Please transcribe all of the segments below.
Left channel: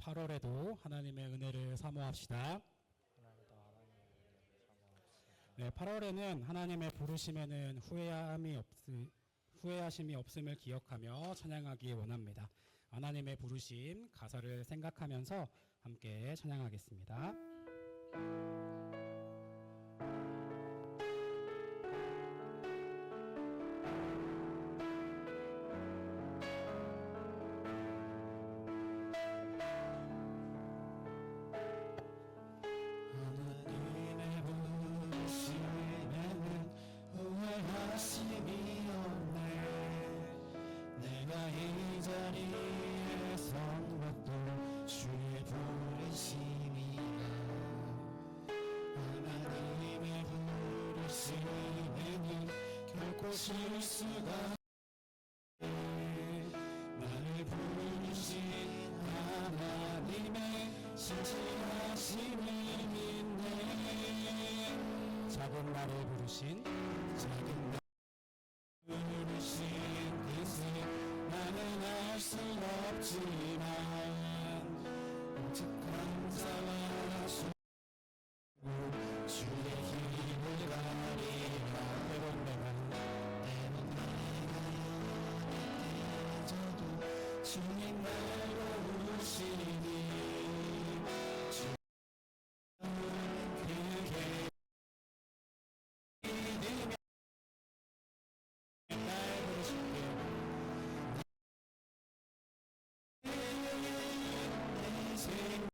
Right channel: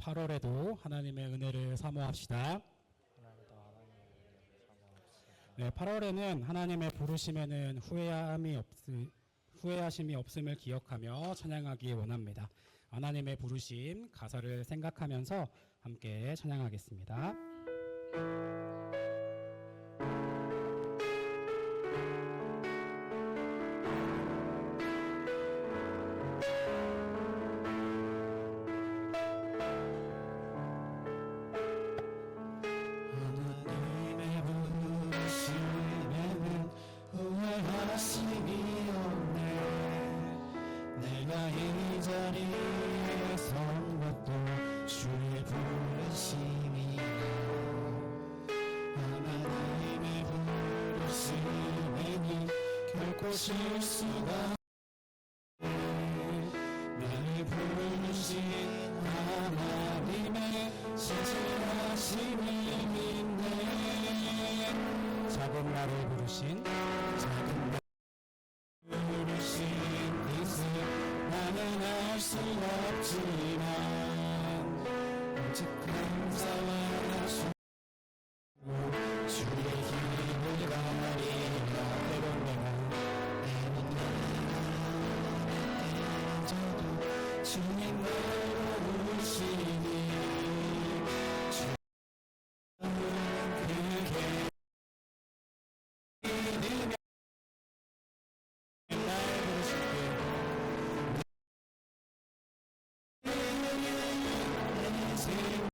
8월에도 하나님의 은혜를 사모합시다. 네, 8월에는 하나님의 부르심에는 후회하심이 없음을 기억하며 찬양하기 원합니다. 하나님의 부르심 가사를 생각하면서 함께 찬양하겠습니다. 하나님의 부르심에는 후회하심이 없네. 내가 이 자리에 선 것도 주의 부르심이라. 하나님의 부르심에는 결코 실수가 나를 부르신 하나님의 신실하심을 믿네. 작은 나를 부르신 뜻을 나는 알 수 없지만 오직 감사와 주의 힘을 가리라. 때론 내가 어려져도 주님 나로 오시니 그게 믿으며 날 부르실게. 내 생을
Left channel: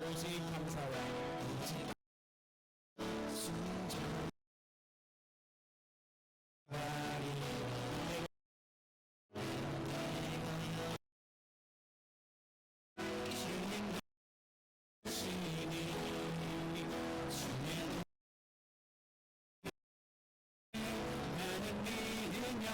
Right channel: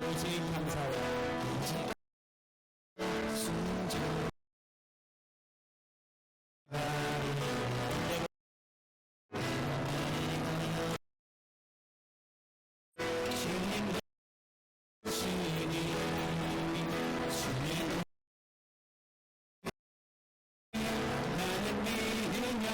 오직 감사와 순종 주님 부르시니 주님 나는 믿으며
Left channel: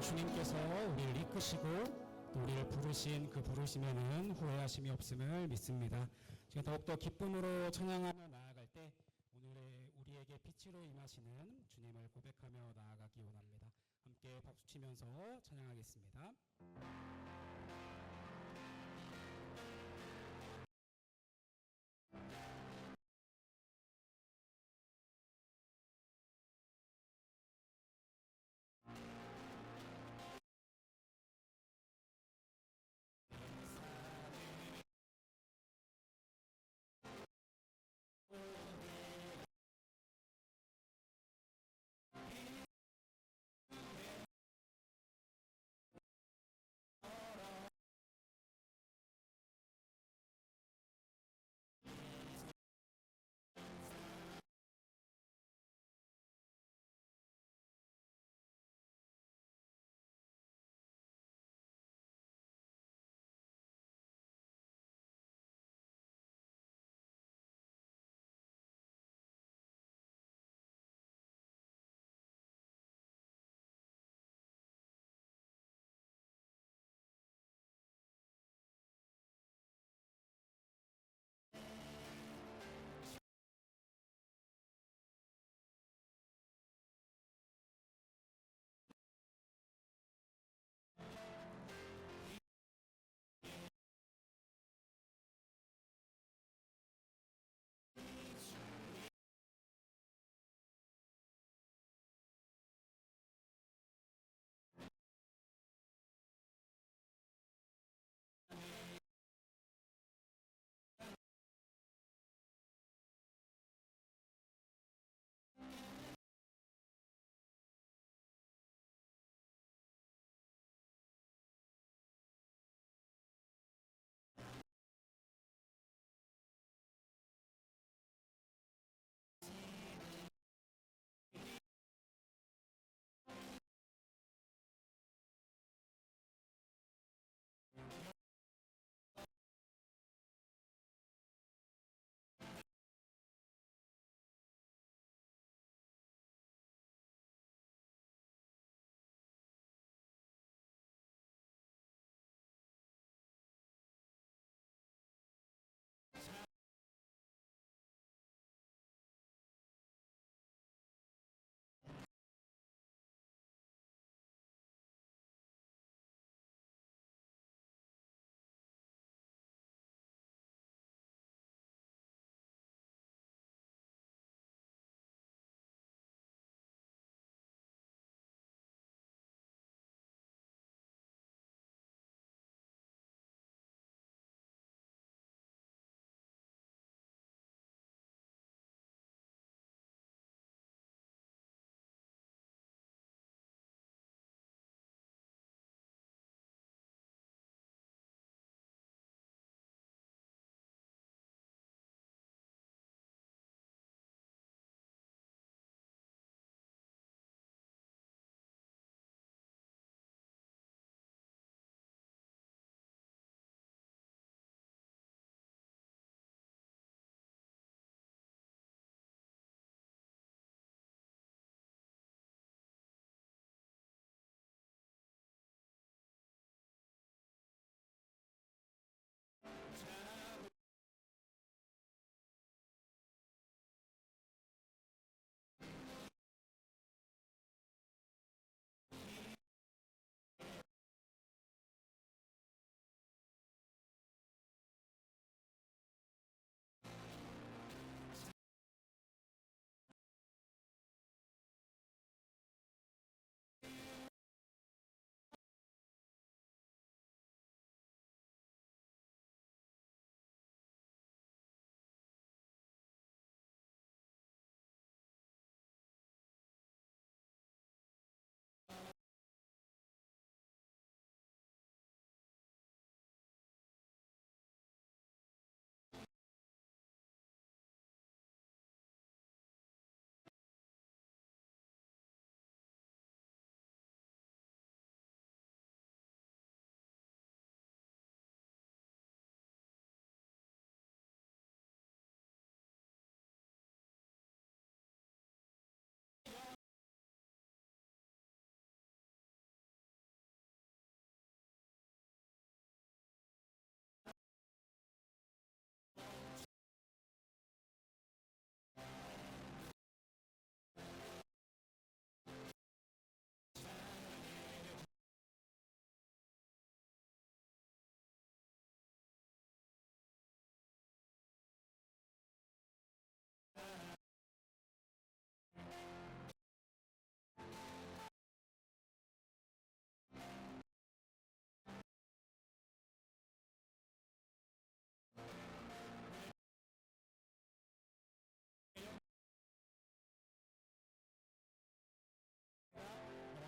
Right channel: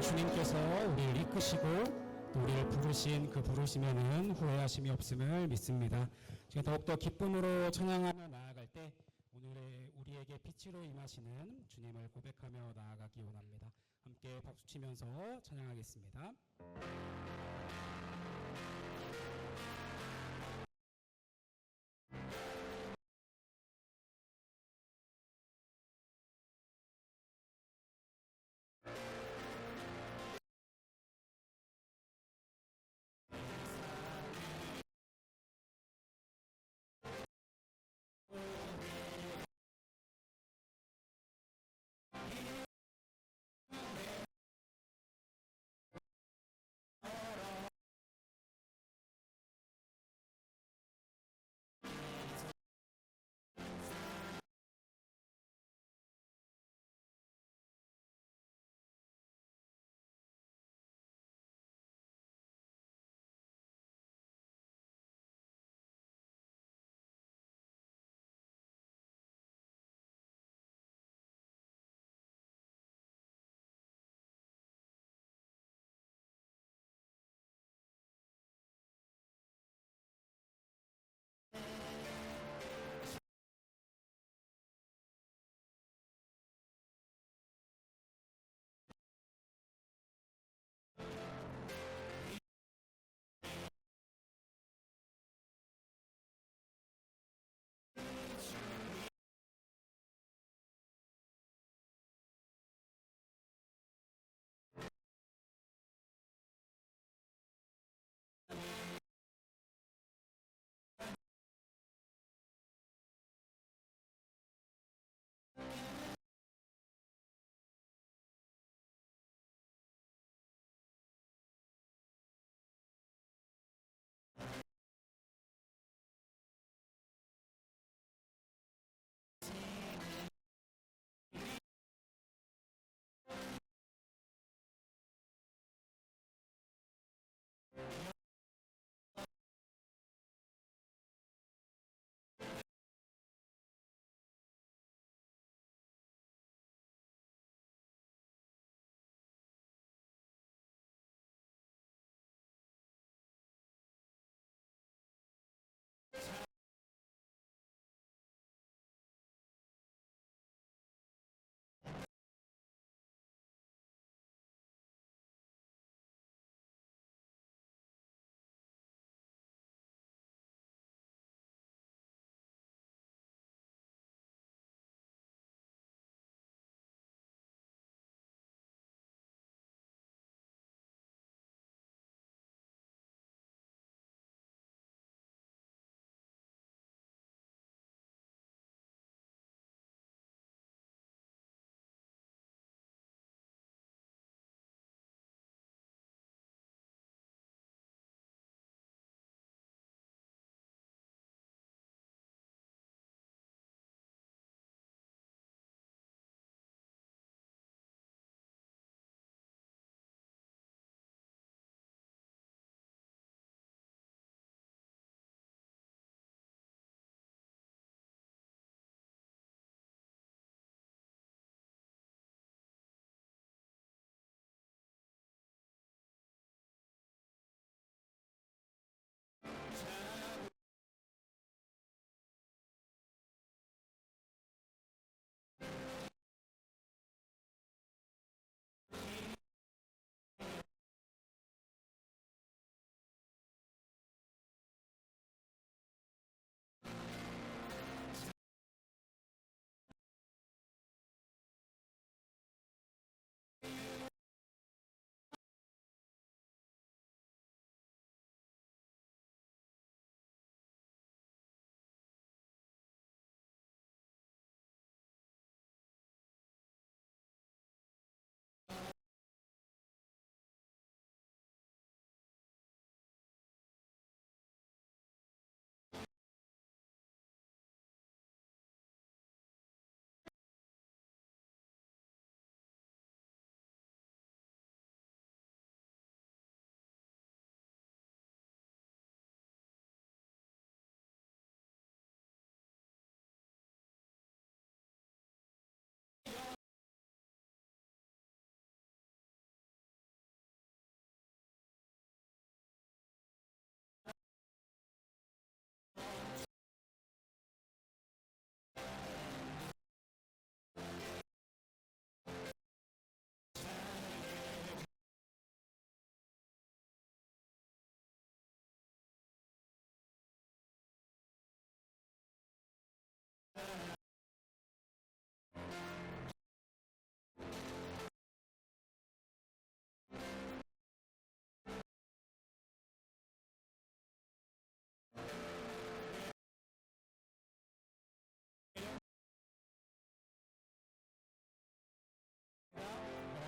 주님께서 우리를 이끄시고 또 우리를 부르신 그 부르심에는 후회하심이 없음을 믿습니다. 지금 더욱더 기쁨으로 찬양하며 나아갈 때 오늘의 우리에게 빛으로 임하시는 주님을 고백하며 나아가기 원합니다. 함께 박수치면서 찬양하겠습니다.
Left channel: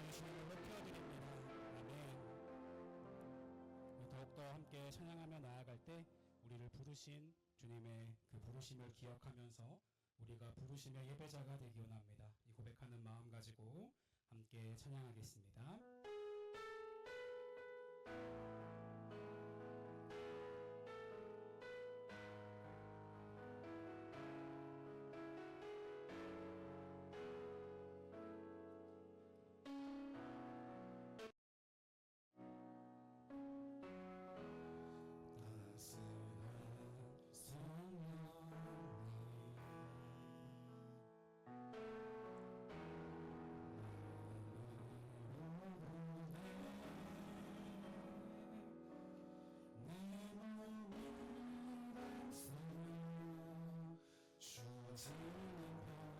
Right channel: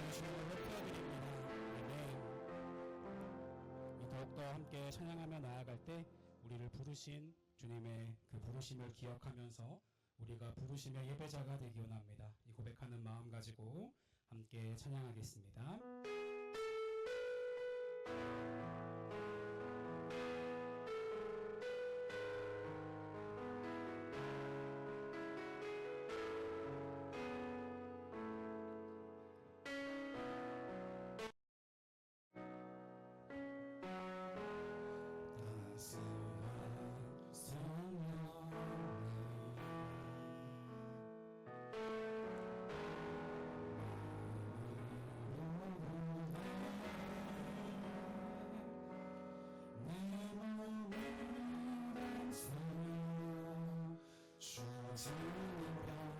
영원히 주님을 높여드립니다. 아멘. 더욱더 함께 찬양하며 나아갈 때 우리를 부르신 주님의 그 부르심을 기억하면서 우리가 부르심의 예배자가 되기 원합니다. 이 고백하는 마음 가지고 함께 찬양하겠습니다. 곳에서 나는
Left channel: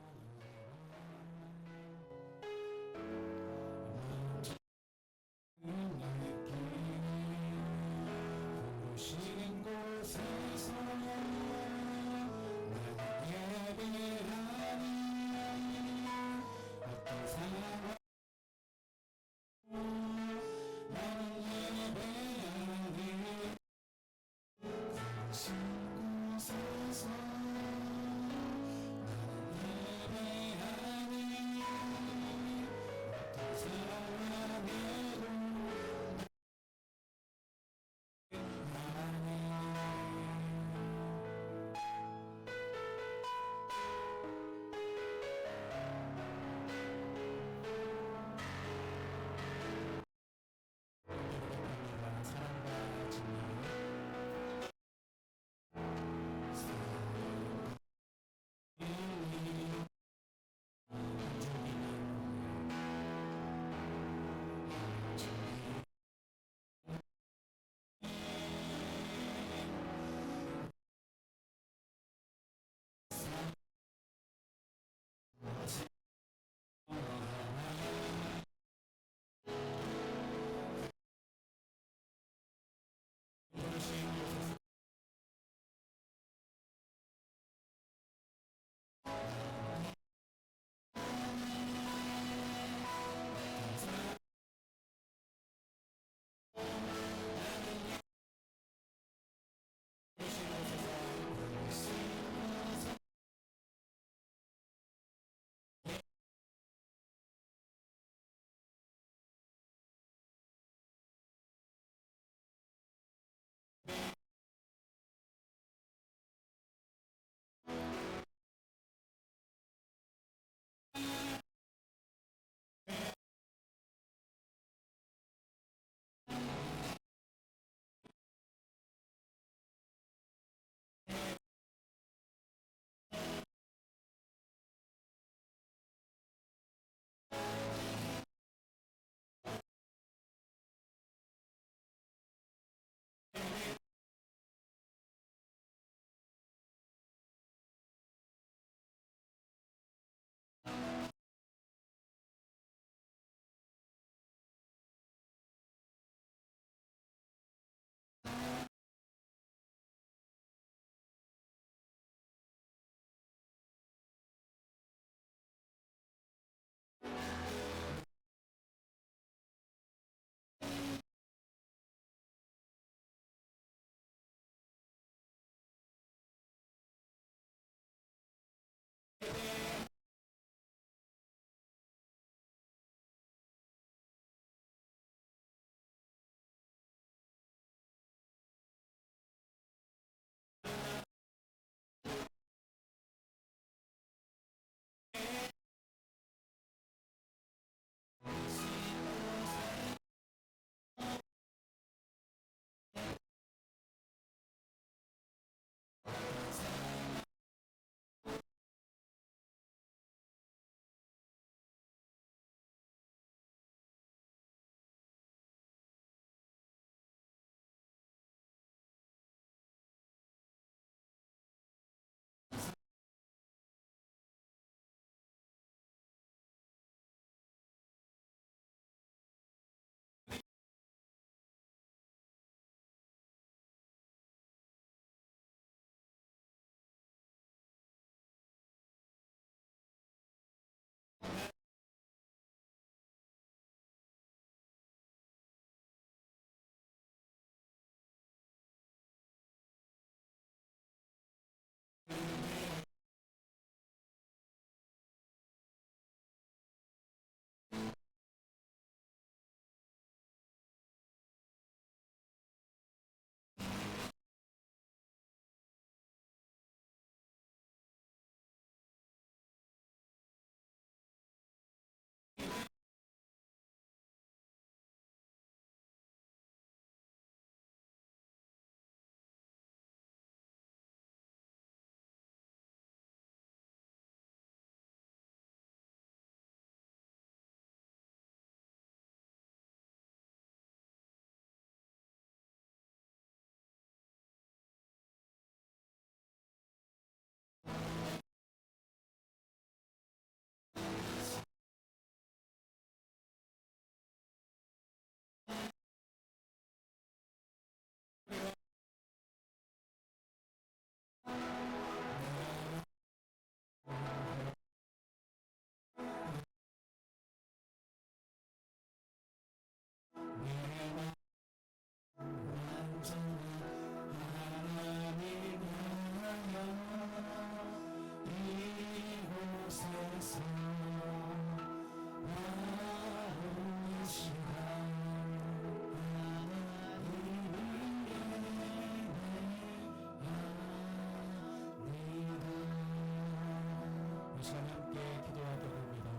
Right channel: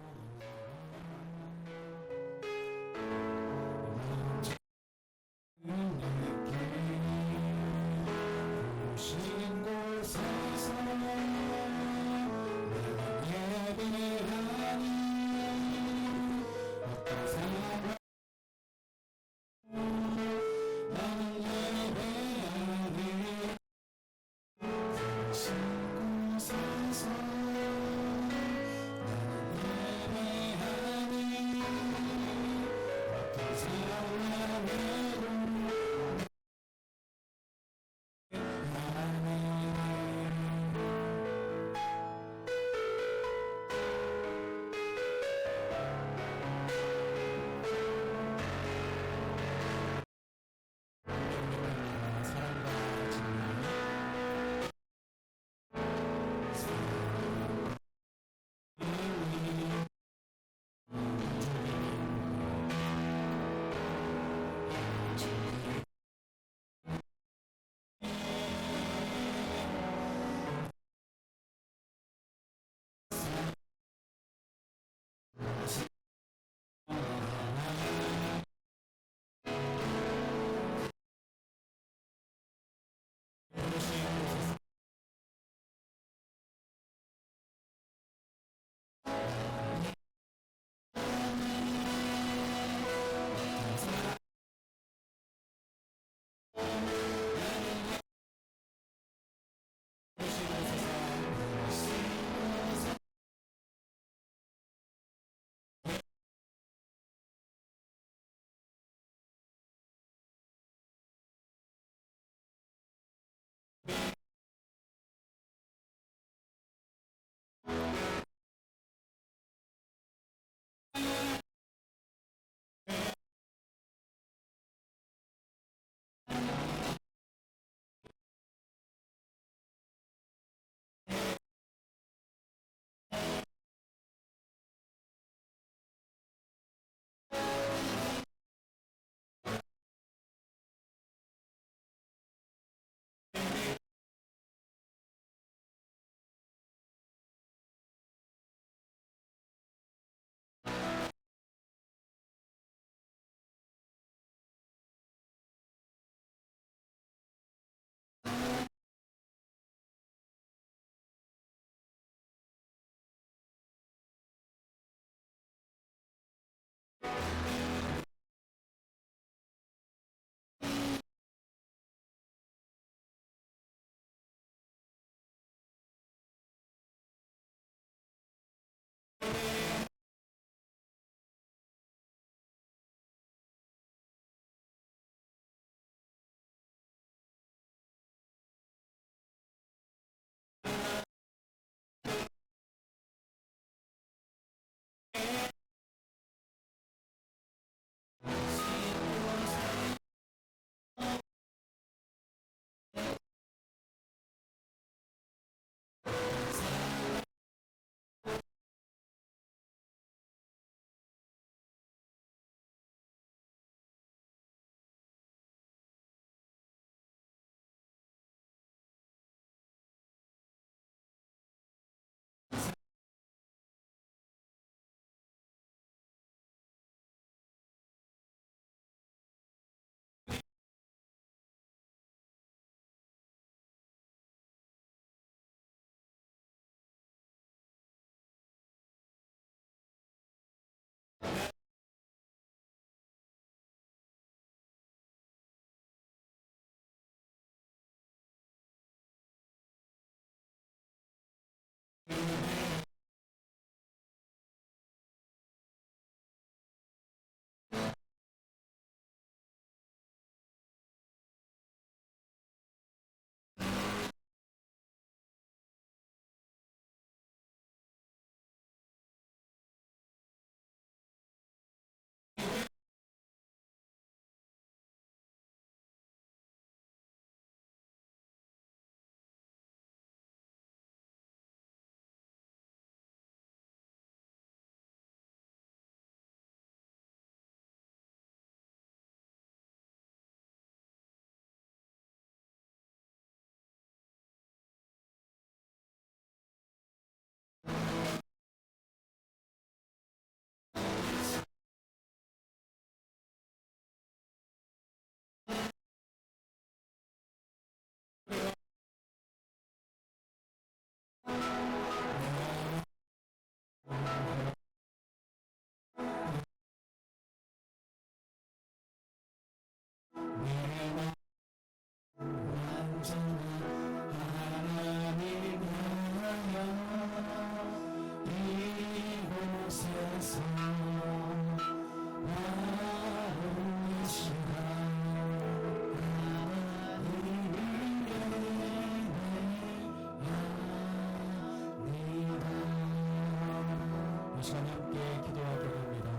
이 시간 함께 기도하기로 합니다.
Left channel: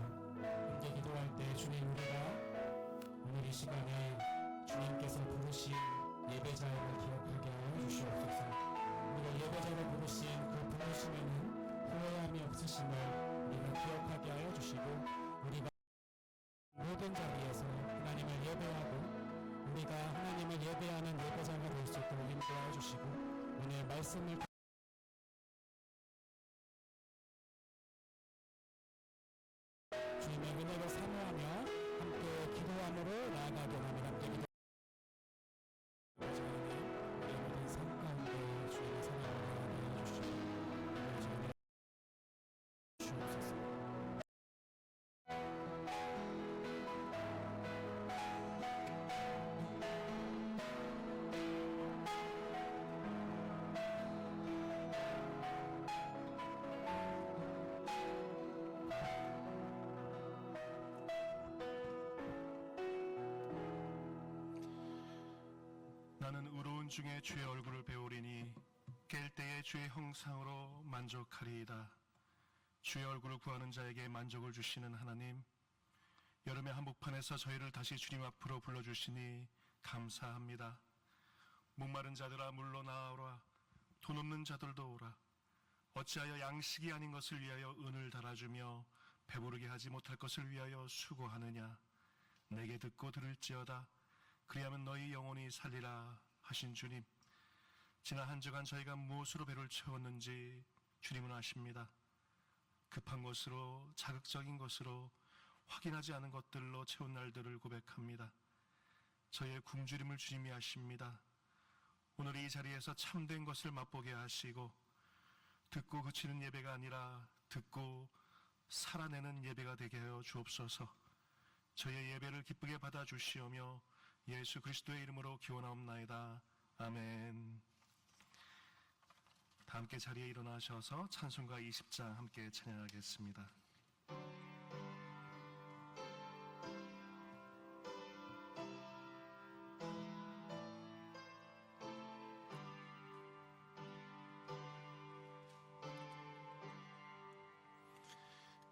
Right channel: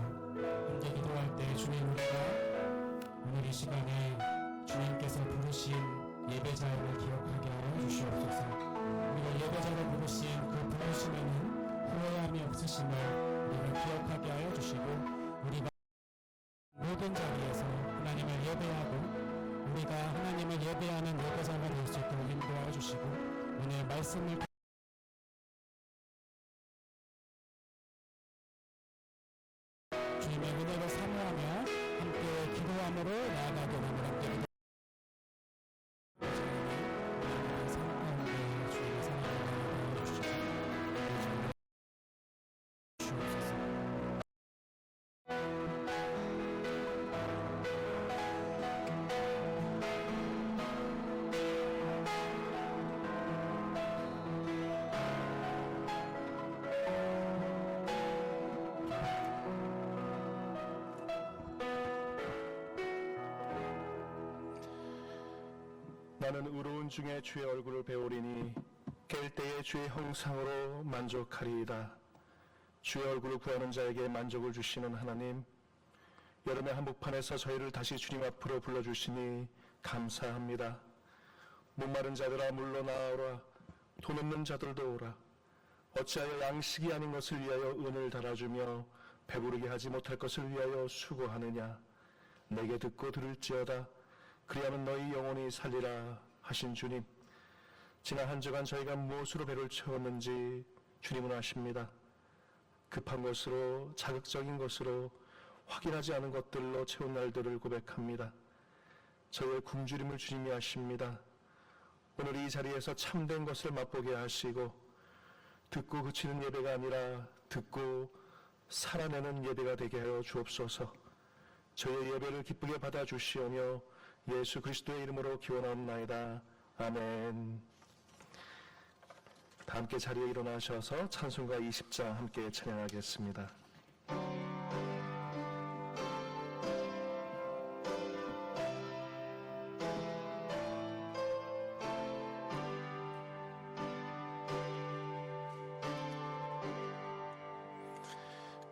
함께 기도할 때 주님, 우리가 오늘 이 시간에 주님께서 부르신 예배자임을 기억하게 하여 주시옵소서. 우리가 예배자로 부르신 그 부르심에는 후회함이 없으심을 우리가 기억하게 하여 주시고, 우리가 모든 자리에서 하나님을 예배하고 우리가 하나님을 예배하는 예배자가 될 수 있도록 인도하여 주시고, 오늘 말씀을 주님의 은혜를 사모하며 함께 기도함으로 나아가게 합니다. 함께 기도. 우리의 삶 가운데 주님의 사랑을 나아가 주시옵소서. 주옵소서. 나는 의로운 중에 주의 얼굴을 배우리니 깰 때에 주의 형상으로 만족하리이다. 주의 얼굴을 구하는 자에게 만족을 주시는 하나님, 여름의 한복판에서 저희를 다시 주님 앞으로 불러주시니 감사합니다. 목마른 자들아 물러나오라. 돈 없는 자들도 오라. 어찌하여 양식이 아닌 것을 위하여 은을 달아주며 배부르게 하지 못할 것을 위하여 수고하느냐. 내게 듣고 들을지어다. 그리하면 너희 영혼이 살리라 하신 주님, 지난 한 주간 저희가 무엇으로 배를 채웠는지 주님은 아십니다. 급한 것으로, 자극적인 것으로, 확인하지 않은 것들로 채운 날들을 고백합니다. 저희의 굶주림을 주님이 아십니다. 오늘 이 자리에서 참된 것을 맛보게 하시고, 듣고 그치는 예배가 아니라 듣고 살아내는 예배가 되게 하여 주옵소서. 저희의 예배를 기쁘게 받아주시오며 예수 그리스도의 이름으로 기원하옵나이다. 아멘. 다 함께 자리에 일어나셔서 찬송가 20장 함께 찬양하겠습니다.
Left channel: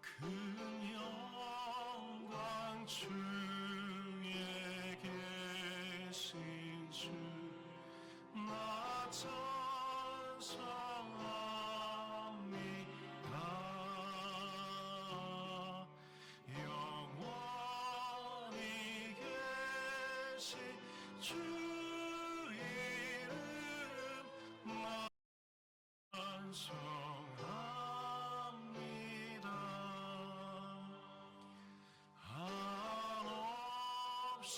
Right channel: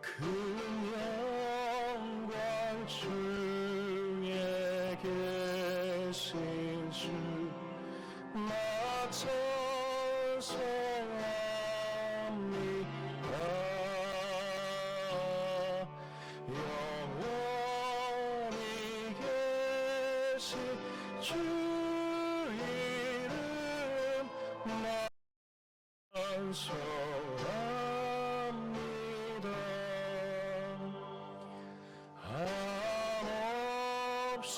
그 영광 중에 계신 주 맞춰 영원히 계신 주 이름 찬송합니다. 한없이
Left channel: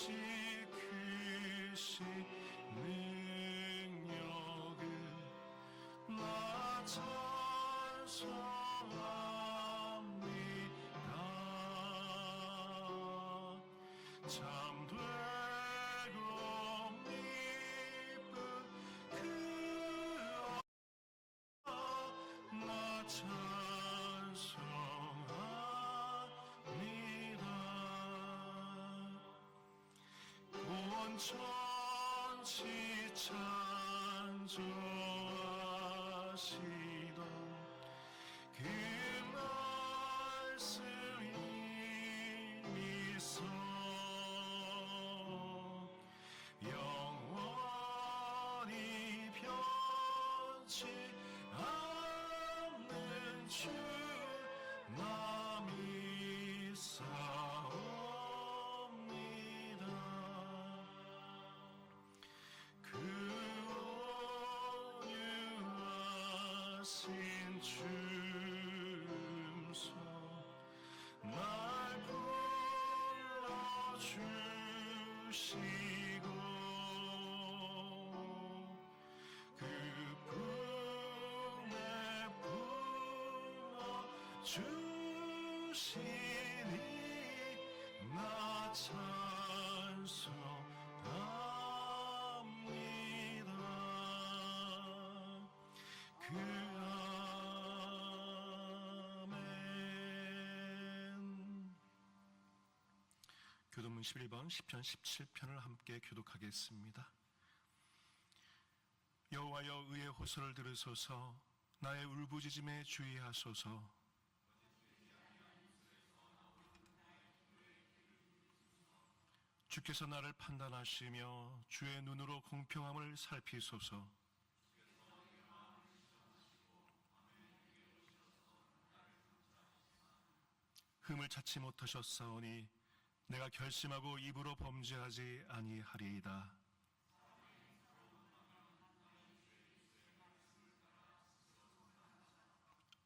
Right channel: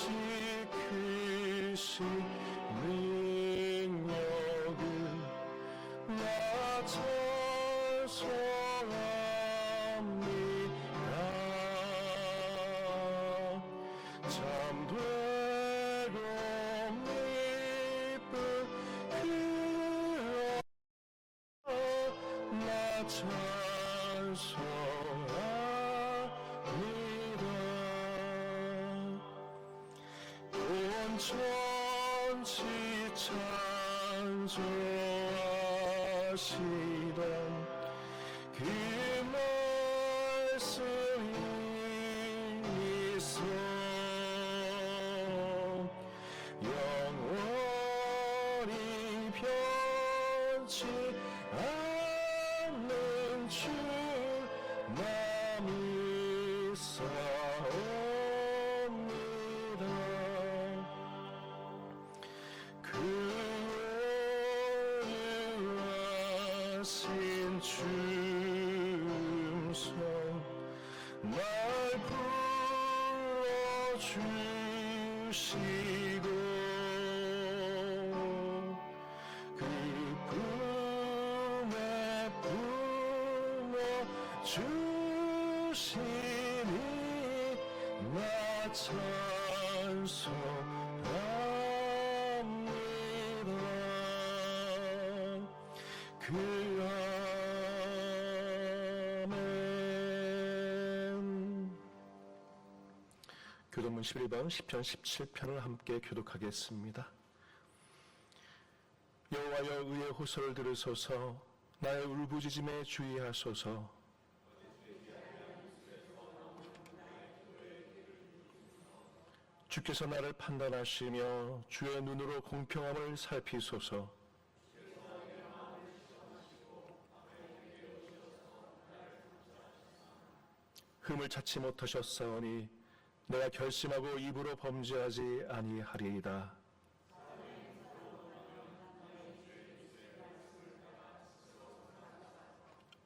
크신 능력을 나 찬송합니다. 참되고 미쁜 그 나 찬송합니다. 온 천지 찬송하시던 그 말씀이 있어 영원히 변치 않는 주 나 믿사옵니다. 그 온유하신 춤성 날 불러주시고 그 꿈에 주시니 나 찬송합니다. 그 아멘. 교도문 11번 시편 17편을 함께 교독하겠습니다. 여호와여 의의 호소를 들으소서. 나의 울부짖음에 주의하소서. 주께서 나를 판단하시며 주의 눈으로 공평함을 살피소서. 흠을 찾지 못하셨사오니 내가 결심하고 입으로 범죄하지 아니하리이다.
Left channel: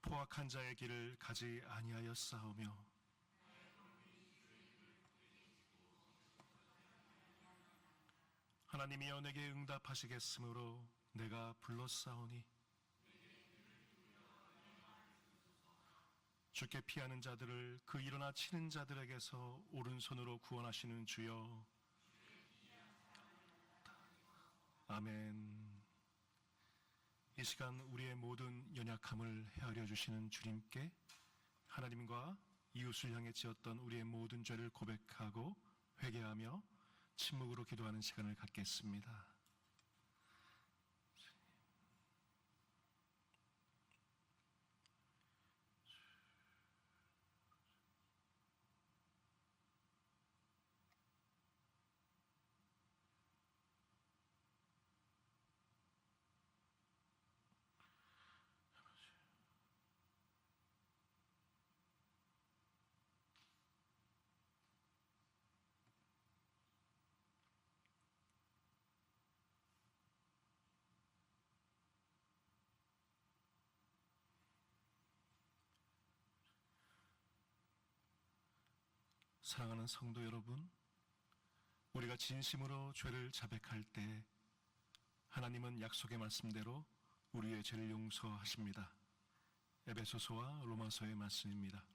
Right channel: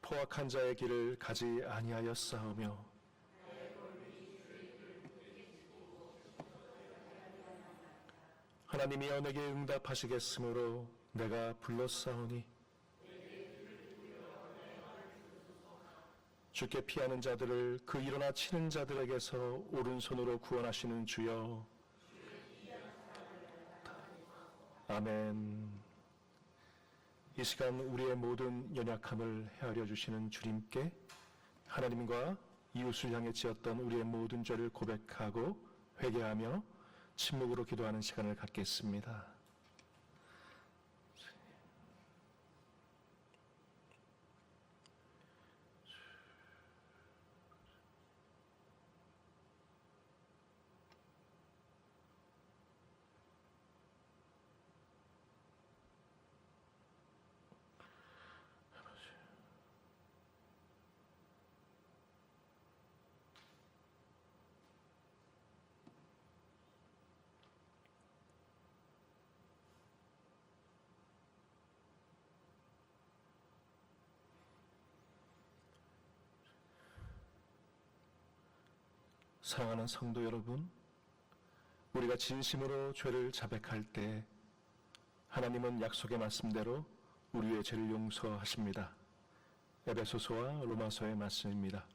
포악한 자의 길을 가지 아니하였사오며 하나님이여 내게 응답하시겠으므로 내가 불렀사오니 주께 피하는 자들을 그 일어나 치는 자들에게서 오른손으로 구원하시는 주여. 아멘. 이 시간 우리의 모든 연약함을 헤아려 주시는 주님께 하나님과 이웃을 향해 지었던 우리의 모든 죄를 고백하고 회개하며 침묵으로 기도하는 시간을 갖겠습니다. 사랑하는 성도 여러분, 우리가 진심으로 죄를 자백할 때 하나님은 약속의 말씀대로 우리의 죄를 용서하십니다. 에베소서와 로마서의 말씀입니다.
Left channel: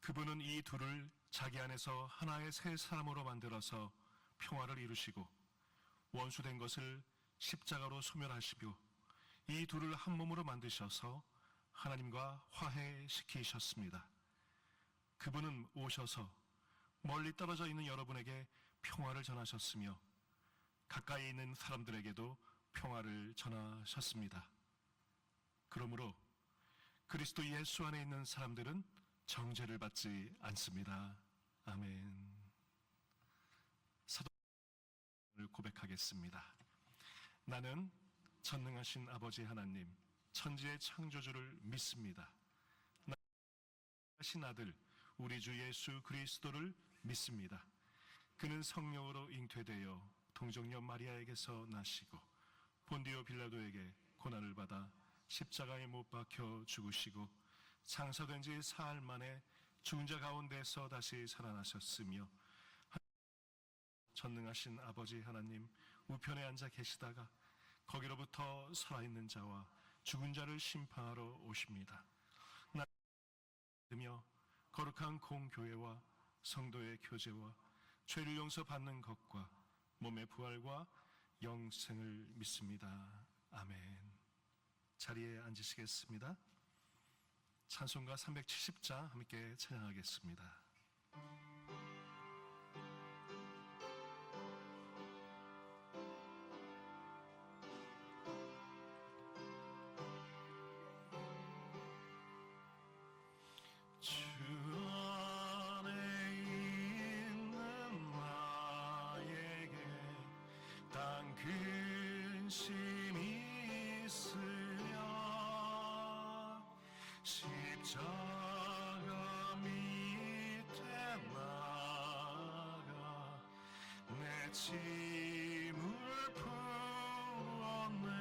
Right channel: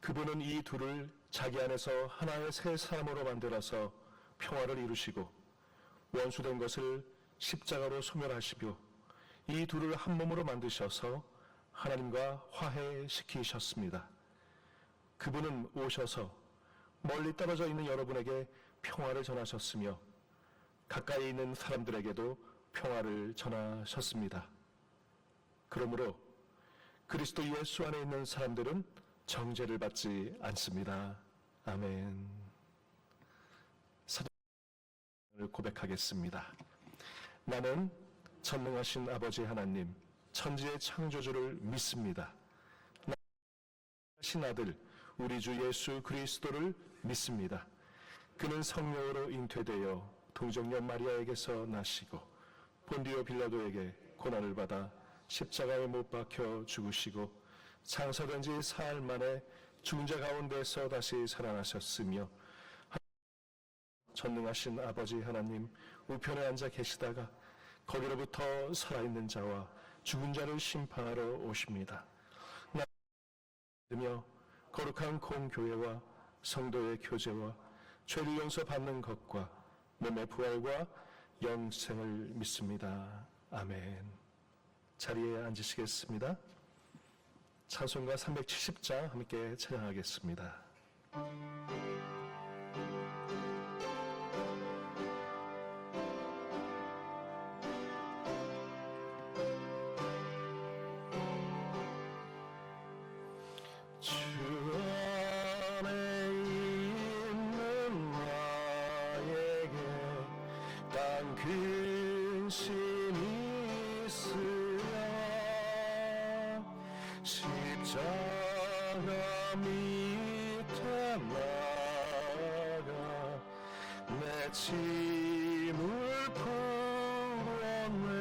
그분은 이 둘을 자기 안에서 하나의 새 사람으로 만들어서 평화를 이루시고 원수된 것을 십자가로 소멸하시고 이 둘을 한 몸으로 만드셔서 하나님과 화해시키셨습니다. 그분은 오셔서 멀리 떨어져 있는 여러분에게 평화를 전하셨으며 가까이 있는 사람들에게도 평화를 전하셨습니다. 그러므로 그리스도 예수 안에 있는 사람들은 정죄를 받지 않습니다. 아멘. 사도를 고백하겠습니다. 나는 전능하신 아버지 하나님, 천지의 창조주를 믿습니다. 하신 아들 우리 주 예수 그리스도를 믿습니다. 그는 성령으로 잉태되어 동정녀 마리아에게서 나시고 본디오 빌라도에게 고난을 받아 십자가에 못 박혀 죽으시고 장사된 지 사흘 만에 죽은 자 가운데서 다시 살아나셨으며 전능하신 아버지 하나님 우편에 앉아 계시다가 거기로부터 살아있는 자와 죽은 자를 심판하러 오십니다. 나 거룩한 공교회와 성도의 교제와 죄를 용서받는 것과 몸의 부활과 영생을 믿습니다. 아멘. 자리에 앉으시겠습니다. 찬송가 370장 함께 찬양하겠습니다. 근심이 있으려 십자가 밑에 나가 내 짐을 풀었네.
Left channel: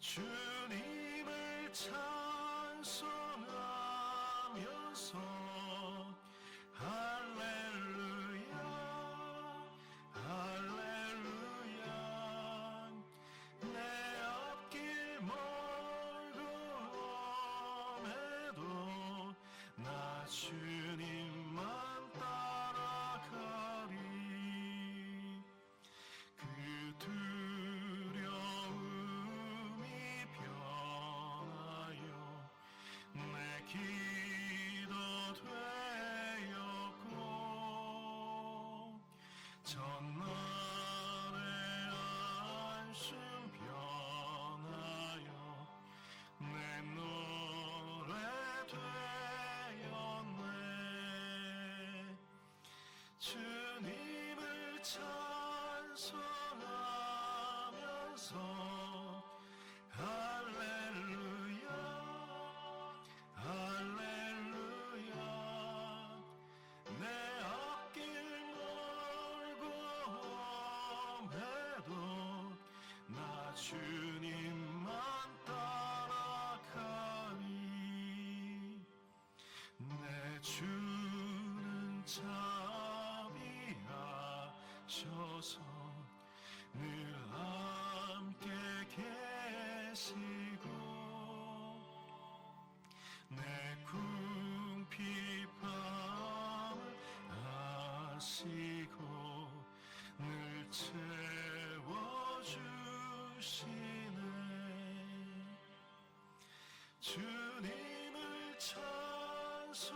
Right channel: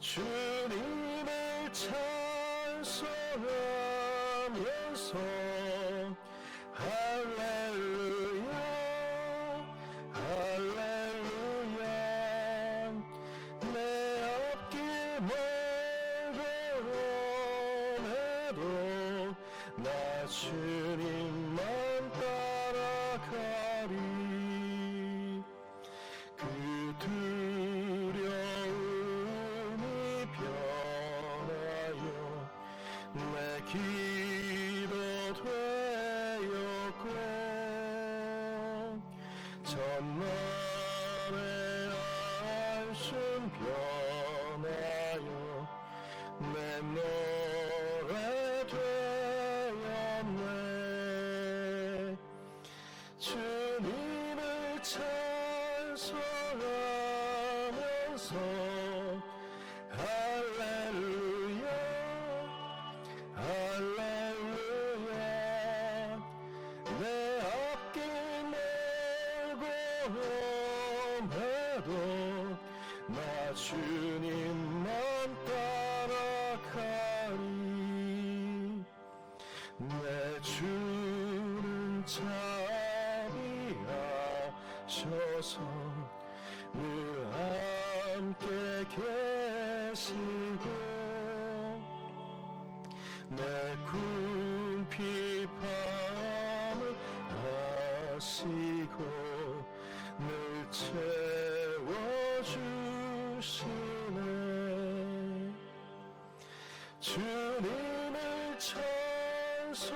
주님을 찬송하면서 할렐루야 할렐루야 내 앞길 멀고 내 주님만 따라가리. 그 두려움이 변하여 내 기도 되었고, 전날의 안심 변하여 내 노래 되었네. 주님을 찬송하면서 할렐루야 할렐루야. 내 앞길 멀고 험해도 나 주님만 따라가리. 내 주는 자비하셔서 늘 함께 계시고, 내 궁핍함을 아시고 늘 채워주시네. 주님을 찬송하면서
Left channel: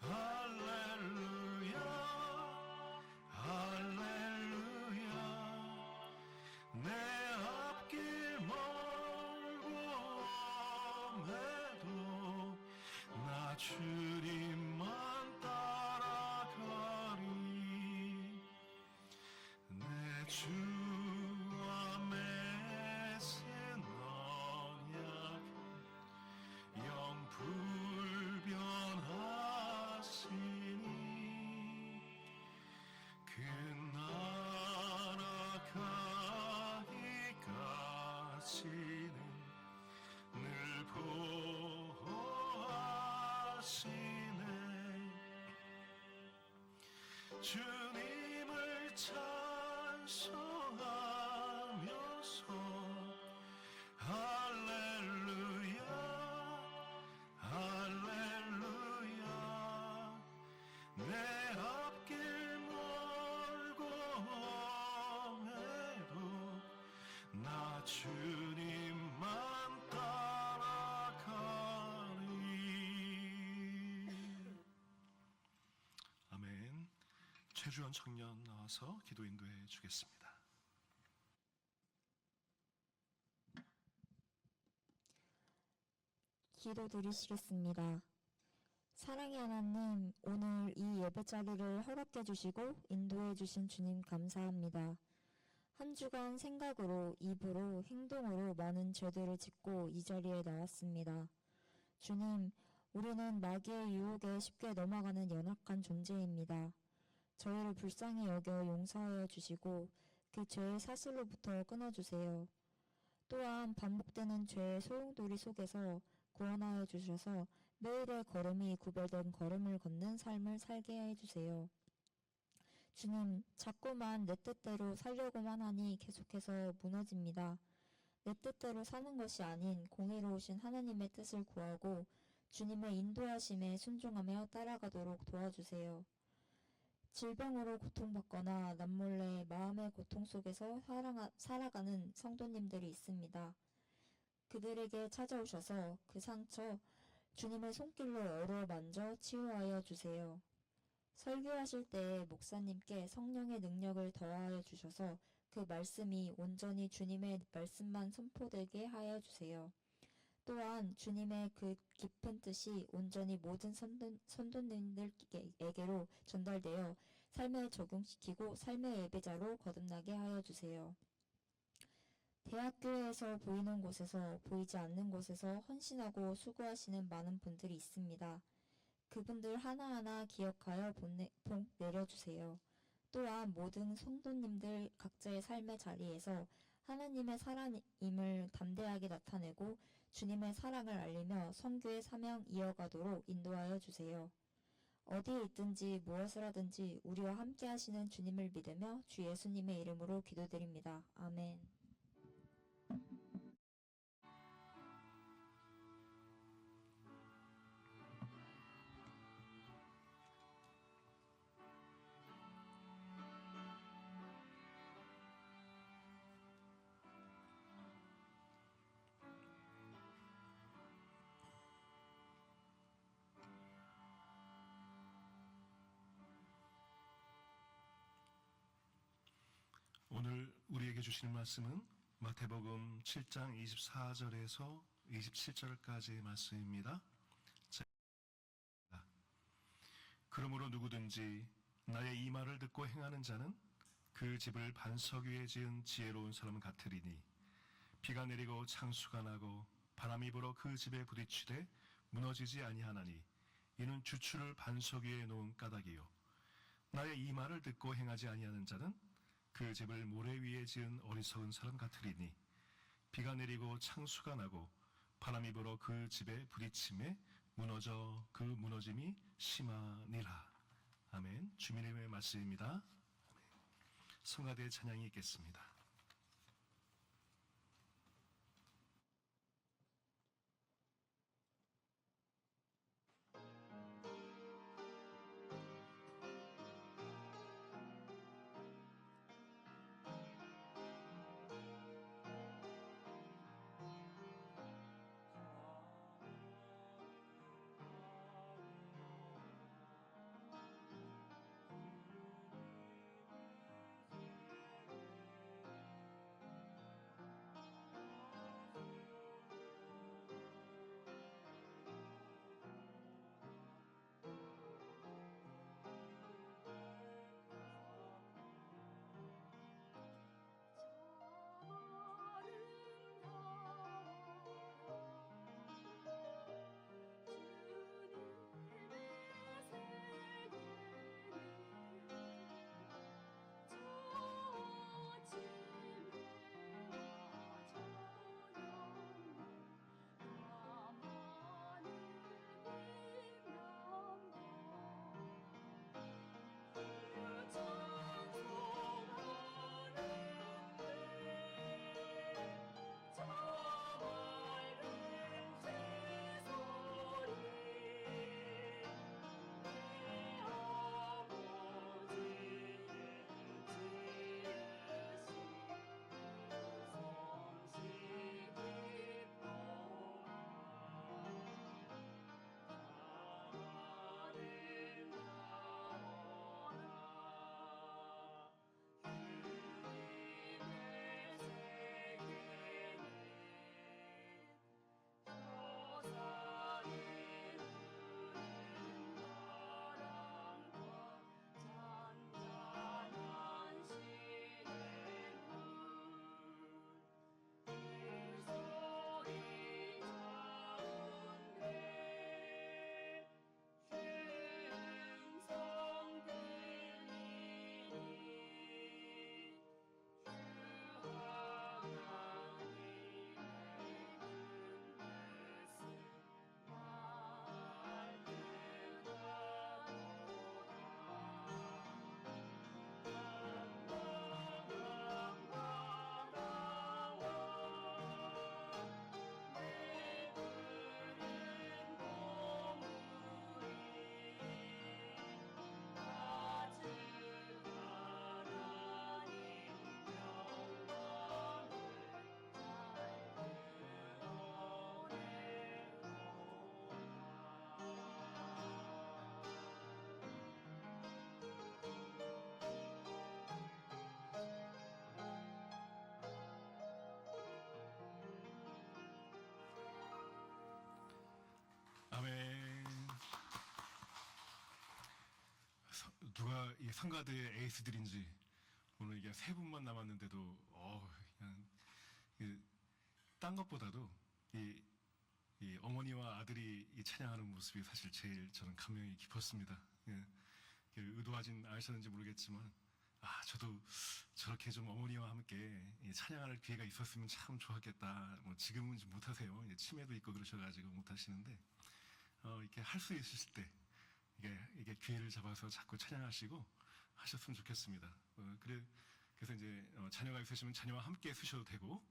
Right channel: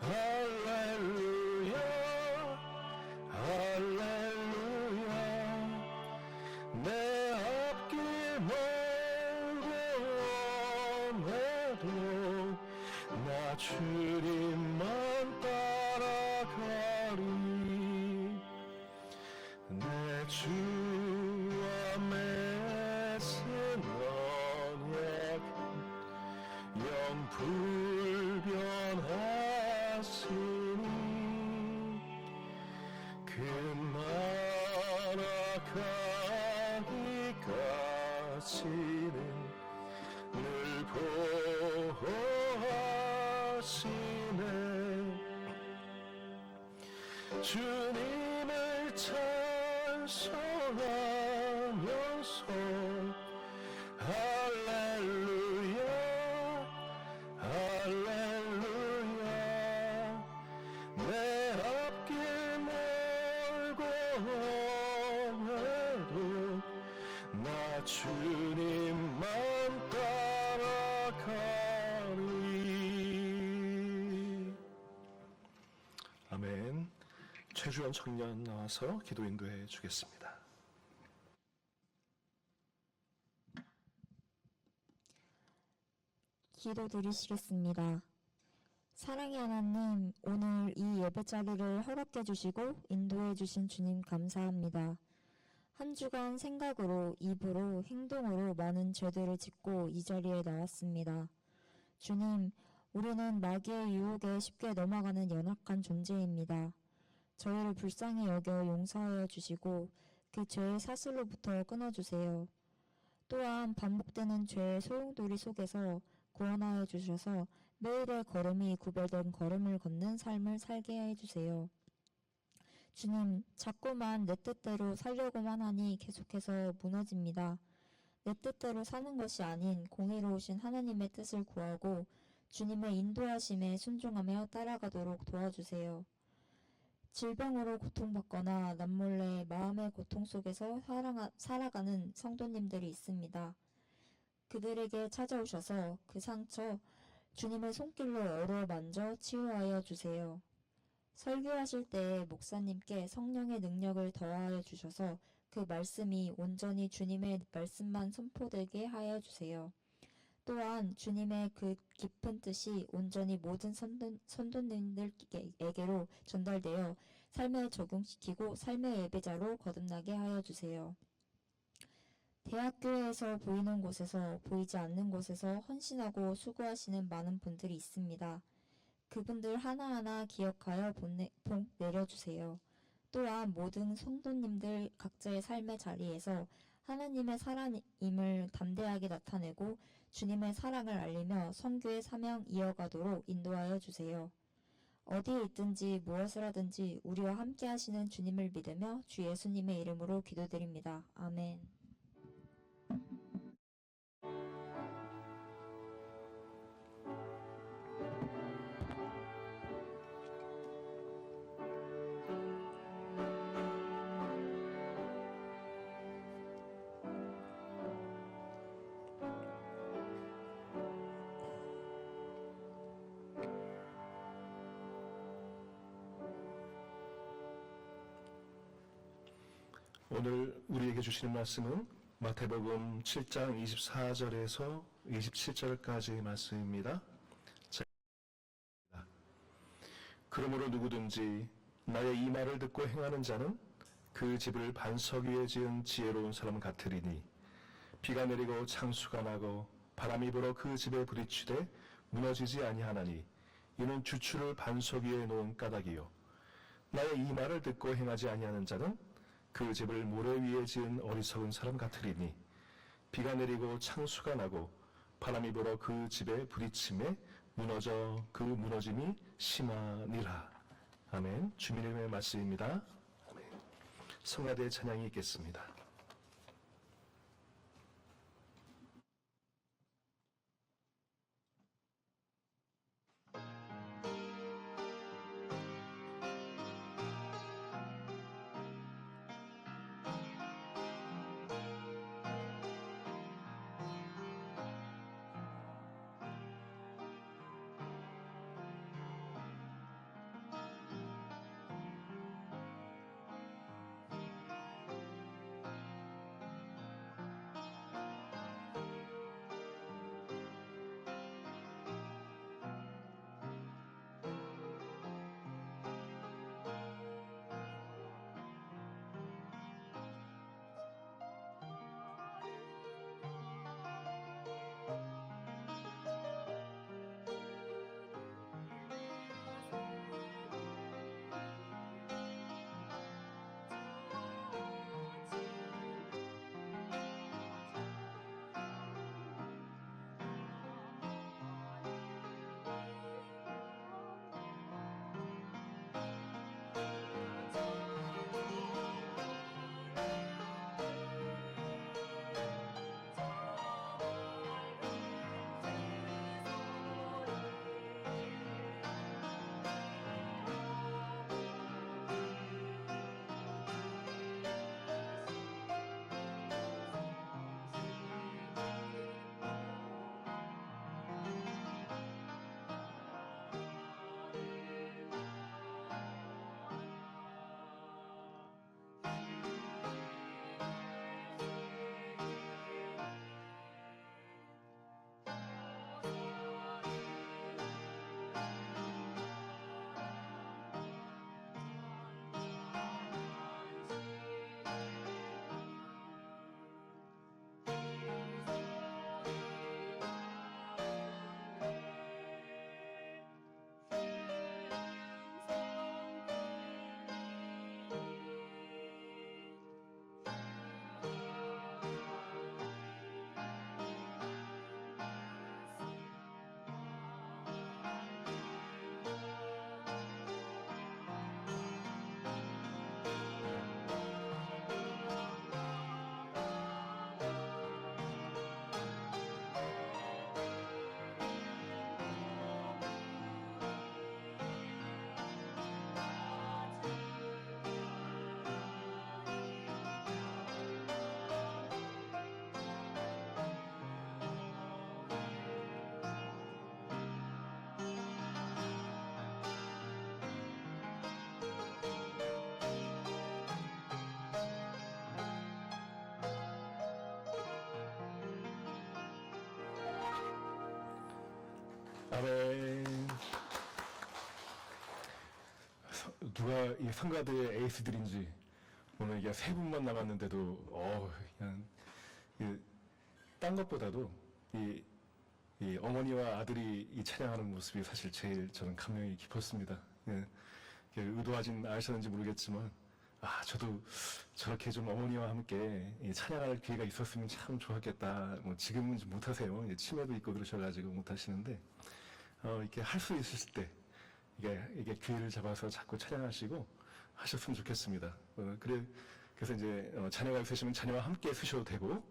할렐루야 할렐루야. 내 앞길 멀고 험해도 나 주님만 따라가리. 내 주와 맺은 언약은 영불변하시니, 그 나라 가기까지는 늘 보호하시네. 주님을 찬송하면서 할렐루야 할렐루야. 내 앞길 멀고 험해도 나 주님만 따라가리. 아멘. 최주원 청년 나와서 기도 인도해 주겠습니다. 기도 드리시겠습니다. 사랑의 하나님, 오늘 이 예배 자리를 허락해 주시고 인도해 주신 주님 감사합니다. 한 주간 생각으로, 입으로, 행동으로 많은 죄들을 짓고 이 자리에 나왔습니다. 주님, 우리는 마귀의 유혹에 쉽게 넘어가는 연약한 존재입니다. 저희를 불쌍히 여겨 용서하여 주시고 그 죄의 사슬로부터 끊어주세요. 또한 반복되는 죄의 소용돌이 속에서 구원하여 주셔서 매일의 걸음이 구별된 걸음을 걷는 삶을 살게 해주세요. 주님, 자꾸만 내 뜻대로 살려고만 하니 계속해서 무너집니다. 내 뜻대로 사는 것이 아닌 공의로우신 하나님의 뜻을 구하고 주님의 인도하심에 순종하며 따라가도록 도와주세요. 질병으로 고통받거나 남몰래 마음의 고통 속에서 살아가는 성도님들이 있습니다. 그들에게 찾아오셔서 그 상처 주님의 손길로 어루만져 치유하여 주세요. 설교하실 때 목사님께 성령의 능력을 더하여 주셔서 그 말씀이 온전히 주님의 말씀만 선포되게 하여 주세요. 또한 주님의 그 깊은 뜻이 온전히 모든 선도님들에게로 전달되어 삶에 적용시키고 삶의 예배자로 거듭나게 하여 주세요. 대학교에서 보이는 곳에서 보이지 않는 곳에서 헌신하고 수고하시는 많은 분들이 있습니다. 그분들 하나하나 기억하여 복 내려주세요. 또한 모든 성도님들 각자의 삶의 자리에서 하나님의 사랑임을 담대하게 나타내고 주님의 사랑을 알리며 선교의 사명 이어가도록 인도하여 주세요. 어디에 있든지 무엇을 하든지 우리와 함께 하시는 주님을 믿으며 주 예수님의 이름으로 기도드립니다. 아멘. 오늘 우리에게 주시는 말씀은 마태복음 7장 24절에서 27절까지의 말씀입니다. 자, 그러므로 누구든지 나의 이 말을 듣고 행하는 자는 그 집을 반석 위에 지은 지혜로운 사람 같으리니 비가 내리고 창수가 나고 바람이 불어 그 집에 부딪히되 무너지지 아니하나니 이는 주추를 반석 위에 놓은 까닭이요 나의 이 말을 듣고 행하지 아니하는 자는 그 집을 모래 위에 지은 어리석은 사람 같으리니 비가 내리고 창수가 나고 바람이 불어 그 집에 부딪힘에 무너져 그 무너짐이 심하니라. 아멘. 주님의 말씀입니다. 아멘. 성가대의 찬양이 있겠습니다. 아멘. 누가 이 성가대의 에이스들인지 오늘 이게 세 분만 남았는데도 그냥 딴 것보다도 이 어머니와 아들이 이 찬양하는 모습이 사실 제일 저는 감명이 깊었습니다. 예, 의도하진 않으셨는지 모르겠지만 저도 저렇게 좀 어머니와 함께 이 찬양할 기회가 있었으면 참 좋았겠다. 뭐 지금은 좀 못하세요. 치매도 있고 그러셔가지고 못하시는데 이렇게 할 수 있을 때 이게 기회를 잡아서 자꾸 찬양하시고 하셨으면 좋겠습니다. 그래서 이제 자녀가 있으시면 자녀와 함께 쓰셔도 되고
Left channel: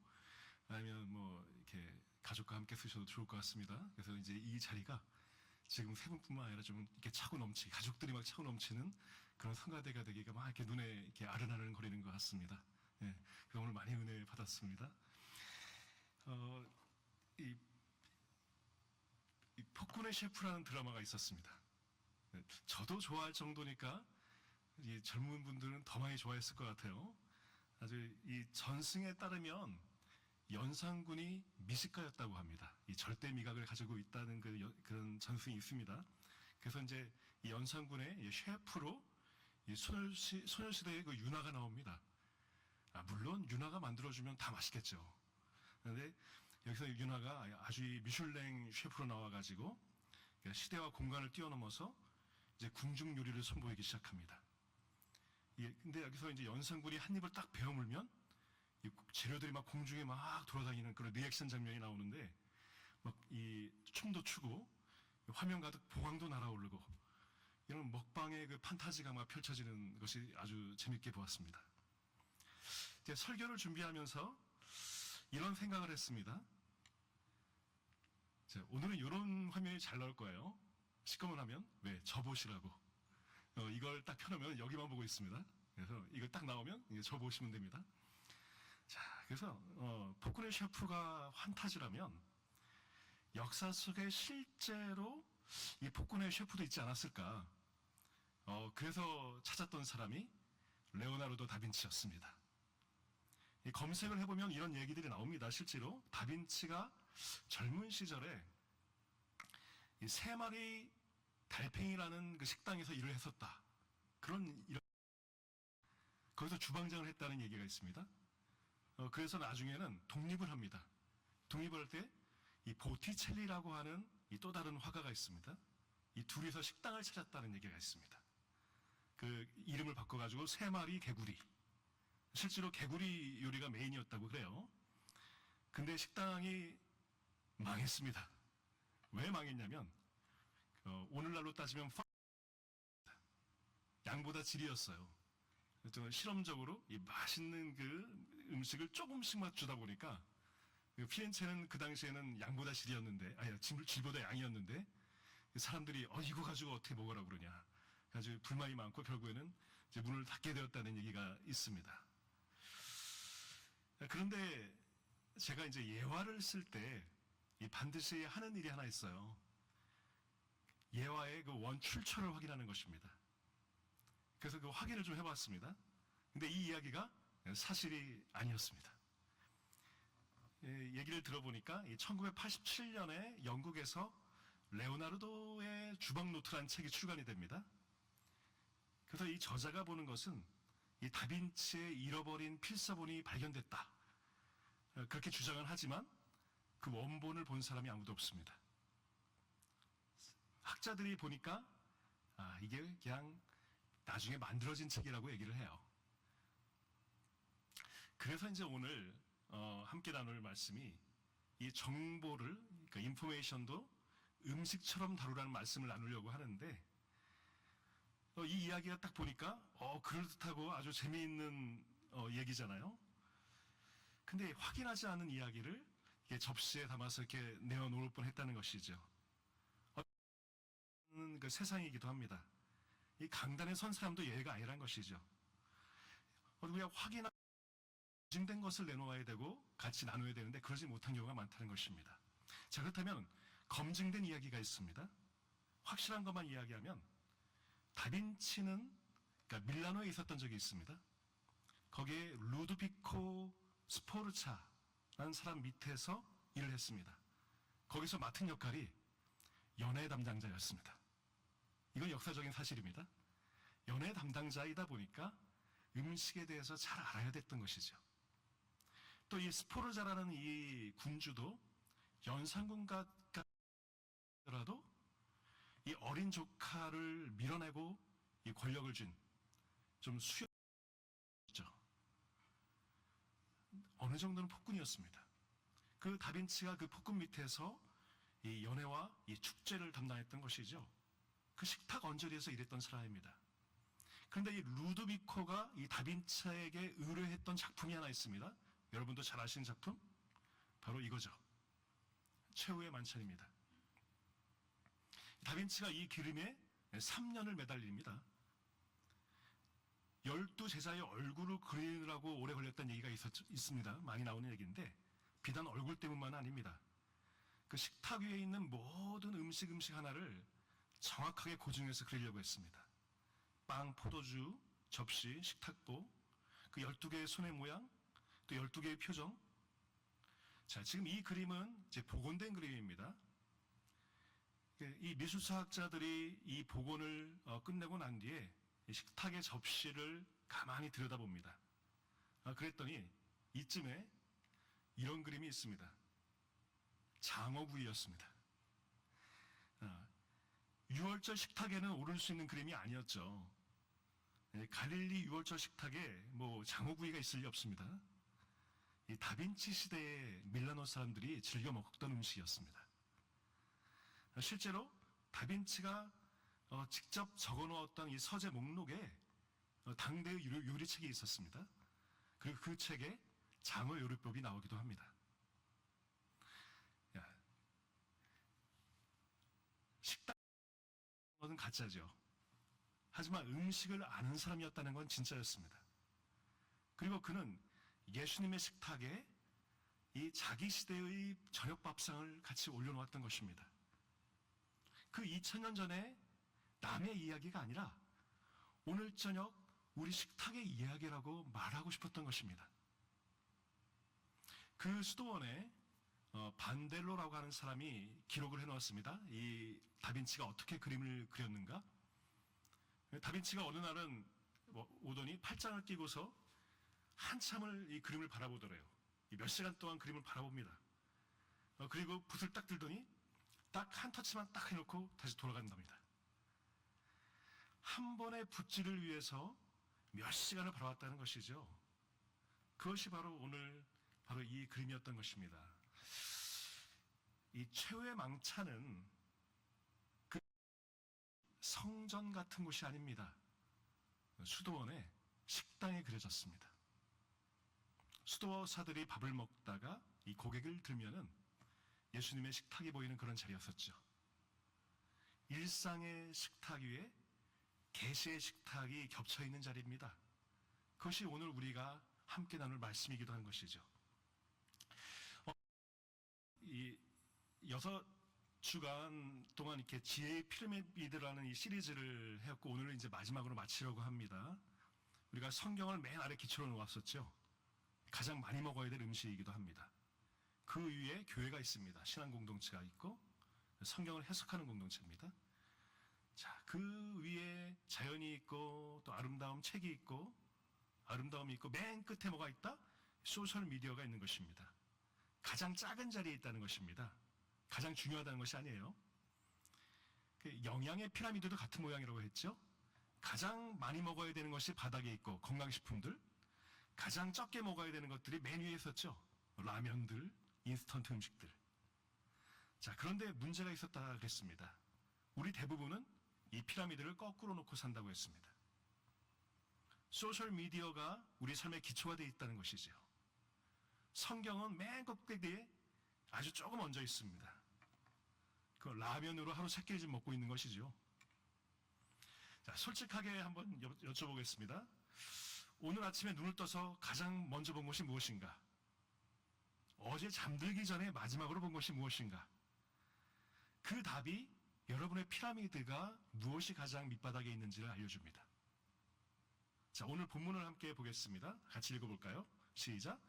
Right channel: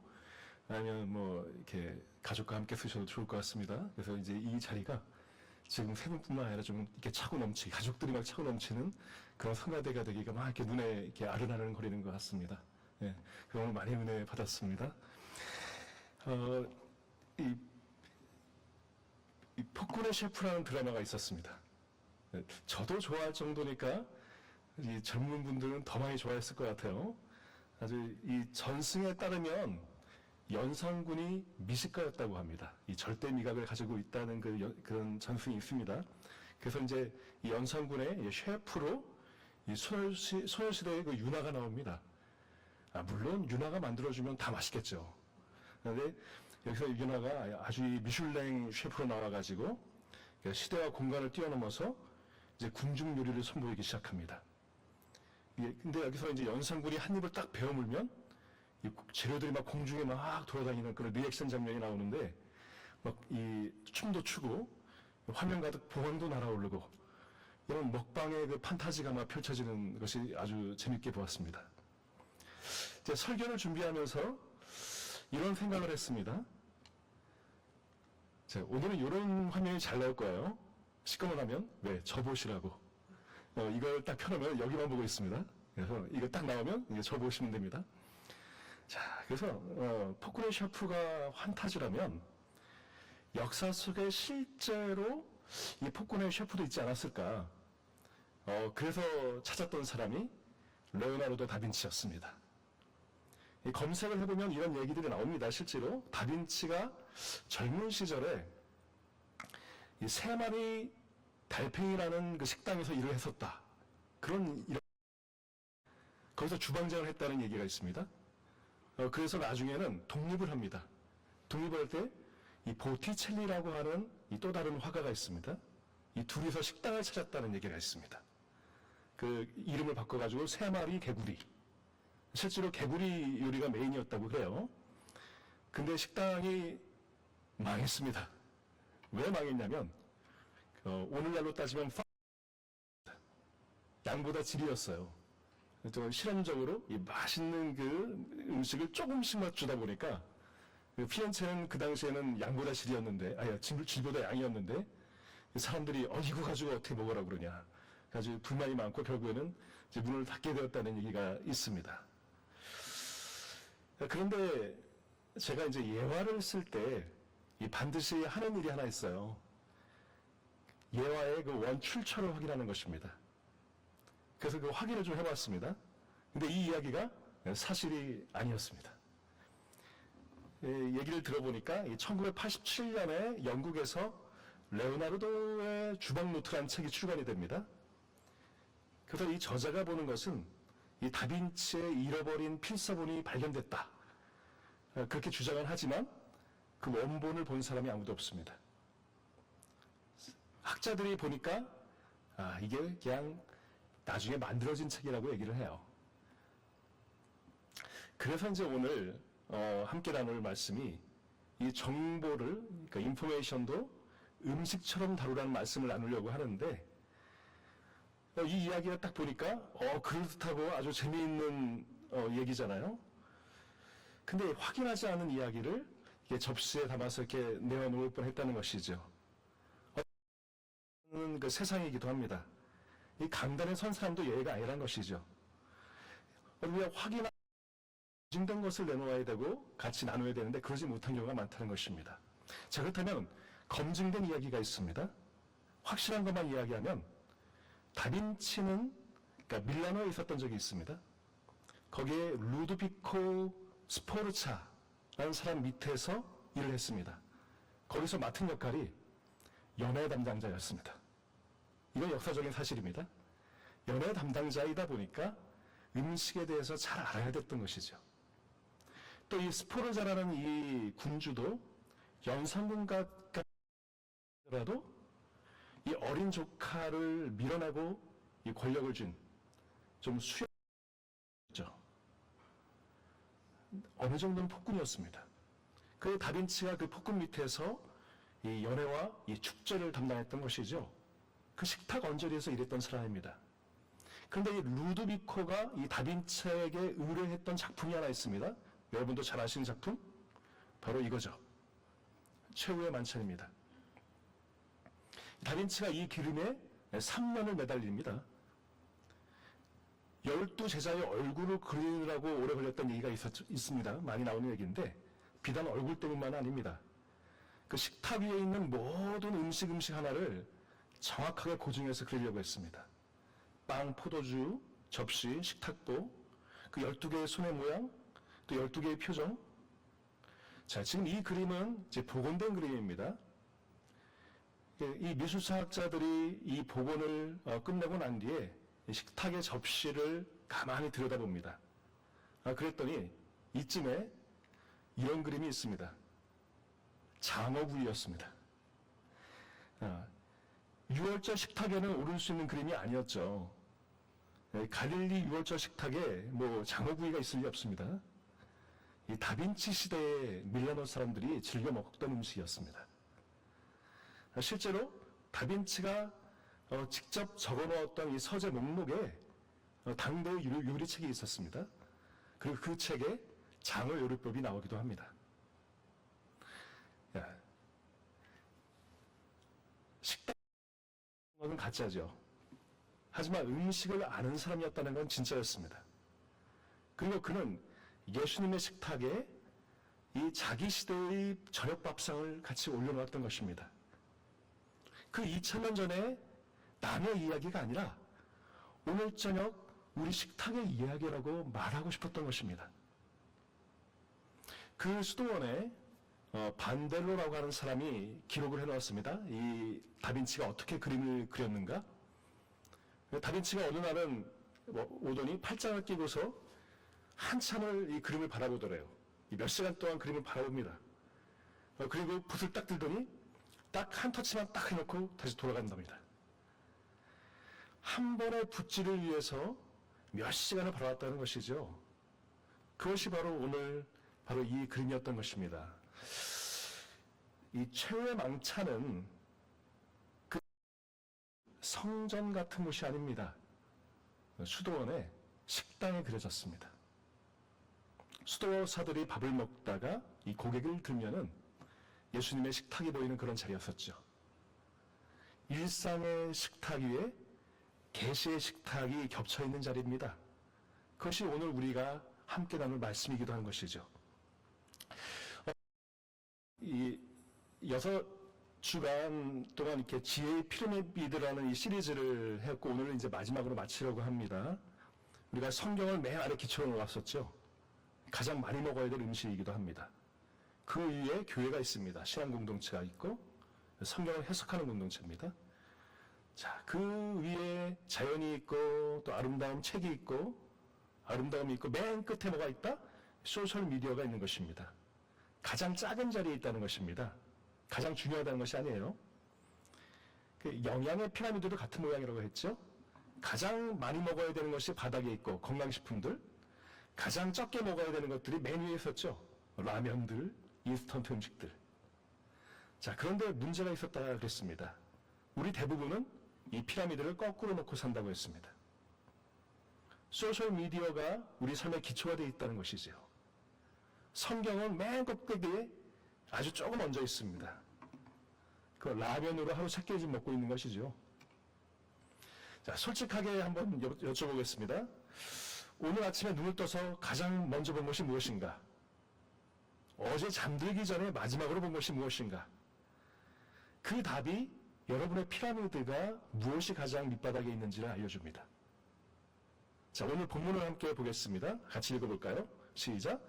아니면 뭐 이렇게 가족과 함께 쓰셔도 좋을 것 같습니다. 그래서 이제 이 자리가 지금 세 분뿐만 아니라 좀 이렇게 차고 넘치게 가족들이 막 차고 넘치는 그런 성가대가 되기가 막 이렇게 눈에 이렇게 아른아른 거리는 것 같습니다. 예, 그래서 오늘 많이 은혜 받았습니다. 이 폭군의 셰프라는 드라마가 있었습니다. 저도 좋아할 정도니까 이 젊은 분들은 더 많이 좋아했을 것 같아요. 아주 이 전승에 따르면 연산군이 미식가였다고 합니다. 이 절대 미각을 가지고 있다는 그런 전승이 있습니다. 그래서 이제 이 연산군의 셰프로 이 소녀시대의 그 윤아가 나옵니다. 물론 윤아가 만들어주면 다 맛있겠죠. 그런데 여기서 윤아가 아주 이 미슐랭 셰프로 나와가지고 시대와 공간을 뛰어넘어서 이제 궁중 요리를 선보이기 시작합니다. 근데 여기서 이제 연산군이 한 입을 딱 베어물면 이 재료들이 막 공중에 막 돌아다니는 그런 리액션 장면이 나오는데 막 이 춤도 추고 화면 가득 보광도 날아오르고 이런 먹방의 그 판타지가 막 펼쳐지는 것이 아주 재밌게 보았습니다. 이제 설교를 준비하면서 이런 생각을 했습니다. 자, 오늘은 이런 화면이 잘 나올 거예요. 시꺼먼하면 왜? 저 보시라고. 이걸 딱 켜놓으면 여기만 보고 있습니다. 그래서 이거 딱 나오면 이제 저 보시면 됩니다. 자, 그래서 폭군의 셰프가 환타지라면 역사 속에 실제로 이 폭군의 셰프도 있지 않았을까? 그래서 찾았던 사람이 레오나르도 다빈치였습니다. 이 검색을 해보면 이런 얘기들이 나옵니다. 실제로 다빈치가 젊은 시절에 이 세 마리 달팽이라는 그 식당에서 일을 했었다. 거기서 주방장을 했다는 얘기가 있습니다. 그래서 나중에는 독립을 합니다. 독립을 할 때 이 보티첼리라고 하는 이 또 다른 화가가 있습니다. 이 둘이서 식당을 찾았다는 얘기가 있습니다. 그 이름을 바꿔가지고 세 마리 개구리. 실제로 개구리 요리가 메인이었다고 그래요. 근데 식당이 망했습니다. 왜 망했냐면 오늘날로 따지면 양보다 질이었어요. 실험적으로 이 맛있는 그 음식을 조금씩만 주다 보니까 피렌체는 그 당시에는 양보다 질이었는데, 질보다 양이었는데 사람들이 이거 가지고 어떻게 먹으라고 그러냐. 아주 불만이 많고 결국에는 이제 문을 닫게 되었다는 얘기가 있습니다. 그런데 제가 이제 예화를 쓸 때 반드시 하는 일이 하나 있어요. 예화의 그 원출처를 확인하는 것입니다. 그래서 그 확인을 좀 해봤습니다. 근데 이 이야기가 사실이 아니었습니다. 얘기를 들어보니까 1987년에 영국에서 레오나르도의 주방 노트라는 책이 출간이 됩니다. 그래서 이 저자가 보는 것은 이 다빈치의 잃어버린 필사본이 발견됐다. 그렇게 주장을 하지만 그 원본을 본 사람이 아무도 없습니다. 학자들이 보니까 이게 그냥 나중에 만들어진 책이라고 얘기를 해요. 그래서 이제 오늘 함께 나눌 말씀이 이 정보를, 그러니까 인포메이션도 음식처럼 다루라는 말씀을 나누려고 하는데 이 이야기가 딱 보니까 그럴듯하고 아주 재미있는 얘기잖아요. 근데 확인하지 않은 이야기를 접시에 담아서 이렇게 내어놓을 뻔했다는 것이죠. 그 세상이기도 합니다. 이 강단에 선 사람도 예외가 아니란 것이죠. 우리가 검증된 것을 내놓아야 되고 같이 나눠야 되는데 그러지 못한 경우가 많다는 것입니다. 자, 그렇다면 검증된 이야기가 있습니다. 확실한 것만 이야기하면 다빈치는 그러니까 밀라노에 있었던 적이 있습니다. 거기에 루도비코 스포르차라는 사람 밑에서 일을 했습니다. 거기서 맡은 역할이 연애 담당자였습니다. 이건 역사적인 사실입니다. 연애 담당자이다 보니까 음식에 대해서 잘 알아야 됐던 것이죠. 또 이 스포르자라는 이 군주도 연산군가라도 이 어린 조카를 밀어내고 이 권력을 준 좀 수였죠. 어느 정도는 폭군이었습니다. 그 다빈치가 그 폭군 밑에서 이 연회와 이 축제를 담당했던 것이죠. 그 식탁 언저리에서 일했던 사람입니다. 그런데 이 루도비코가 이 다빈치에게 의뢰했던 작품이 하나 있습니다. 여러분도 잘 아시는 작품? 바로 이거죠. 최후의 만찬입니다. 다빈치가 이 기름에 3년을 매달립니다. 12제자의 얼굴을 그리느라고 오래 걸렸던 얘기가 있습니다. 많이 나오는 얘기인데 비단 얼굴 때문만 아닙니다. 그 식탁 위에 있는 모든 음식 하나를 정확하게 고증해서 그리려고 했습니다. 빵, 포도주, 접시, 식탁보, 그 12개의 손의 모양, 또 12개의 표정. 자, 지금 이 그림은 이제 복원된 그림입니다. 이 미술사학자들이 이 복원을 끝내고 난 뒤에 식탁의 접시를 가만히 들여다봅니다. 그랬더니 이쯤에 이런 그림이 있습니다. 장어구이였습니다. 6월절 식탁에는 오를 수 있는 그림이 아니었죠. 갈릴리 6월절 식탁에 뭐 장어구이가 있을 리 없습니다. 이 다빈치 시대의 밀라노 사람들이 즐겨 먹던 음식이었습니다. 실제로 다빈치가 직접 적어놓았던 이 서재 목록에 당대의 요리책이 있었습니다. 그리고 그 책에 장어 요리법이 나오기도 합니다. 식당은 가짜죠. 하지만 음식을 아는 사람이었다는 건 진짜였습니다. 그리고 그는 예수님의 식탁에 이 자기 시대의 저녁 밥상을 같이 올려놓았던 것입니다. 그 2000년 전에 남의 이야기가 아니라 오늘 저녁 우리 식탁의 이야기라고 말하고 싶었던 것입니다. 그 수도원에 반델로라고 하는 사람이 기록을 해놓았습니다. 이 다빈치가 어떻게 그림을 그렸는가? 다빈치가 어느 날은 오더니 팔짱을 끼고서 한참을 이 그림을 바라보더래요. 몇 시간 동안 그림을 바라봅니다. 그리고 붓을 딱 들더니 딱 한 터치만 딱 해놓고 다시 돌아간답니다. 한 번의 붓질을 위해서 몇 시간을 바라봤다는 것이죠. 그것이 바로 오늘 바로 이 그림이었던 것입니다. 이 최후의 망차는 그 성전 같은 곳이 아닙니다. 수도원의 식당에 그려졌습니다. 수도사들이 밥을 먹다가 이 고개를 들면은 예수님의 식탁이 보이는 그런 자리였었죠. 일상의 식탁 위에 계시의 식탁이 겹쳐 있는 자리입니다. 그것이 오늘 우리가 함께 나눌 말씀이기도 한 것이죠. 이 6주간 동안 이렇게 지혜의 피라미드라는 이 시리즈를 해왔고 오늘은 이제 마지막으로 마치려고 합니다. 우리가 성경을 맨 아래 기초로 놓았었죠. 가장 많이 먹어야 될 음식이기도 합니다. 그 위에 교회가 있습니다. 신앙 공동체가 있고 성경을 해석하는 공동체입니다. 자, 그 위에 자연이 있고 또 아름다움 책이 있고 아름다움이 있고 맨 끝에 뭐가 있다? 소셜 미디어가 있는 것입니다. 가장 작은 자리에 있다는 것입니다. 가장 중요하다는 것이 아니에요. 그 영양의 피라미드도 같은 모양이라고 했죠. 가장 많이 먹어야 되는 것이 바닥에 있고 건강식품들, 가장 적게 먹어야 되는 것들이 맨 위에 있었죠. 라면들, 인스턴트 음식들. 자, 그런데 문제가 있었다 그랬습니다. 우리 대부분은 이 피라미드를 거꾸로 놓고 산다고 했습니다. 소셜 미디어가 우리 삶의 기초가 되어 있다는 것이죠. 성경은 맨 꼭대기에 아주 조금 얹어 있습니다. 그 라면으로 하루 3끼씩 먹고 있는 것이죠. 자, 솔직하게 한번 여쭤보겠습니다. 오늘 아침에 눈을 떠서 가장 먼저 본 것이 무엇인가? 어제 잠들기 전에 마지막으로 본 것이 무엇인가? 그 답이 여러분의 피라미드가 무엇이 가장 밑바닥에 있는지를 알려줍니다. 자, 오늘 본문을 함께 보겠습니다. 같이 읽어볼까요? 시작.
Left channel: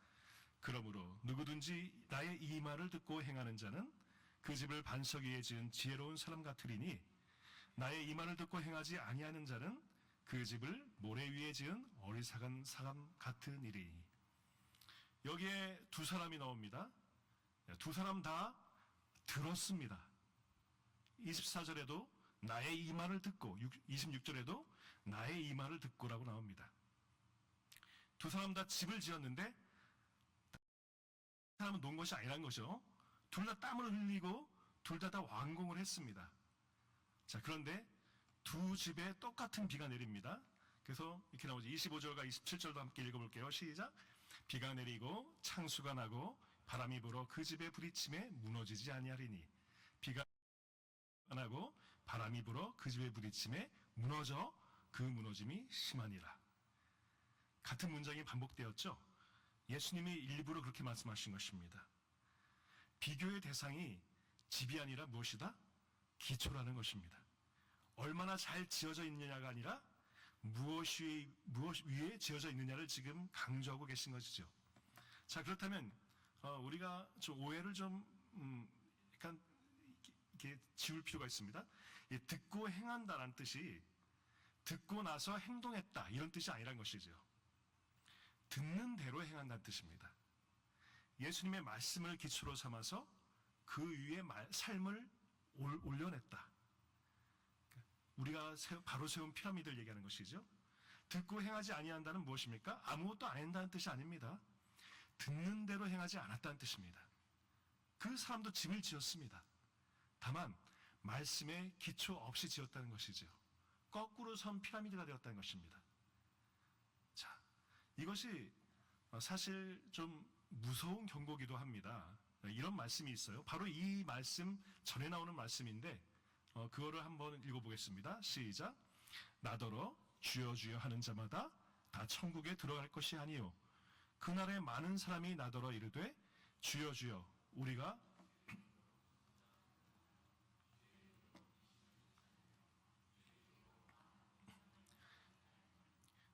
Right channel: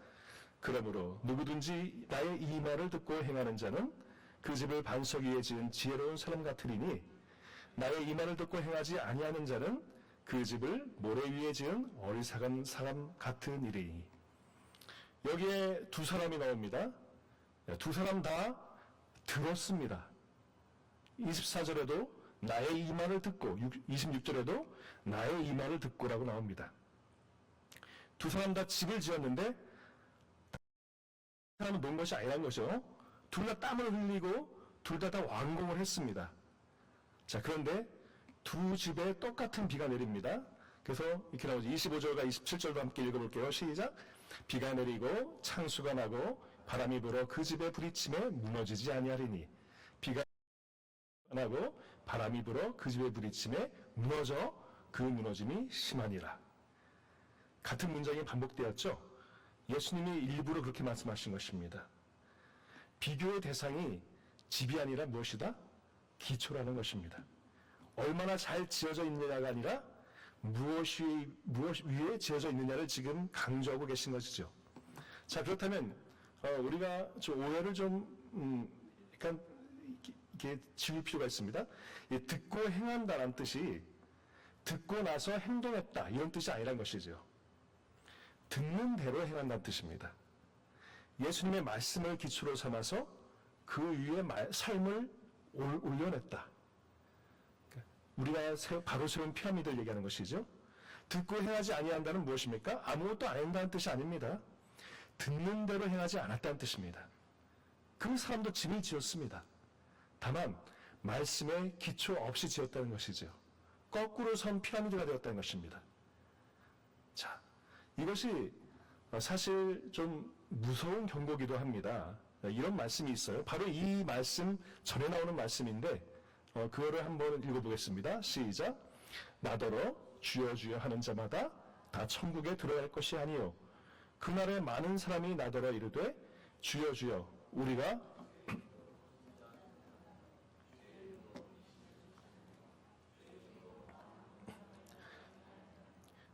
그러므로 누구든지 나의 이 말을 듣고 행하는 자는 그 집을 반석 위에 지은 지혜로운 사람 같으리니 나의 이 말을 듣고 행하지 아니하는 자는 그 집을 모래 위에 지은 어리석은 사람 같은 이리니. 여기에 두 사람이 나옵니다. 두 사람 다 들었습니다. 24절에도 나의 이 말을 듣고 26절에도 나의 이 말을 듣고라고 나옵니다. 두 사람 다 집을 지었는데 사람은 놓은 것이 아니란 거죠. 둘 다 땀을 흘리고 둘 다 완공을 했습니다. 자, 그런데 두 집에 똑같은 비가 내립니다. 그래서 이렇게 나오죠. 25절과 27절도 함께 읽어볼게요. 시작. 비가 내리고 창수가 나고 바람이 불어 그 집의 부딪힘에 무너지지 아니하리니 비가 나고 바람이 불어 그 집의 부딪힘에 무너져 그 무너짐이 심하니라. 같은 문장이 반복되었죠. 예수님이 일부러 그렇게 말씀하신 것입니다. 비교의 대상이 집이 아니라 무엇이다? 기초라는 것입니다. 얼마나 잘 지어져 있느냐가 아니라 무엇 위에 지어져 있느냐를 지금 강조하고 계신 것이죠. 자, 그렇다면 우리가 좀 오해를 약간 이렇게 지울 필요가 있습니다. 듣고 행한다는 뜻이 듣고 나서 행동했다 이런 뜻이 아니란 것이죠. 듣는 대로 행한다는 뜻입니다. 예수님의 말씀을 기초로 삼아서 그 위에 삶을 올려냈다. 우리가 바로 세운 피라미드를 얘기하는 것이죠. 듣고 행하지 아니한다는 무엇입니까? 아무것도 안 한다는 뜻이 아닙니다. 듣는 대로 행하지 않았다는 뜻입니다. 그 사람도 집을 지었습니다. 다만 말씀에 기초 없이 지었다는 것이죠. 거꾸로 선 피라미드가 되었다는 것입니다. 자, 이것이 사실 좀 무서운 경고기도 합니다. 이런 말씀이 있어요. 바로 이 말씀 전에 나오는 말씀인데 그거를 한번 읽어보겠습니다. 시작. 나더러 주여 주여 하는 자마다 다 천국에 들어갈 것이 아니요 그날에 많은 사람이 나더러 이르되 주여 주여 우리가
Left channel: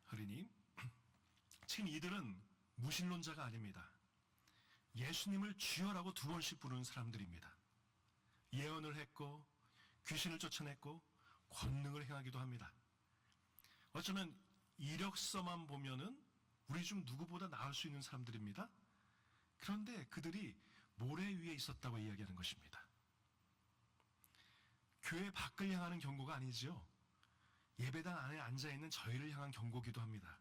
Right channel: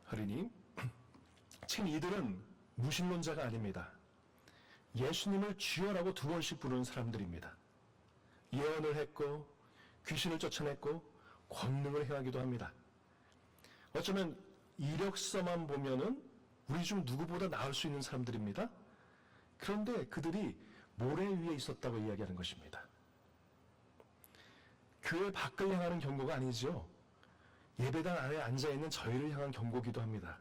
하리니 지금 이들은 무신론자가 아닙니다. 예수님을 주여라고 2번씩 부르는 사람들입니다. 예언을 했고 귀신을 쫓아냈고 권능을 행하기도 합니다. 어쩌면 이력서만 보면은 우리 중 누구보다 나을 수 있는 사람들입니다. 그런데 그들이 모래 위에 있었다고 이야기하는 것입니다. 교회 밖을 향하는 경고가 아니죠. 예배당 안에 앉아있는 저희를 향한 경고기도 합니다.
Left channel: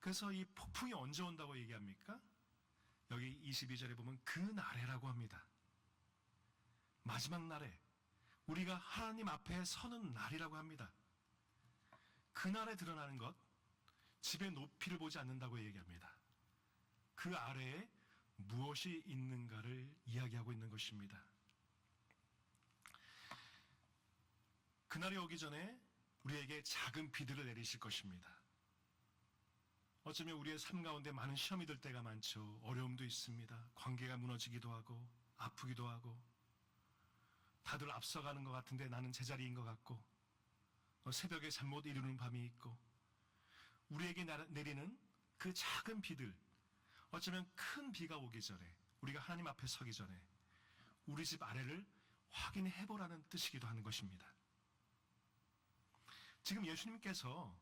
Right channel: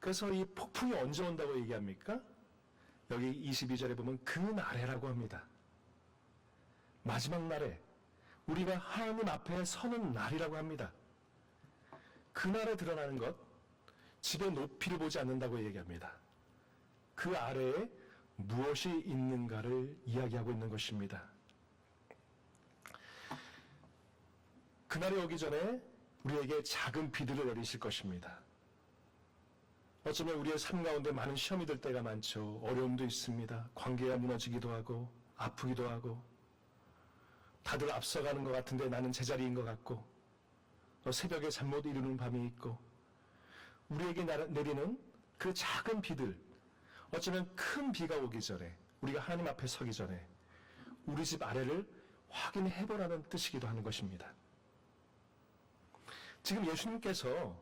그래서 이 폭풍이 언제 온다고 얘기합니까? 여기 22절에 보면 그 날에라고 합니다. 마지막 날에 우리가 하나님 앞에 서는 날이라고 합니다. 그날에 드러나는 것, 집의 높이를 보지 않는다고 얘기합니다. 그 아래에 무엇이 있는가를 이야기하고 있는 것입니다. 그날이 오기 전에 우리에게 작은 비들을 내리실 것입니다. 어쩌면 우리의 삶 가운데 많은 시험이 들 때가 많죠. 어려움도 있습니다. 관계가 무너지기도 하고 아프기도 하고 다들 앞서가는 것 같은데 나는 제자리인 것 같고 새벽에 잠 못 이루는 밤이 있고 우리에게 내리는 그 작은 비들 어쩌면 큰 비가 오기 전에 우리가 하나님 앞에 서기 전에 우리 집 아래를 확인해보라는 뜻이기도 하는 것입니다. 지금 예수님께서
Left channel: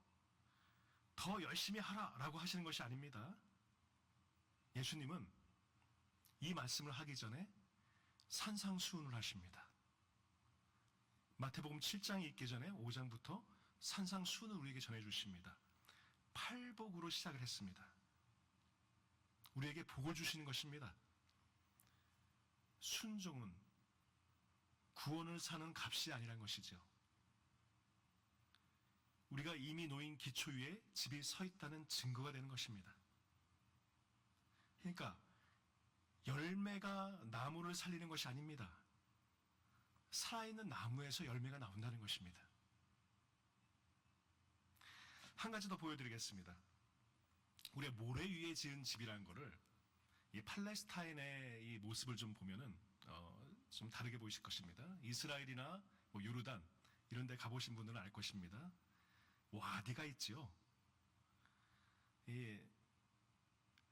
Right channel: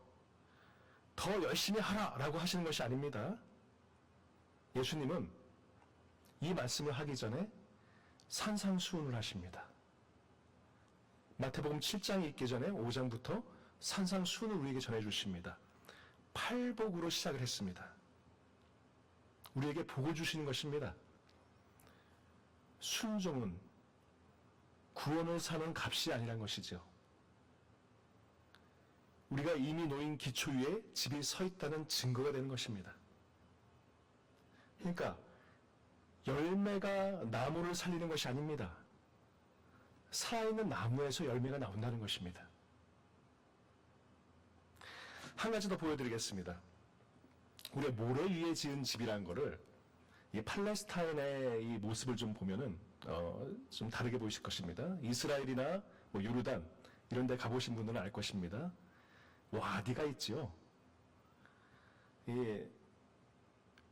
더 열심히 하라라고 하시는 것이 아닙니다. 예수님은 이 말씀을 하기 전에 산상수훈을 하십니다. 마태복음 7장이 있기 전에 5장부터 산상수훈을 우리에게 전해주십니다. 팔복으로 시작을 했습니다. 우리에게 복을 주시는 것입니다. 순종은 구원을 사는 값이 아니란 것이죠. 우리가 이미 놓인 기초 위에 집이 서 있다는 증거가 되는 것입니다. 그러니까 열매가 나무를 살리는 것이 아닙니다. 살아있는 나무에서 열매가 나온다는 것입니다. 한 가지 더 보여드리겠습니다. 우리가 모래 위에 지은 집이라는 거를 이 팔레스타인의 이 모습을 좀 보면은 좀 다르게 보이실 것입니다. 이스라엘이나 뭐 요르단 이런 데 가보신 분들은 알 것입니다. 와디가 있죠.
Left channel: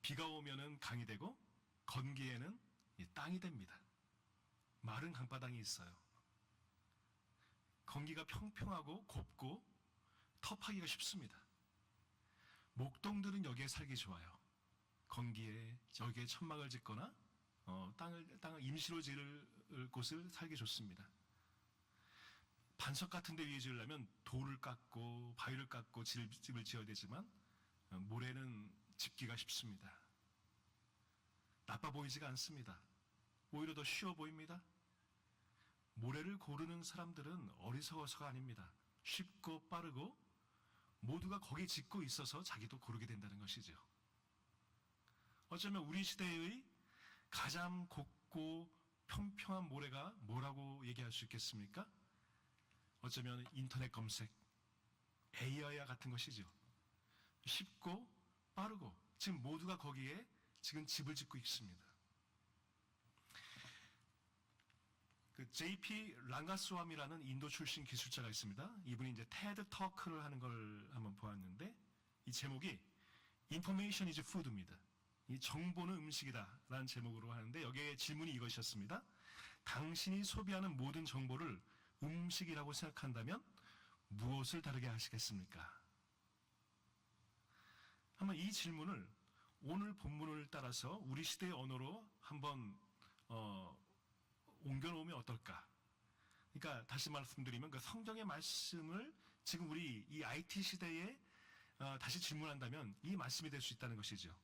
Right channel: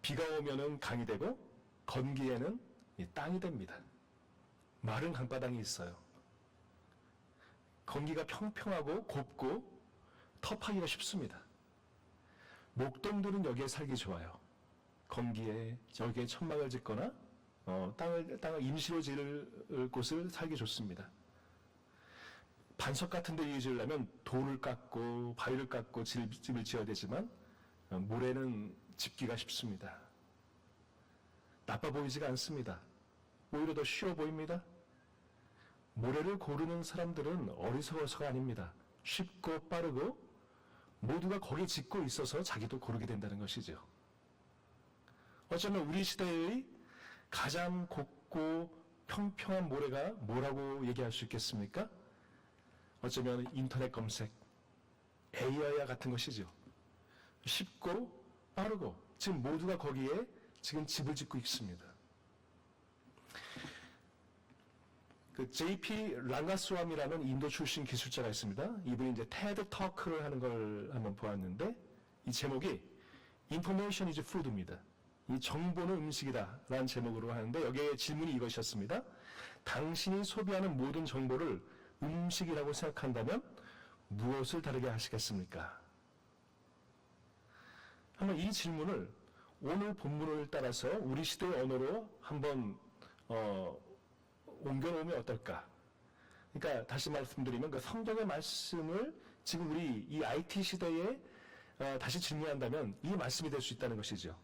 비가 오면은 강이 되고 건기에는 땅이 됩니다. 마른 강바닥이 있어요. 건기가 평평하고 곱고 터파기가 쉽습니다. 목동들은 여기에 살기 좋아요. 건기에 여기에 천막을 짓거나 땅을 임시로 지을 곳을 살기 좋습니다. 반석 같은 데 위에 지으려면 돌을 깎고 바위를 깎고 집을 지어야 되지만 모래는 짓기가 쉽습니다. 나빠 보이지가 않습니다. 오히려 더 쉬워 보입니다. 모래를 고르는 사람들은 어리석어서가 아닙니다. 쉽고 빠르고 모두가 거기에 짓고 있어서 자기도 고르게 된다는 것이죠. 어쩌면 우리 시대의 가장 곱고 평평한 모래가 뭐라고 얘기할 수 있겠습니까? 어쩌면 인터넷 검색, AI와 같은 것이죠. 쉽고 빠르고 지금 모두가 거기에 지금 집을 짓고 있습니다. 그 JP 랑가스와미라는 인도 출신 기술자가 있습니다. 이분이 이제 테드 터크를 하는 걸 한번 보았는데 이 제목이 Information is Food입니다. 이 정보는 음식이다라는 제목으로 하는데 여기에 질문이 이것이었습니다. 당신이 소비하는 모든 정보를 음식이라고 생각한다면 무엇을 다르게 하시겠습니까? 한번 이 질문을 오늘 본문을 따라서 우리 시대의 언어로 한번 옮겨놓으면 어떨까? 그러니까 다시 말씀드리면 그 성경의 말씀을 지금 우리 이 IT 시대에 다시 질문한다면 이 말씀이 될 수 있다는 것이죠.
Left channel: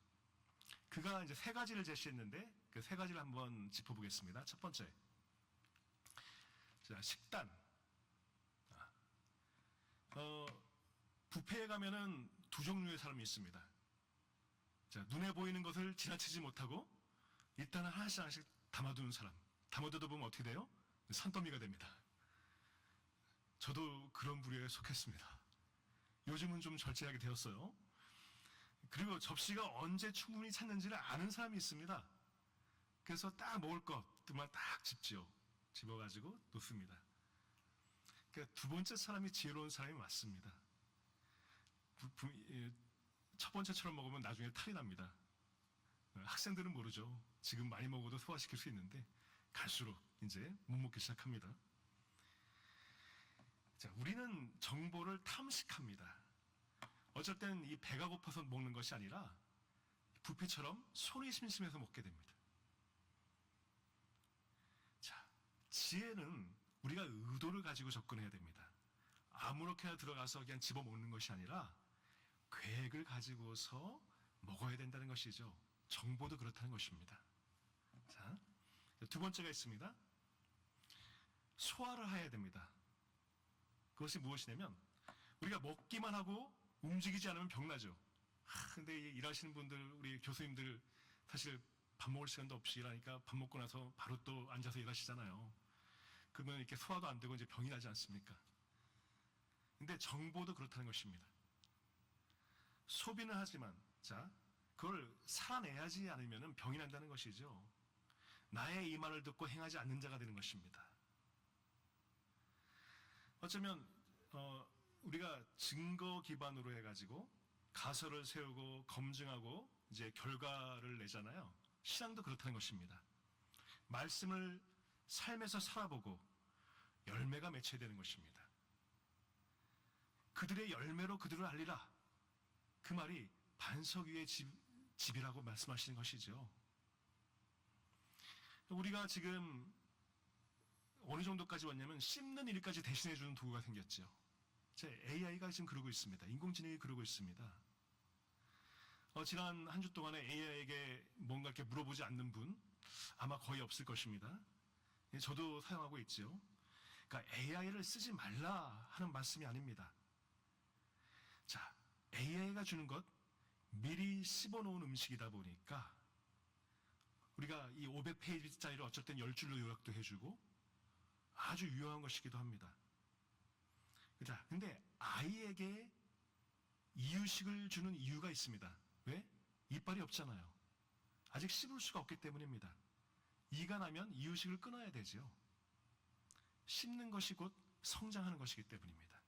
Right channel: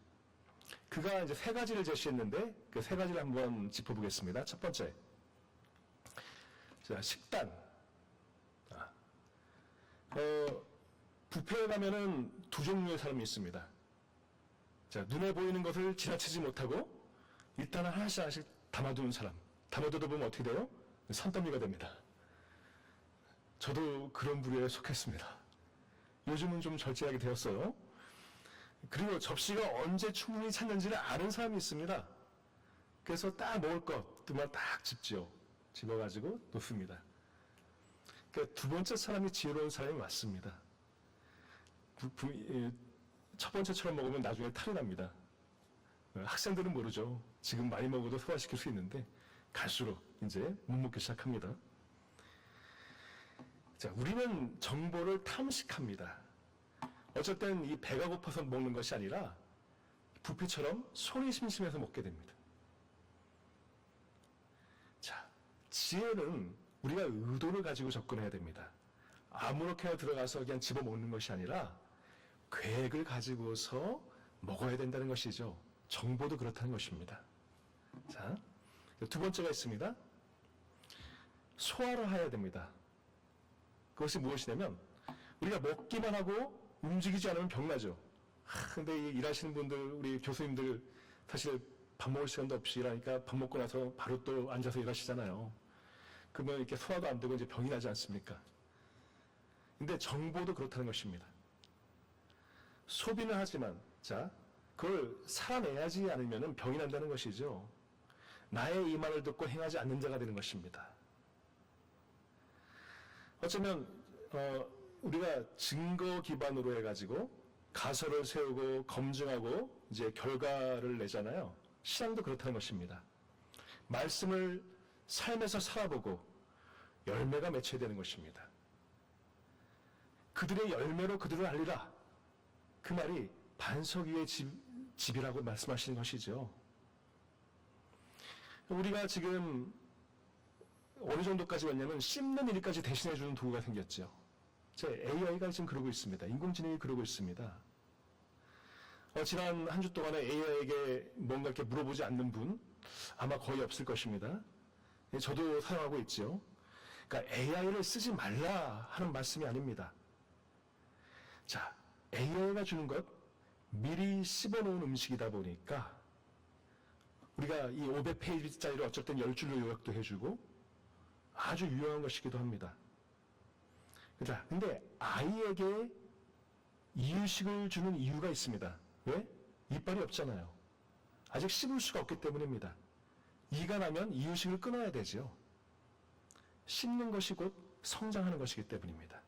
그가 이제 세 가지를 제시했는데 그 세 가지를 한번 짚어보겠습니다. 첫 번째, 자, 식단. 뷔페에 가면은 두 종류의 사람이 있습니다. 자, 눈에 보이는 것을 지나치지 못하고 일단은 하나씩 하나씩 담아두는 사람. 담아두다 보면 어떻게 돼요? 산더미가 됩니다. 저도 그런 부류에 속했습니다. 요즘은 좀 절제하게 되었어요. 그리고 접시가 언제 충분히 찼는지를 아는 사람이 있습니다. 그래서 딱 먹을 것들만 딱 집죠. 집어가지고 놓습니다. 그러니까 두 번째 사람이 지혜로운 사람이 맞습니다. 첫 번째처럼 먹으면 나중에 탈이 납니다. 학생들은 모르죠. 지금 많이 먹어도 소화시킬 수 있는데 갈수록 이제 못 먹기 시작합니다. 자, 우리는 정보를 탐식합니다. 어쩔 땐 이 배가 고파서 먹는 것이 아니라 뷔페처럼 손이 심심해서 먹게 됩니다. 자, 지혜는 우리가 의도를 가지고 접근해야 됩니다. 아무렇게나 들어가서 그냥 집어먹는 것이 아니라 계획을 가지고서 먹어야 된다는 것이죠. 정보도 그렇다는 것입니다. 자, 두 번째가 있습니다. 소화를 해야 됩니다. 그것이 무엇이냐면 우리가 먹기만 하고 움직이지 않으면 병나죠. 근데 일하시는 분들, 우리 교수님들 사실 밥 먹을 시간도 없이 일하니까 밥 먹고 나서 바로 또 앉아서 일하시잖아요. 그러면 이렇게 소화도 안 되고 이제 병이 나지 않습니까? 근데 정보도 그렇다는 것입니다. 소비는 하지만, 자, 그걸 살아내야지 않으면 병이 난다는 것이죠. 나의 이 말을 듣고 행하지 않는 자가 되는 것입니다. 어쩌면, 우리가 증거 기반으로 해가지고 가설을 세우고 검증하고 이제 결과를 내잖아요. 신앙도 그렇다는 것입니다. 말씀을 삶에서 살아보고 열매가 맺혀야 되는 것입니다. 그들의 열매로 그들을 알리라. 그 말이 반석 위의 집이라고 말씀하시는 것이죠. 우리가 지금 어느 정도까지 왔냐면 씹는 일까지 대신해주는 도구가 생겼죠. AI가 지금 그러고 있습니다. 인공지능이 그러고 있습니다. 지난 한 주 동안에 AI에게 뭔가 이렇게 물어보지 않는 분 아마 거의 없을 것입니다. 저도 사용하고 있죠. 그러니까 AI를 쓰지 말라 하는 말씀이 아닙니다. 자, AI가 주는 것 미리 씹어놓은 음식이다 보니까 우리가 이 500페이지짜리를 어쩔 땐 10줄로 요약도 해주고 아주 유용한 것이기도 합니다. 근데 아이에게 이유식을 주는 이유가 있습니다. 왜? 이빨이 없잖아요. 아직 씹을 수가 없기 때문입니다. 이가 나면 이유식을 끊어야 되죠. 씹는 것이 곧 성장하는 것이기 때문입니다.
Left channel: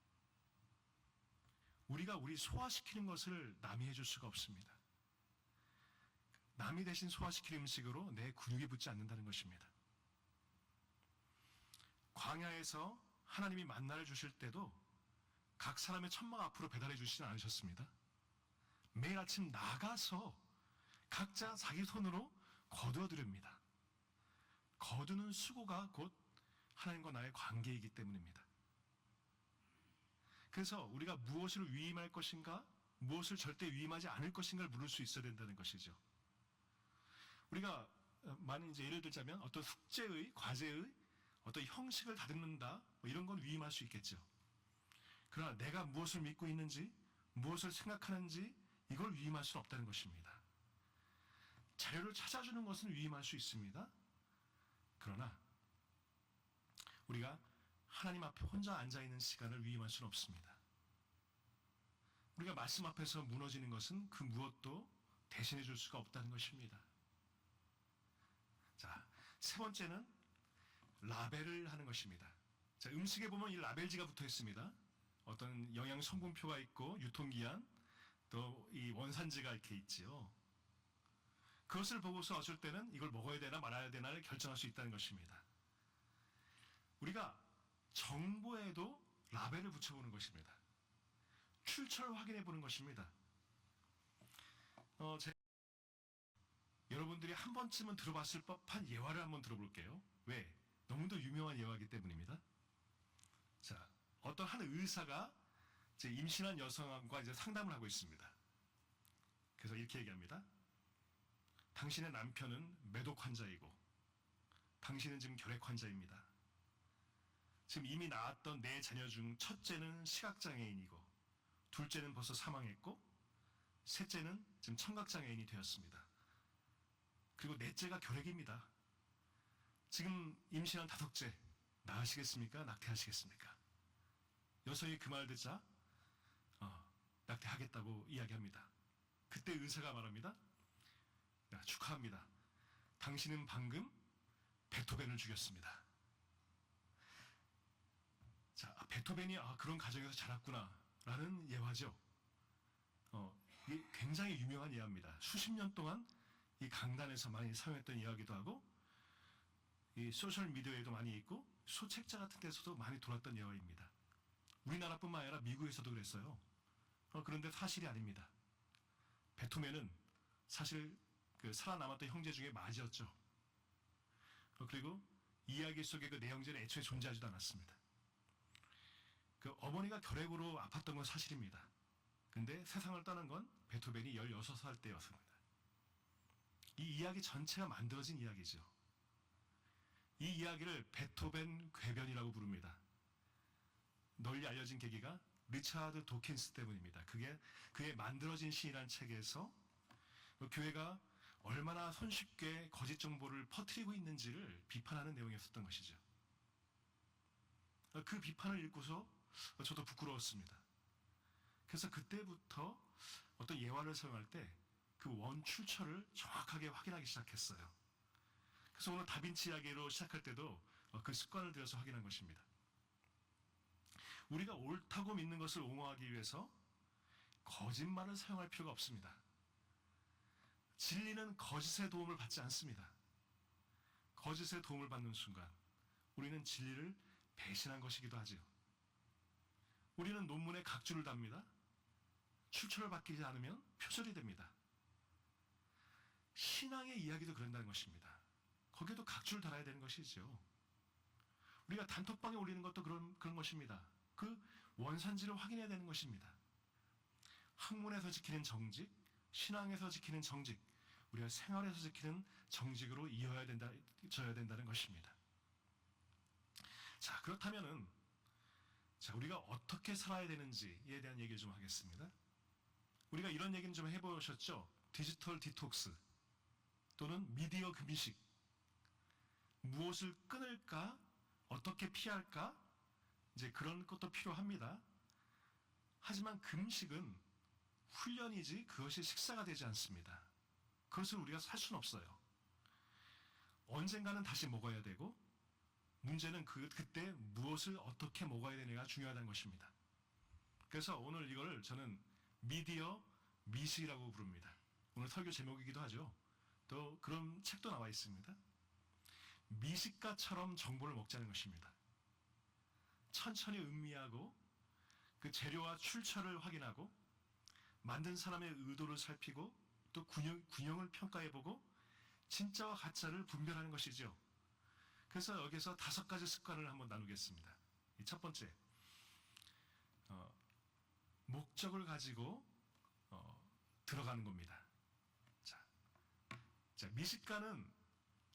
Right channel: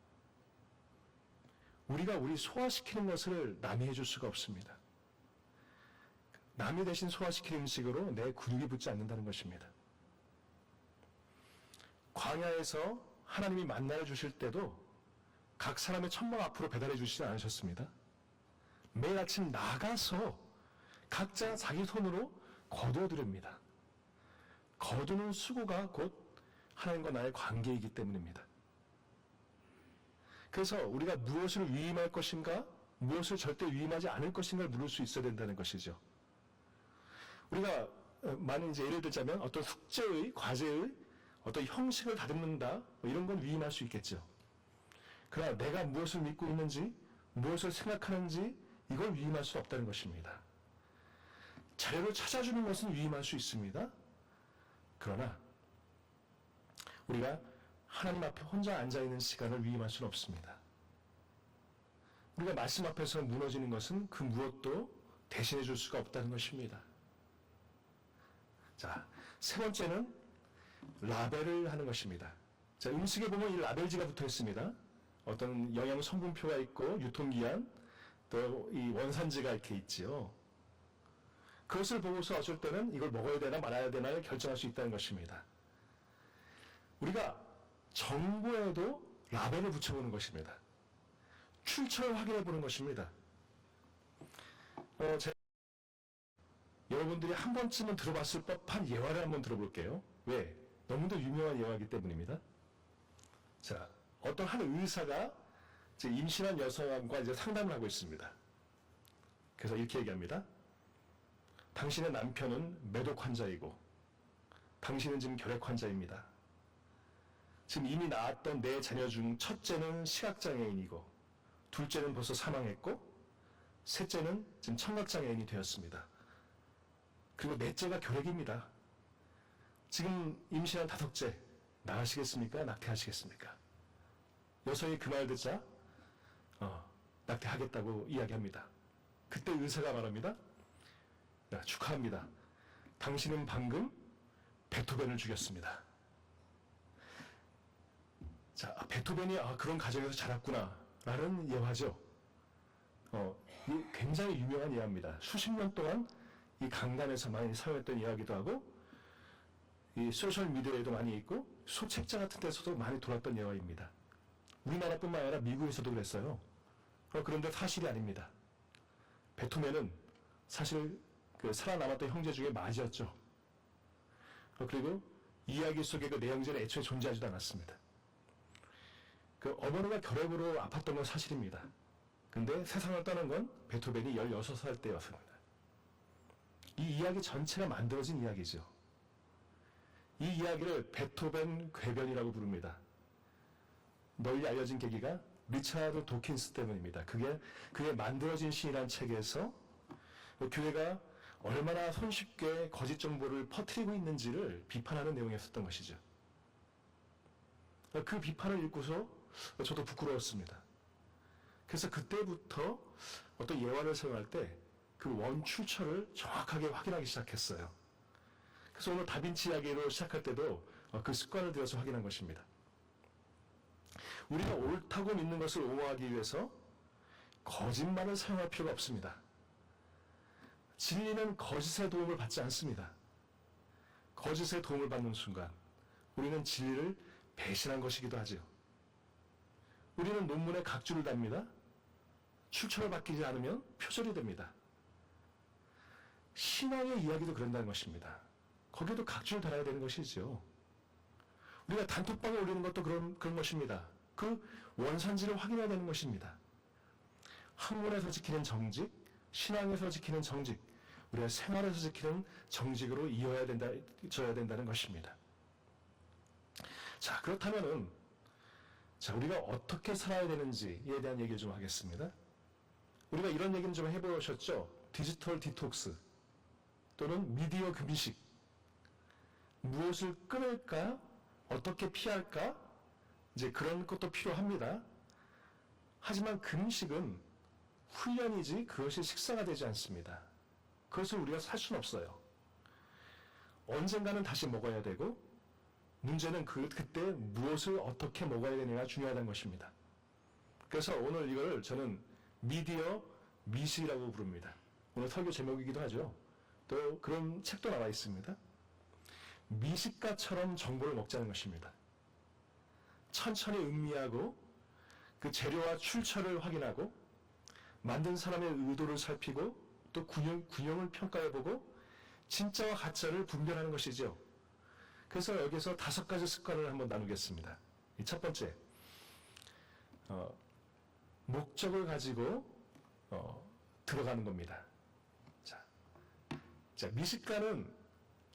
우리가 우리 소화시키는 것을 남이 해줄 수가 없습니다. 남이 대신 소화시키는 음식으로 내 근육이 붙지 않는다는 것입니다. 광야에서 하나님이 만나를 주실 때도 각 사람의 천막 앞으로 배달해 주시지 않으셨습니다. 매일 아침 나가서 각자 자기 손으로 거두어 드립니다. 거두는 수고가 곧 하나님과 나의 관계이기 때문입니다. 그래서 우리가 무엇을 위임할 것인가, 무엇을 절대 위임하지 않을 것인가를 물을 수 있어야 된다는 것이죠. 우리가 만약 이제 예를 들자면 어떤 숙제의, 과제의 어떤 형식을 다듬는다, 이런 건 위임할 수 있겠죠. 그러나 내가 무엇을 믿고 있는지, 무엇을 생각하는지 이걸 위임할 수 없다는 것입니다. 자료를 찾아주는 것은 위임할 수 있습니다. 그러나 우리가 하나님 앞에 혼자 앉아있는 시간을 위임할 수는 없습니다. 우리가 말씀 앞에서 무너지는 것은 그 무엇도 대신해 줄 수가 없다는 것입니다. 자, 세 번째는 라벨을 하는 것입니다. 자, 음식에 보면 이 라벨지가 붙어 있습니다. 어떤 영양 성분표가 있고 유통기한, 또 이 원산지가 이렇게 있지요. 그것을 보고서 어쩔 때는 이걸 먹어야 되나 말아야 되나를 결정할 수 있다는 것입니다. 우리가 정보에도 라벨을 붙여보는 것입니다. 출처를 확인해 보는 것입니다. 여러분들이 한 번쯤은 들어봤을 법한 예화를 한번 들어볼게요. 왜? 너무도 유명한 예화이기 때문입니다. 자, 어떤 한 의사가 이제 임신한 여성과 이제 상담을 하고 있습니다. 그래서 이렇게 얘기합니다. 당신의 남편은 매독 환자이고, 당신은 지금 결핵 환자입니다. 지금 이미 낳았던 네 자녀 중 첫째는 시각장애인이고, 둘째는 벌써 사망했고, 셋째는 지금 청각장애인이 되었습니다. 그리고 넷째가 결핵입니다. 지금 임신한 다섯째, 나으시겠습니까? 낙태하시겠습니까? 여성이 그 말 듣자 낙태하겠다고 이야기합니다. 그때 의사가 말합니다. 야, 축하합니다. 당신은 방금 베토벤을 죽였습니다. 자, 베토벤이 그런 가정에서 자랐구나 라는 예화죠. 이 굉장히 유명한 예화입니다. 수십 년 동안 이 강단에서 많이 사용했던 예화기도 하고, 이 소셜 미디어에도 많이 있고, 소책자 같은 데서도 많이 돌았던 예화입니다. 우리나라뿐만 아니라 미국에서도 그랬어요. 그런데 사실이 아닙니다. 베토벤은 사실 그 살아남았던 형제 중에 맞이었죠. 그리고 이야기 속에 그 내용들은 애초에 존재하지도 않았습니다. 그 어머니가 결핵으로 아팠던 건 사실입니다. 근데 세상을 떠난 건 베토벤이 16살 때였습니다. 이 이야기 전체가 만들어진 이야기죠. 이 이야기를 베토벤 궤변이라고 부릅니다. 널리 알려진 계기가 리차드 도킨스 때문입니다. 그게 만들어진 시이라는 책에서 교회가 얼마나 손쉽게 거짓 정보를 퍼뜨리고 있는지를 비판하는 내용이었던 것이죠. 그 비판을 읽고서 저도 부끄러웠습니다. 그래서 그때부터 어떤 예화를 사용할 때 그 원출처를 정확하게 확인하기 시작했어요. 그래서 오늘 다빈치 이야기로 시작할 때도 그 습관을 들여서 확인한 것입니다. 우리가 옳다고 믿는 것을 옹호하기 위해서 거짓말을 사용할 필요가 없습니다. 진리는 거짓의 도움을 받지 않습니다. 거짓의 도움을 받는 순간 우리는 진리를 배신한 것이기도 하죠. 우리는 논문에 각주를 답니다. 출처를 바뀌지 않으면 표절이 됩니다. 신앙의 이야기도 그런다는 것입니다. 거기에도 각주를 달아야 되는 것이죠. 우리가 단톡방에 올리는 것도 그런 것입니다. 그 원산지를 확인해야 되는 것입니다. 학문에서 지키는 정직, 신앙에서 지키는 정직, 우리가 생활에서 지키는 정직으로 이어야 된다는 것입니다. 자, 그렇다면은, 우리가 어떻게 살아야 되는지에 대한 얘기를 좀 하겠습니다. 우리가 이런 얘기는 좀 해보셨죠? 디지털 디톡스, 또는 미디어 금식. 무엇을 끊을까? 어떻게 피할까? 이제 그런 것도 필요합니다. 하지만 금식은 훈련이지 그것이 식사가 되지 않습니다. 그것을 우리가 살 수는 없어요. 언젠가는 다시 먹어야 되고, 문제는 그때 무엇을 어떻게 먹어야 되느냐가 중요하다는 것입니다. 그래서 오늘 이걸 저는 미디어 미식이라고 부릅니다. 오늘 설교 제목이기도 하죠. 또 그런 책도 나와 있습니다. 미식가처럼 정보를 먹자는 것입니다. 천천히 음미하고 그 재료와 출처를 확인하고 만든 사람의 의도를 살피고 또 균형을 평가해보고 진짜와 가짜를 분별하는 것이죠. 그래서 여기서 5가지 습관을 한번 나누겠습니다. 첫 번째, 목적을 가지고 들어가는 겁니다. 자, 미식가는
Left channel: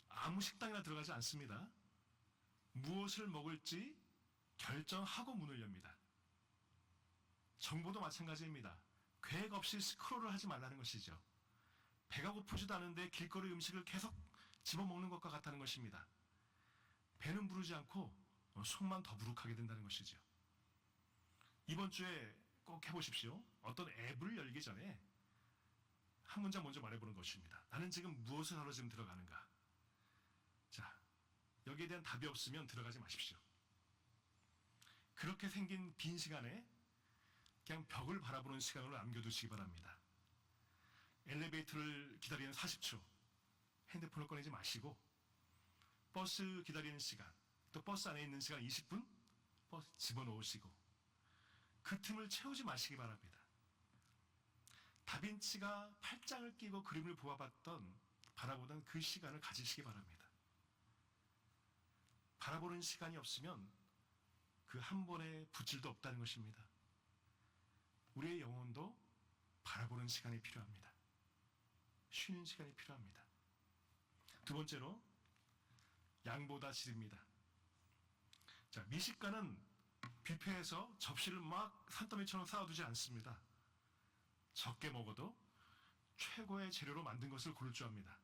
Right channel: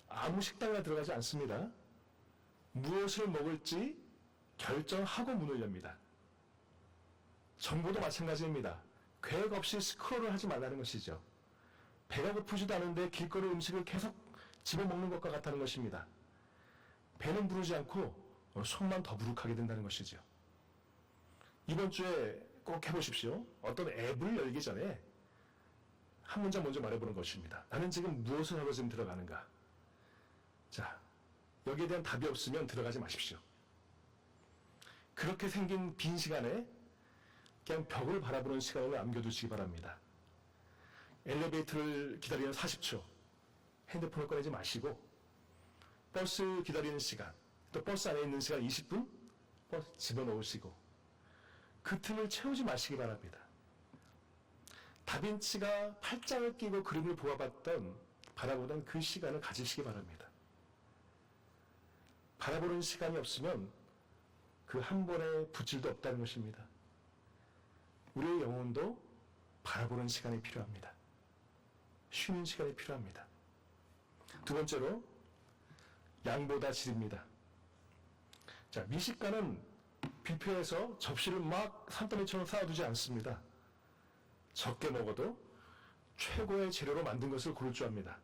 아무 식당이나 들어가지 않습니다. 무엇을 먹을지 결정하고 문을 엽니다. 정보도 마찬가지입니다. 계획 없이 스크롤을 하지 말라는 것이죠. 배가 고프지도 않은데 길거리 음식을 계속 집어먹는 것과 같다는 것입니다. 배는 부르지 않고 속만 더부룩하게 된다는 것이죠. 이번 주에 꼭 해보십시오. 어떤 앱을 열기 전에 한 문장 먼저 말해보는 것입니다. 나는 지금 무엇을 하러 지금 들어가는가? 자, 여기에 대한 답이 없으면 들어가지 마십시오. 그렇게 생긴 빈 시간에 그냥 벽을 바라보는 시간을 남겨두시기 바랍니다. 엘리베이터를 기다리는 40초, 핸드폰을 꺼내지 마시고 버스 기다리는 시간, 또 버스 안에 있는 시간 20분 버스 집어넣으시고 그 틈을 채우지 마시기 바랍니다. 다빈치가 팔짱을 끼고 그림을 바라보던 그 시간을 가지시기 바랍니다. 바라보는 시간이 없으면 그 한 번의 붓질도 없다는 것입니다. 우리의 영혼도 바라보는 시간이 필요합니다. 쉬는 시간이 필요합니다. 두 번째로 양보다 질입니다. 자, 미식가는 뷔페에서 접시를 막 산더미처럼 쌓아두지 않습니다. 적게 먹어도 최고의 재료로 만든 것을 고를 줄 압니다.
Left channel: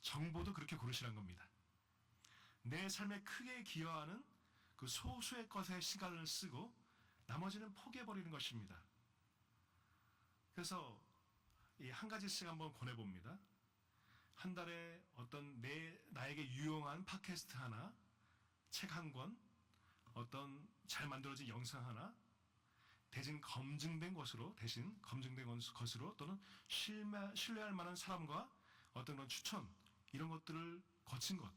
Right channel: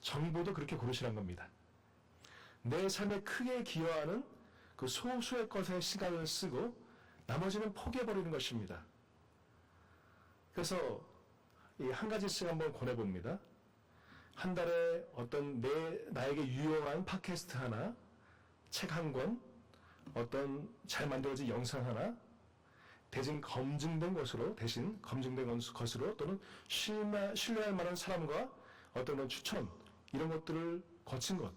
정보도 그렇게 고르시란 겁니다. 내 삶에 크게 기여하는 그 소수의 것에 시간을 쓰고 나머지는 포기해버리는 것입니다. 그래서 이 한 가지씩 한번 권해봅니다. 한 달에 어떤 나에게 유용한 팟캐스트 하나, 책 한 권, 어떤 잘 만들어진 영상 하나, 대신 검증된 것으로 또는 신뢰할 만한 사람과 어떤 추천, 이런 것들을 거친 것,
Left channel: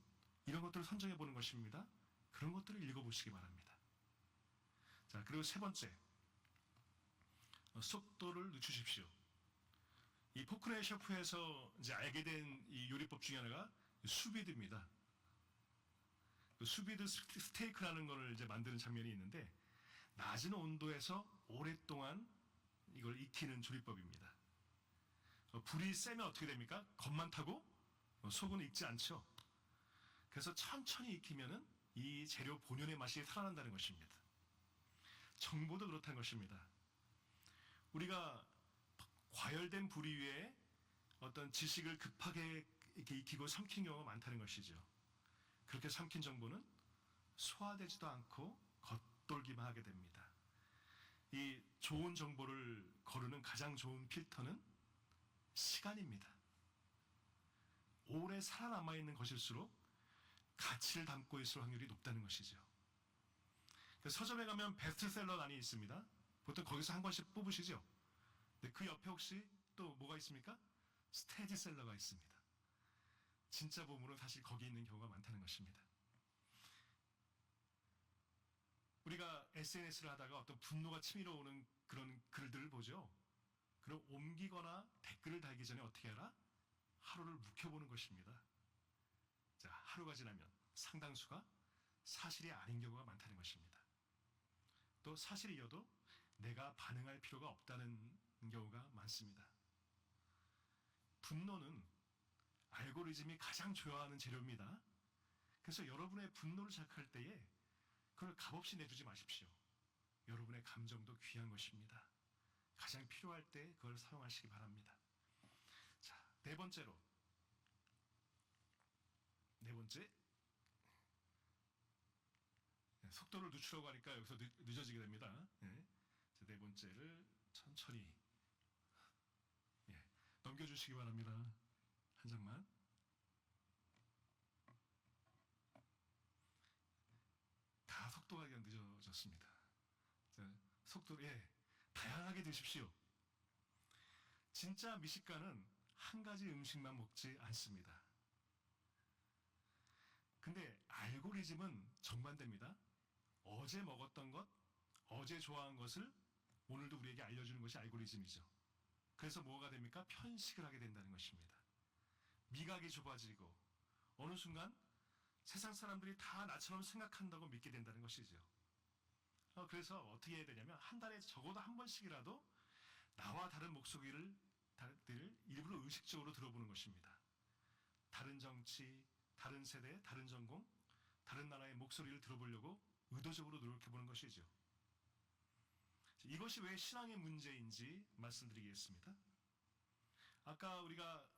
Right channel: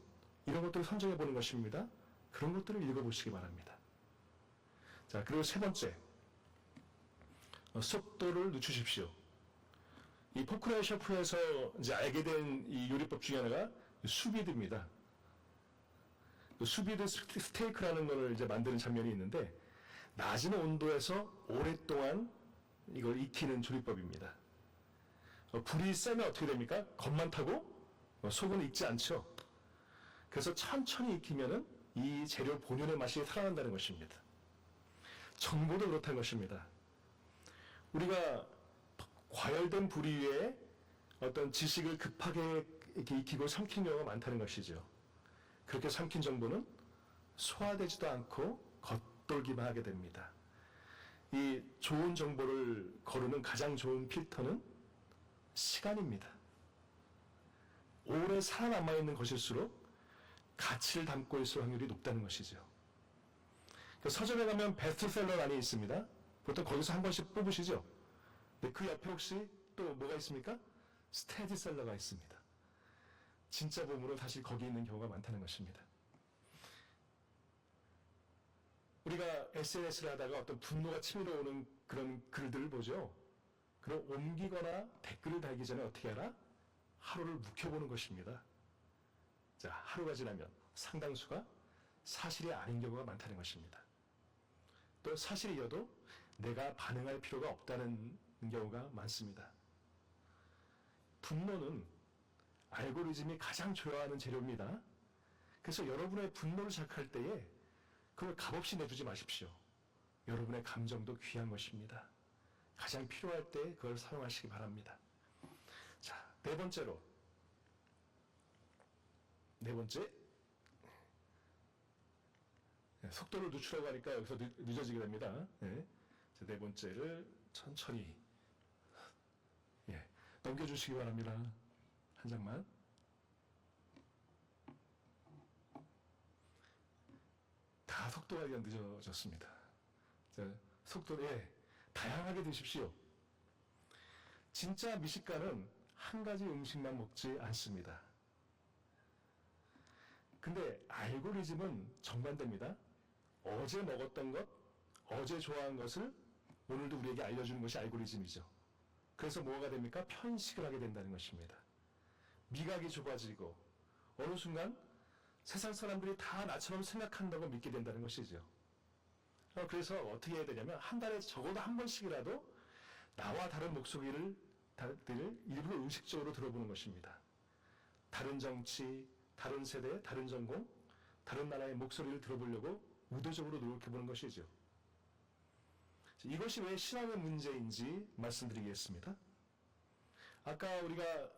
이런 것들을 선정해 보는 것입니다. 그런 것들을 읽어보시기 바랍니다. 자, 그리고 세 번째, 속도를 늦추십시오. 이 포크레 셰프에서 이제 알게 된 이 요리법 중에 하나가 수비드입니다. 수비드 스테이크라는 것을 이제 만드는 장면이 있는데 낮은 온도에서 오랫동안 이걸 익히는 조리법입니다. 불이 세면 어떻게 됩니까? 겁만 타고 속은 익지 않죠. 그래서 천천히 익히면은 이 재료 본연의 맛이 살아난다는 것입니다. 정보도 그렇다는 것입니다. 우리가 과열된 불 위에 어떤 지식을 급하게 이렇게 익히고 삼킨 경우가 많다는 것이죠. 그렇게 삼킨 정보는 소화되지도 않고 겉돌기만 하게 됩니다. 이 좋은 정보를 거르는 가장 좋은 필터는 시간입니다. 오래 살아남아 있는 것일수록 가치를 담고 있을 확률이 높다는 것이죠. 서점에 가면 베스트셀러란이 있습니다. 보통 거기서 한 권씩 뽑으시죠. 근데 그 옆에 혹시 또 뭐가 있습니까? 스테디셀러가 있습니다. 진짜 보물은 사실 거기 있는 경우가 많다는 것입니다. 우리가 SNS를 하다가 어떤 분노가 치밀어 오는 그런 글들을 보죠. 그럼 옮기거나 댓글을 달기 전에 어떻게 하라? 하루를 묵혀보는 것입니다. 자, 하루가 지나면 상당수가 사실이 아닌 경우가 많다는 것입니다. 또 사실이어도 내가 반응할 필요가 없다는 경우가 많습니다. 분노는 알고리즘이 가장 좋아하는 재료입니다. 그래서 여러분의 분노를 자극할 때에 그걸 값없이 내주지 마십시오. 여러분의 감정도 귀한 것입니다. 가장 필요할 때 그걸 사용하시기 바랍니다. 자, 네 번째. 속도를 늦추라고 하니까 여기서 늦어지게 됩니다. 네 번째를 천천히 넘겨주시기 바랍니다. 한 장만. 다 속도가 늦어졌습니다. 자, 속도에 다양하게 드십시오. 진짜 미식가는 한 가지 음식만 먹지 않습니다. 근데 알고리즘은 정반대입니다. 어제 먹었던 것, 어제 좋아한 것을 오늘도 우리에게 알려주는 것이 알고리즘이죠. 그래서 뭐가 됩니까? 편식을 하게 된다는 것입니다. 미각이 좁아지고 어느 순간 세상 사람들이 다 나처럼 생각한다고 믿게 된다는 것이죠. 그래서 어떻게 해야 되냐면 한 달에 적어도 한 번씩이라도 나와 다른 목소리를 일부러 의식적으로 들어보는 것입니다. 다른 정치, 다른 세대, 다른 전공, 다른 나라의 목소리를 들어보려고 의도적으로 노력해보는 것이죠. 이것이 왜 신앙의 문제인지 말씀드리겠습니다. 아까 우리가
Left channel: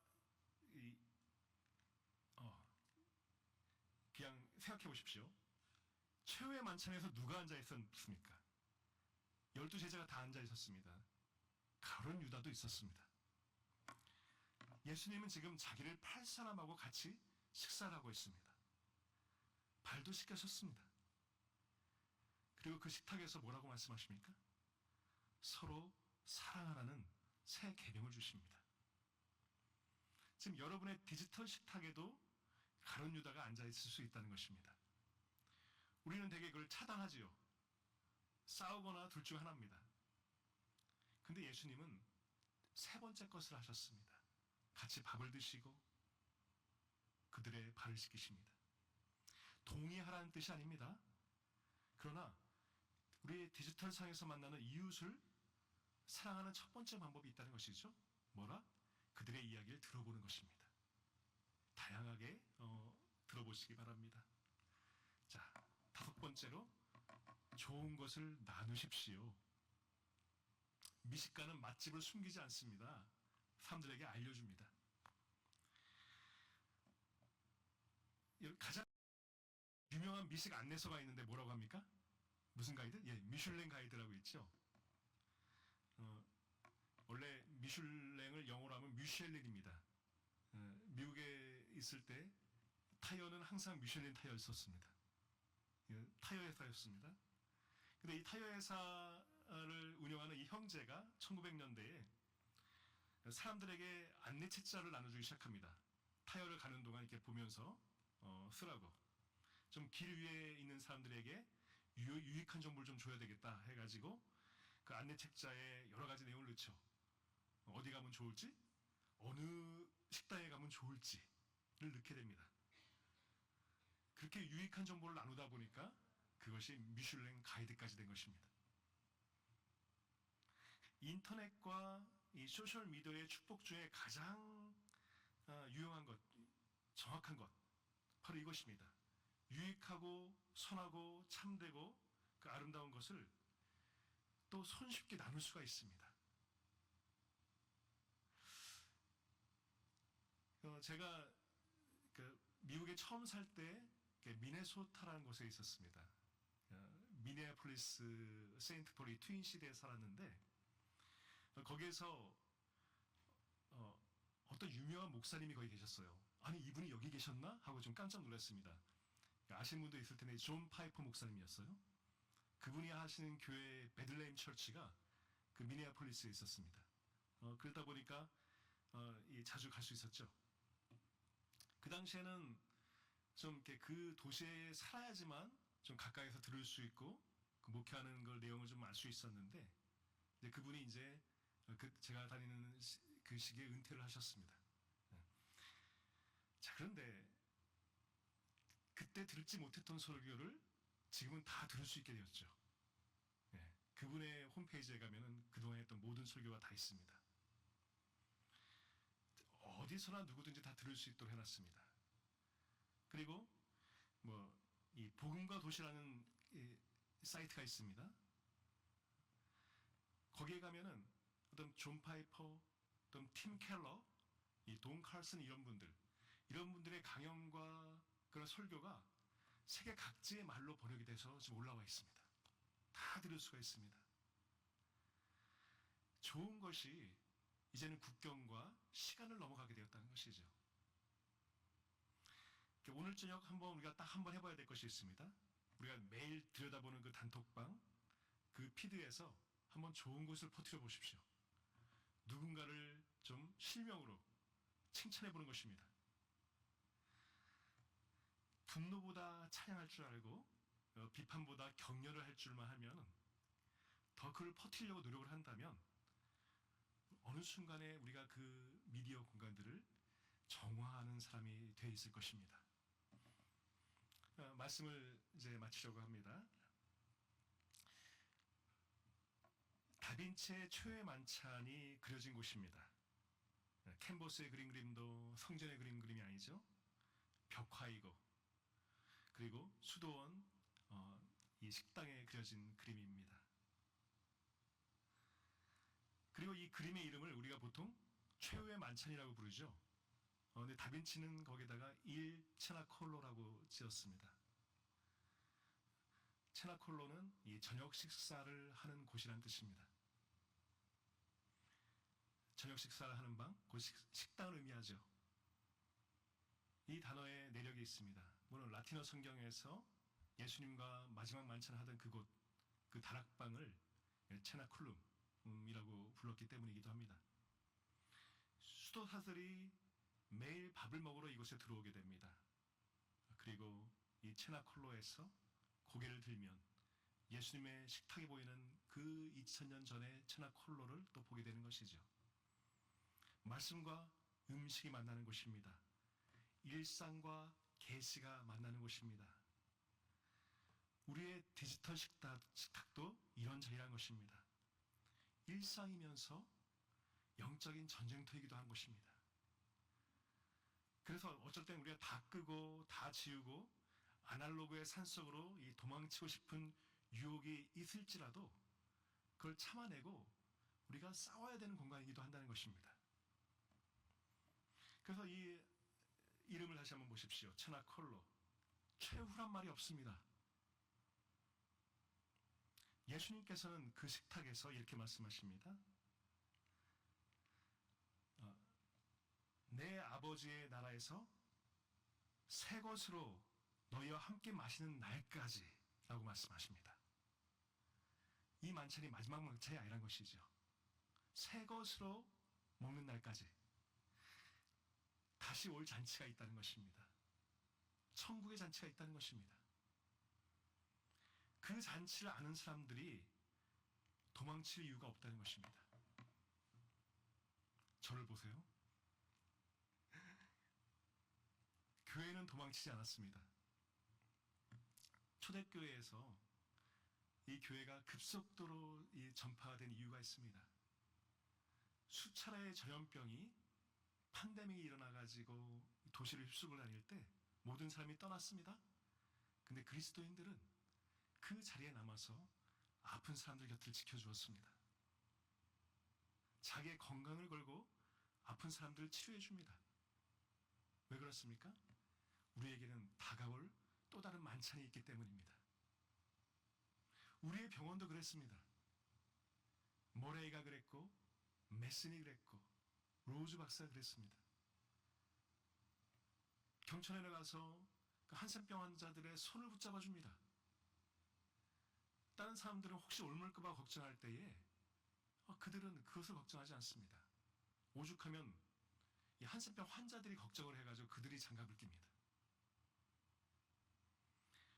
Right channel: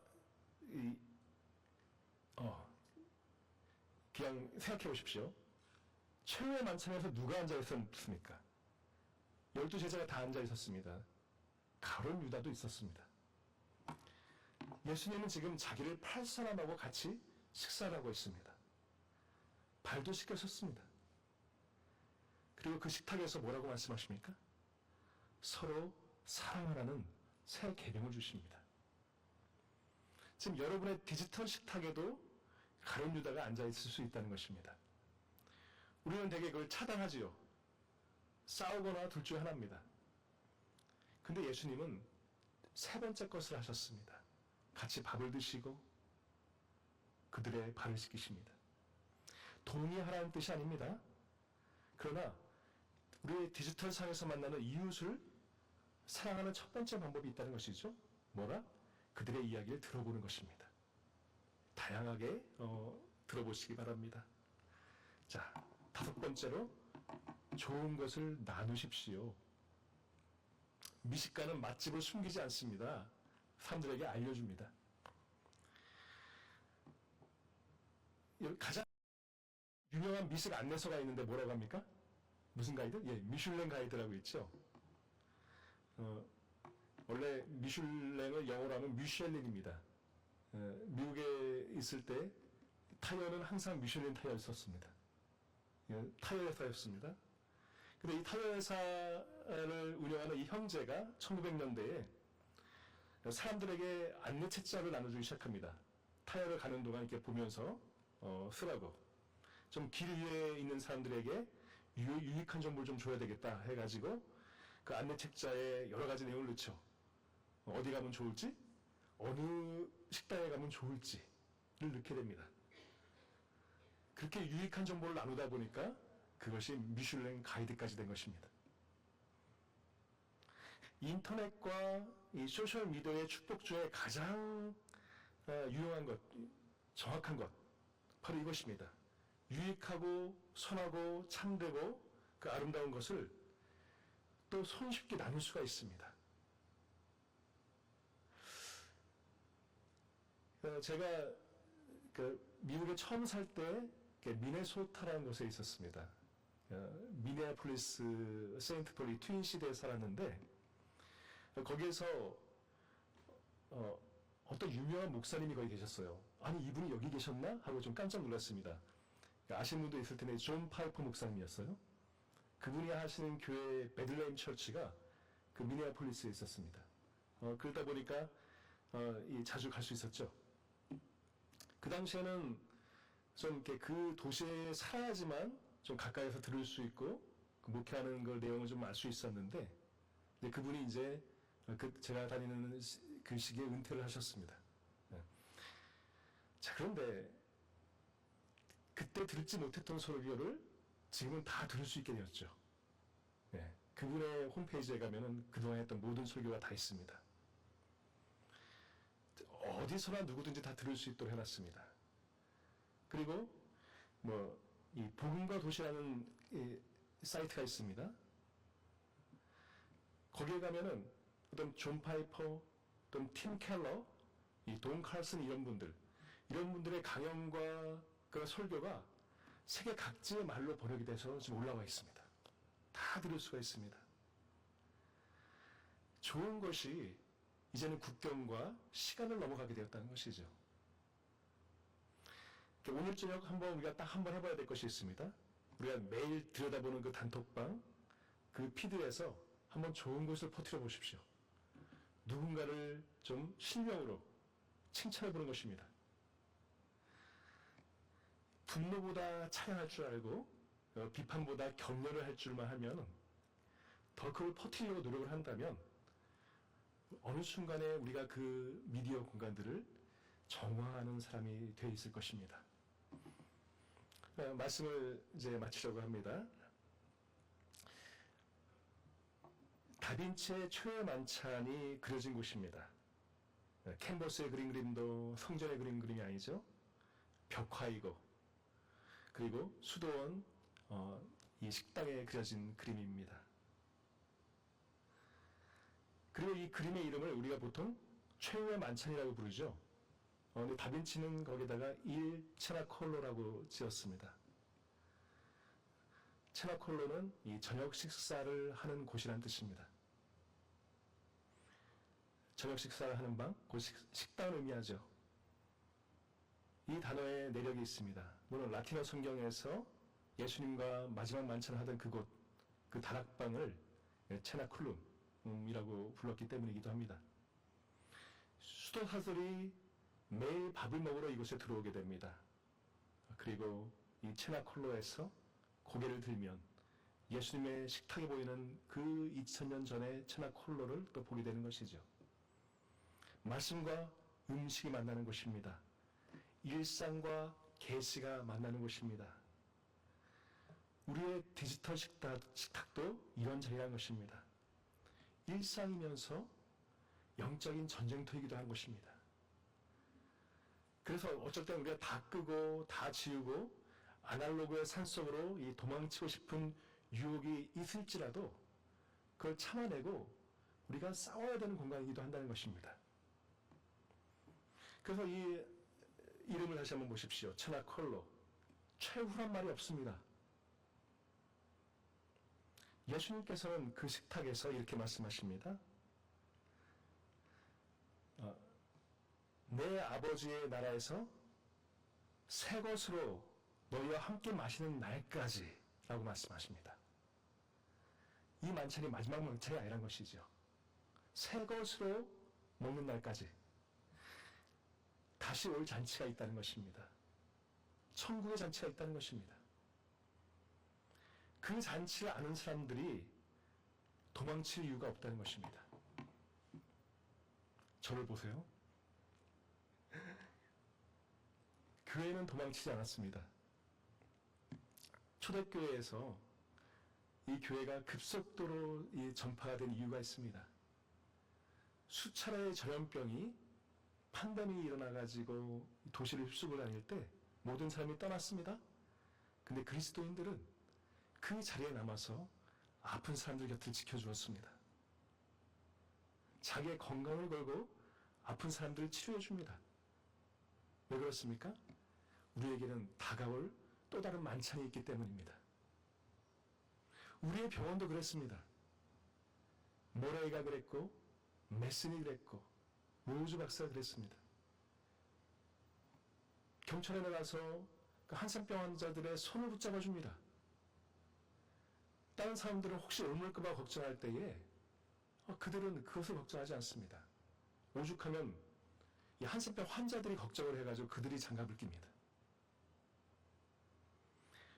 그냥 생각해 보십시오. 최후의 만찬에서 누가 앉아 있었습니까? 12제자가 다 앉아 있었습니다. 가룟 유다도 있었습니다. 예수님은 지금 자기를 팔 사람하고 같이 식사를 하고 있습니다. 발도 씻겨셨습니다. 그리고 그 식탁에서 뭐라고 말씀하십니까? 서로 사랑하라는 새 계명을 주십니다. 지금 여러분의 디지털 식탁에도 가룟 유다가 앉아있을 수 있다는 것입니다. 우리는 대개 그걸 차단하지요. 싸우거나 둘 중 하나입니다. 근데 예수님은 세 번째 것을 하셨습니다. 같이 밥을 드시고 그들의 발을 씻기십니다. 동의하라는 뜻이 아닙니다. 그러나 우리의 디지털 상에서 만나는 이웃을 사랑하는 첫 번째 방법이 있다는 것이죠. 뭐라? 그들의 이야기를 들어보는 것입니다. 다양하게 들어보시기 바랍니다. 자, 다섯 번째로 좋은 것을 나누십시오. 미식가는 맛집을 숨기지 않습니다. 사람들에게 알려줍니다. 가장 유명한 미식 안내서가 있는데 뭐라고 합니까? 무슨 가이드? 예, 미슐랭 가이드라고 있죠. 원래 미슐랭을 영어로 하면 뮤셸린입니다. 미국에 있을 때 타이어는 항상 미슐린 타이어를 썼습니다. 타이어 회사였습니다. 근데 이 타이어 회사를 운영하는 이 형제가 1900년대에 사람들에게 안내 책자를 나눠주기 시작합니다. 타이어를 가는 동안 이렇게 보면서 쓰라고. 좀 길 위에 있는 사람들에게 유익한 정보를 좀 줘야 되겠다 해가지고 그 안내 책자에 여러 가지 내용을 넣죠. 어디 가면 좋을지, 어느 식당에 가면 좋을지를 넣게 됩니다. 그렇게 유익한 정보를 나누다 보니까 그것이 미슐랭 가이드까지 된 것입니다. 인터넷과 이 소셜 미디어의 축복 중에 가장 유용한 것, 정확한 것, 바로 이것입니다. 유익하고 선하고 참되고 그 아름다운 것을 또 손쉽게 나눌 수가 있습니다. 제가 미국에 처음 살 때 미네소타라는 곳에 있었습니다. 미네아폴리스 세인트 폴리 트윈시대에 살았는데 거기에서 어떤 유명한 목사님이 거기 계셨어요. 아니 이분이 여기 계셨나? 하고 좀 깜짝 놀랐습니다. 아시는 분도 있을 텐데 존 파이퍼 목사님이었어요. 그분이 하시는 교회 베들레헴 처치가 그 미네아폴리스에 있었습니다. 그러다 보니까 자주 갈 수 있었죠. 그 당시에는 좀 이렇게 그 도시에 살아야지만 좀 가까이서 들을 수 있고 그 목회하는 걸 내용을 좀 알 수 있었는데 그분이 이제 제가 다니는 그 시기에 은퇴를 하셨습니다. 자, 그런데 그때 들지 못했던 설교를 지금은 다 들을 수 있게 되었죠. 그분의 홈페이지에 가면은 그동안 했던 모든 설교가 다 있습니다. 어디서나 누구든지 다 들을 수 있도록 해놨습니다. 그리고 이 복음과 도시라는 사이트가 있습니다. 거기에 가면은 어떤 존 파이퍼, 어떤 팀 켈러, 이 돈 칼슨 이런 분들의 강연과 그 설교가 세계 각지의 말로 번역이 돼서 지금 올라와 있습니다. 다 들을 수가 있습니다. 좋은 것이 이제는 국경과 시간을 넘어가게 되었다는 것이죠. 오늘 저녁 우리가 딱 한번 해봐야 될 것이 있습니다. 우리가 매일 들여다보는 그 단톡방, 그 피드에서 한번 좋은 것을 퍼뜨려 보십시오. 누군가를 좀 실명으로 칭찬해 보는 것입니다. 분노보다 찬양할 줄 알고 비판보다 격려를 할 줄만 하면 더 그걸 퍼뜨리려고 노력을 한다면 어느 순간에 우리가 그 미디어 공간들을 정화하는 사람이 되어 있을 것입니다. 말씀을 이제 마치려고 합니다. 다빈치의 초의 만찬이 그려진 곳입니다. 캔버스에 그린 그림도 성전에 그린 그림이 아니죠. 벽화이고 그리고 수도원 이 식당에 그려진 그림입니다. 그리고 이 그림의 이름을 우리가 보통 최후의 만찬이라고 부르죠. 근데 다빈치는 거기다가 일 체나콜로라고 지었습니다. 체나콜로는 이 저녁 식사를 하는 곳이라는 뜻입니다. 저녁 식사를 하는 방, 그 식당을 의미하죠. 이 단어에 내력이 있습니다. 물론 라틴어 성경에서 예수님과 마지막 만찬을 하던 그곳, 그 다락방을 체나쿨룸이라고 불렀기 때문이기도 합니다. 수도사들이 매일 밥을 먹으러 이곳에 들어오게 됩니다. 그리고 이 체나콜로에서 고개를 들면 예수님의 식탁에 보이는 그 2000년 전의 체나콜로를 또 보게 되는 것이죠. 말씀과 음식이 만나는 곳입니다. 일상과 계시가 만나는 곳입니다. 우리의 디지털 식탁도 이런 자리라는 것입니다. 일상이면서 영적인 전쟁터이기도 한 것입니다. 그래서 어쩔 때 우리가 다 끄고 다 지우고 아날로그의 산속으로 이 도망치고 싶은 유혹이 있을지라도 그걸 참아내고 우리가 싸워야 되는 공간이기도 한다는 것입니다. 그래서 이 이름을 다시 한번 보십시오. 체나콜로. 최후란 말이 없습니다. 예수님께서는 그 식탁에서 이렇게 말씀하십니다. 내 아버지의 나라에서 새 것으로 너희와 함께 마시는 날까지 라고 말씀하십니다. 이 만찬이 마지막 만찬이 아니란 것이죠. 새 것으로 먹는 날까지 다시 올 잔치가 있다는 것입니다. 천국의 잔치가 있다는 것입니다. 그 잔치를 아는 사람들이 도망칠 이유가 없다는 것입니다. 저를 보세요. 교회는 도망치지 않았습니다. 초대교회에서 이 교회가 급속도로 전파가 된 이유가 있습니다. 수차례의 전염병이 팬데믹이 일어나가지고 도시를 휩쓸고 다닐 때 모든 사람이 떠났습니다. 근데 그리스도인들은 그 자리에 남아서 아픈 사람들 곁을 지켜주었습니다. 자기의 건강을 걸고 아픈 사람들을 치료해 줍니다. 왜 그렇습니까? 우리에게는 다가올 또 다른 만찬이 있기 때문입니다. 우리의 병원도 그랬습니다. 모레이가 그랬고 메슨이 그랬고 로즈 박사가 그랬습니다. 경찰에 나가서 그 한센병 환자들의 손을 붙잡아 줍니다. 다른 사람들은 혹시 옮을까봐 걱정할 때에 그들은 그것을 걱정하지 않습니다. 오죽하면 이 한센병 환자들이 걱정을 해가지고 그들이 장갑을 낍니다.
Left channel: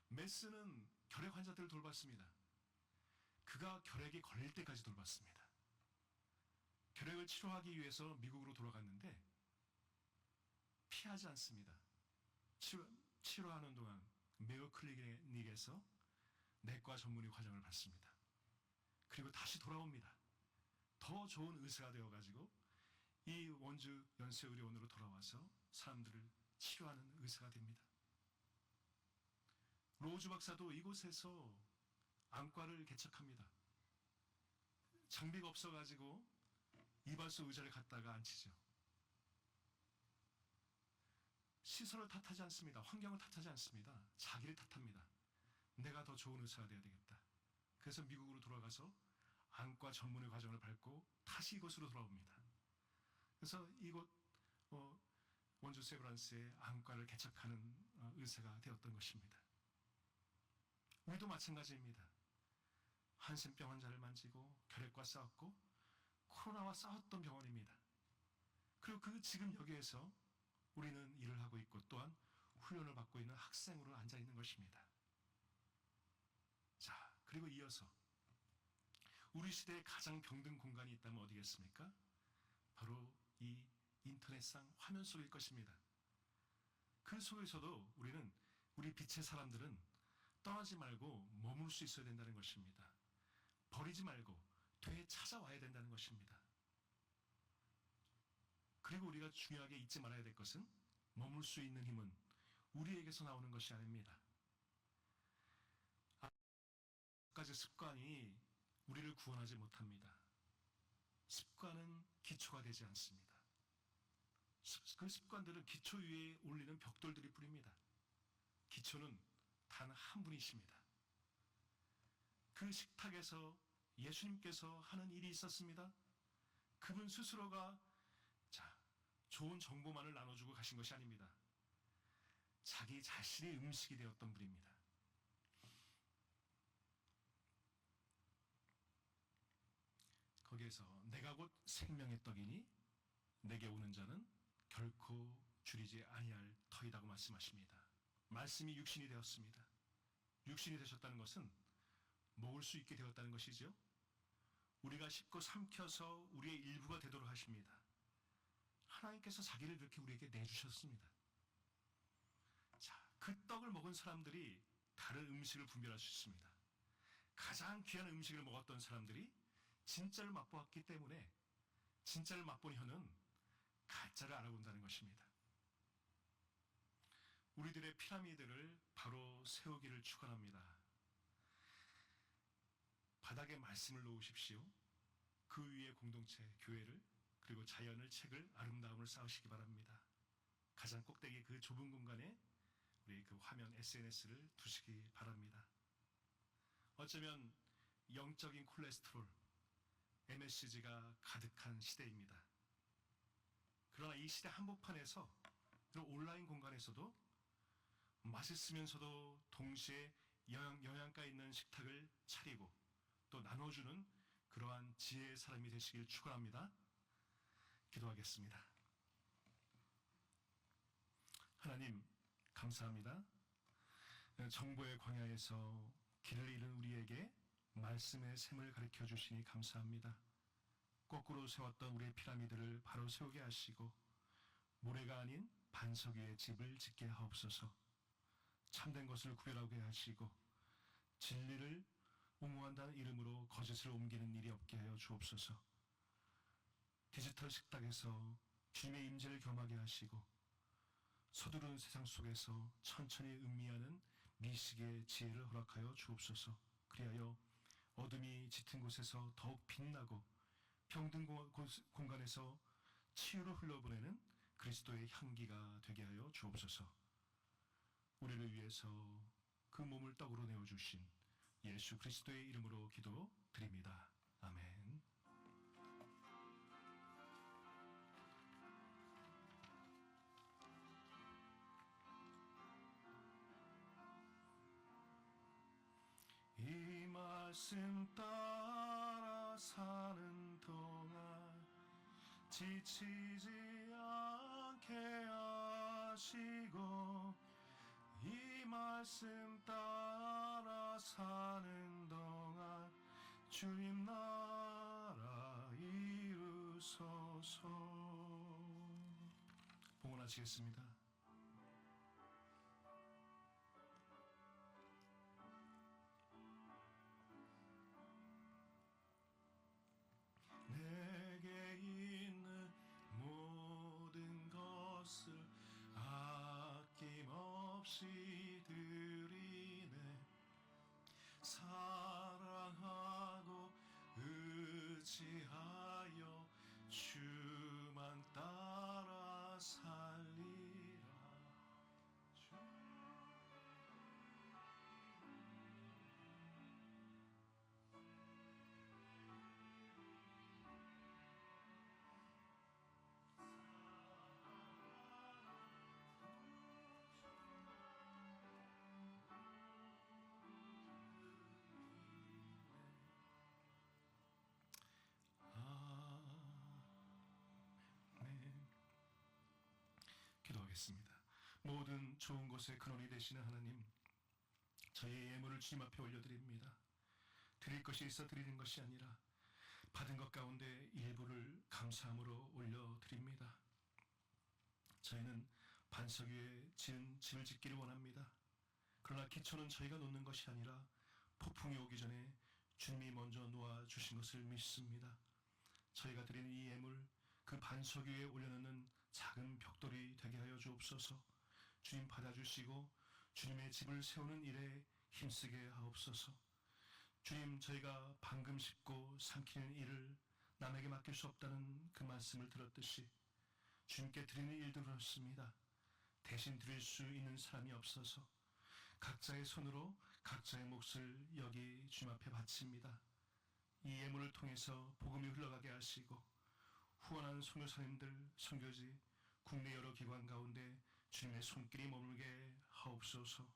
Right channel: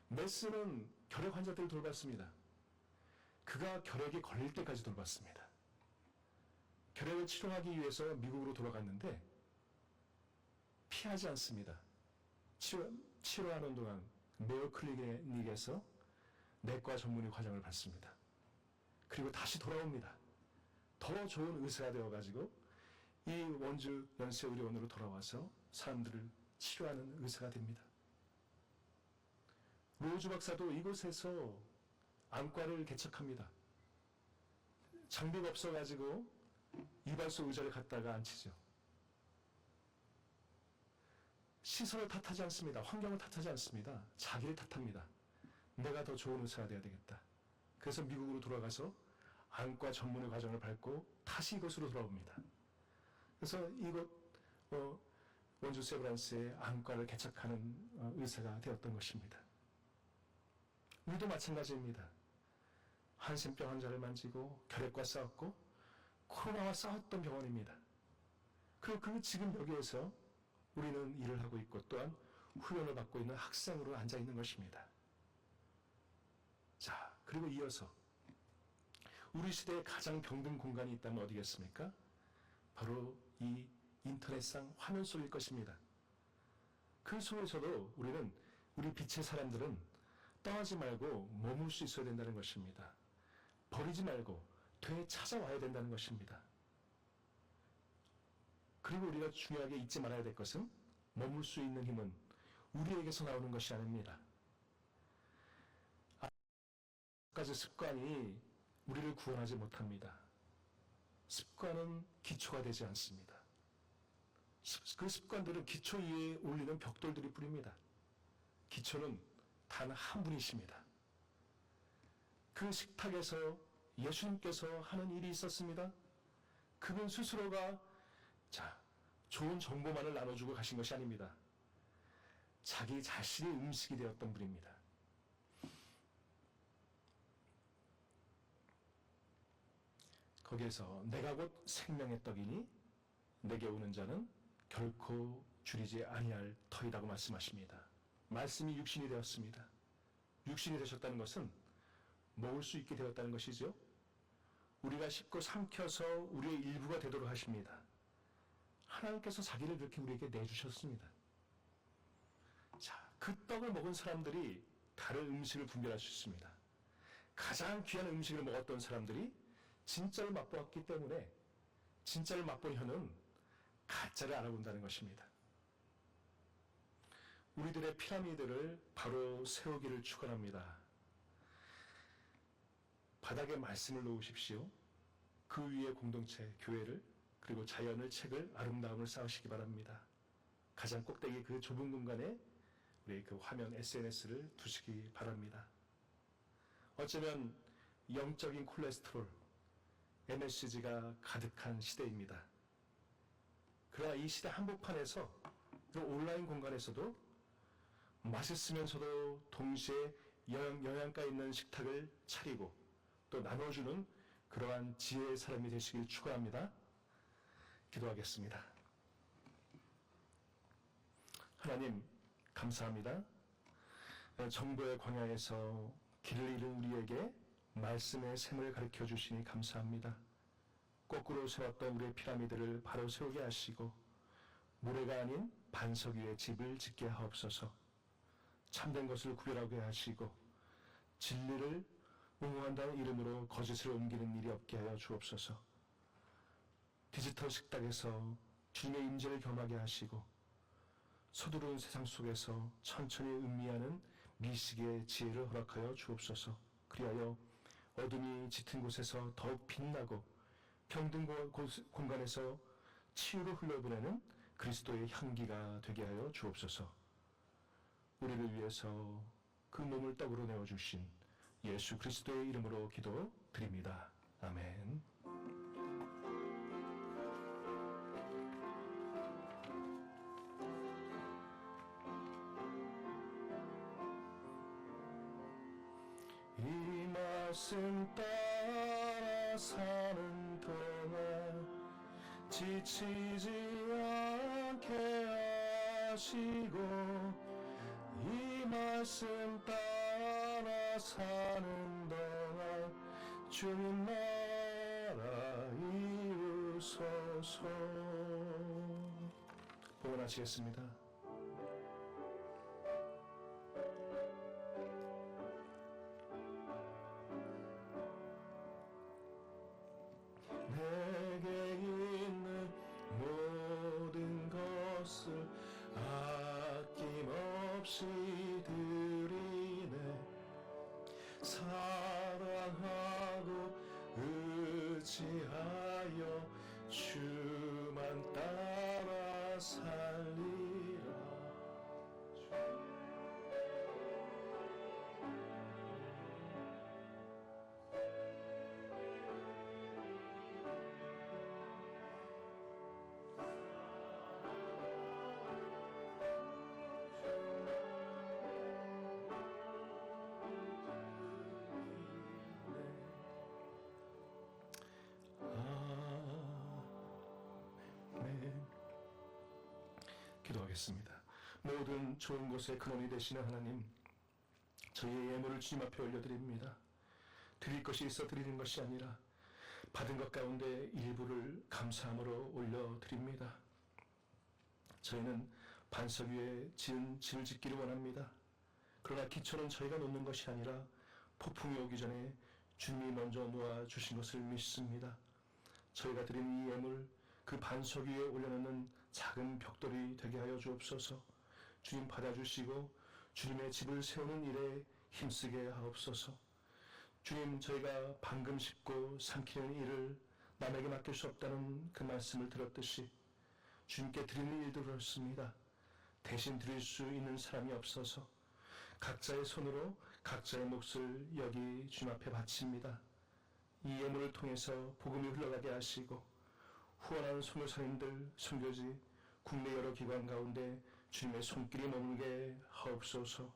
메스는 결핵 환자들을 돌봤습니다. 그가 결핵에 걸릴 때까지 돌봤습니다. 결핵을 치료하기 위해서 미국으로 돌아갔는데 피하지 않습니다. 치료하는 동안 메어 클리닉에서 내과 전문의 과정을 받습니다. 그리고 다시 돌아옵니다. 더 좋은 의사가 되어가지고 이 원주 연세의료원으로 돌아와서 사람들을 치료하는 의사가 됩니다. 로즈 박사도 이곳에서 안과를 개척합니다. 장비가 없어가지고 이발소 의자를 갖다가 앉히죠. 시설을 탓하지 않습니다. 환경을 탓하지 않습니다. 자기를 탓합니다. 내가 더 좋은 의사가 돼야 되겠다. 그래서 미국으로 돌아가서 안과 전문의 과정을 밟고 다시 이곳으로 돌아옵니다. 그래서 이곳 원주 세브란스의 안과를 개척하는 의사가 되었던 것입니다. 우리도 마찬가지입니다. 한센병 환자를 만지고 결핵과 싸웠고 코로나와 싸웠던 병원입니다. 그리고 지금 여기에서 우리는 일을 하고 있고 또한 훈련을 받고 있는 학생으로 앉아 있는 것입니다. 자, 그리고 이어서 우리 시대에 가장 병든 공간이 있다면 어디겠습니까? 바로 이 인터넷상 화면 속일 것입니다. 그 속에서도 우리 빛의 사람들은 떠나지 말고 머물 수 있어야 된다는 것입니다. 버리지 말고 되찾아와야 된다는 것입니다. 그리고 우리가 중요하게 잊지 말아야 될 것은 머물 수 있는 힘은 우리에게서 나오는 것이 아닙니다. 까지 습관이 우리를 구원하지 못합니다. 습관은 기초가 되지 않습니다. 그 습관들은 기초 위에 올리는 벽돌들이 뿐입니다. 기초는 단 한 분이십니다. 그 식탁에서 예수님께서 하는 일이 있었습니다. 그분 스스로가 좋은 정보만을 나눠주고 가신 것이 아닙니다. 자기 자신이 음식이 되었던 분입니다. 거기에서 내가 곧 생명의 떡이니 내게 오는 자는 결코 줄이지 아니할 터이라고 말씀하십니다. 말씀이 육신이 되었습니다. 육신이 되셨다는 것은 먹을 수 있게 되었다는 것이죠. 우리가 씹고 삼켜서 우리의 일부가 되도록 하십니다. 하나님께서 자기를 그렇게 우리에게 내주셨습니다. 자, 그 떡을 먹은 사람들이 다른 음식을 분별할 수 있습니다. 가장 귀한 음식을 먹었던 사람들이 진짜를 맛보았기 때문에 진짜를 맛본 혀는 가짜를 알아본다는 것입니다. 우리들의 피라미드를 바로 세우기를 축원합니다. 바닥에 말씀을 놓으십시오. 그 위에 공동체, 교회를, 그리고 자연을, 책을, 아름다움을 쌓으시기 바랍니다. 가장 꼭대기 그 좁은 공간에 우리 그 화면 SNS를 두시기 바랍니다. 어쩌면 영적인 콜레스테롤, MSG가 가득한 시대입니다. 그러나 이 시대 한복판에서, 그리고 온라인 공간에서도 맛있으면서도 동시에 영양가 있는 식탁을 차리고 또 나눠주는 그러한 지혜의 사람이 되시길 축원합니다. 기도하겠습니다. 하나님, 감사합니다. 정보의 광야에서 길을 잃은 우리에게 말씀의 샘을 가르쳐 주시니 감사합니다. 거꾸로 세웠던 우리의 피라미드를 바로 세우게 하시고 모래가 아닌 반석 위에 집을 짓게 하옵소서. 참된 것을 구별하게 하시고 진리를 옹호한다는 이름으로 거짓을 옮기는 일이 없게 하여 주옵소서. 디지털 식탁에서 주님의 임재를 겸하게 하시고 서두른 세상 속에서 천천히 음미하는 미식의 지혜를 허락하여 주옵소서. 그리하여 어둠이 짙은 곳에서 더욱 빛나고 병든 공간에서 치유를 흘러보내는 그리스도의 향기가 되게 하여 주옵소서. 우리를 위해서 그 몸을 떡으로 내어주신 예수 그리스도의 이름으로 기도드립니다. 아멘. 이 말씀 따라 사는 동안 지치지 않게 하시고 이 말씀 따라 사는 동안 주님 나라 이루소서. 봉헌하시겠습니다. 내게 있는 모든 것을 아낌없이 드리네. 사랑하고 의지하여 주만 따라 살리라. 기도하겠습니다. 모든 좋은 것의 근원이 되시는 하나님, 저희의 예물을 주님 앞에 올려드립니다. 드릴 것이 있어 드리는 것이 아니라 받은 것 가운데 일부를 감사함으로 올려드립니다. 저희는 반석 위에 지은 집을 짓기를 원합니다. 그러나 기초는 저희가 놓는 것이 아니라 폭풍이 오기 전에 주님이 먼저 놓아주신 것을 믿습니다. 저희가 드리는 이 예물, 그 반석 위에 올려놓는 작은 벽돌이 되게 하여 주옵소서. 주님 받아주시고 주님의 집을 세우는 일에 힘쓰게 하옵소서. 주님, 저희가 방금 씹고 삼키는 일을 남에게 맡길 수 없다는 그 말씀을 들었듯이 주님께 드리는 일도 그렇습니다. 대신 드릴 수 있는 사람이 없어서 각자의 손으로 각자의 몫을 여기 주님 앞에 바칩니다. 이 예물을 통해서 복음이 흘러가게 하시고 후원하는 선교사님들, 선교지, 국내 여러 기관 가운데 주님의 손길이 머물게 하옵소서.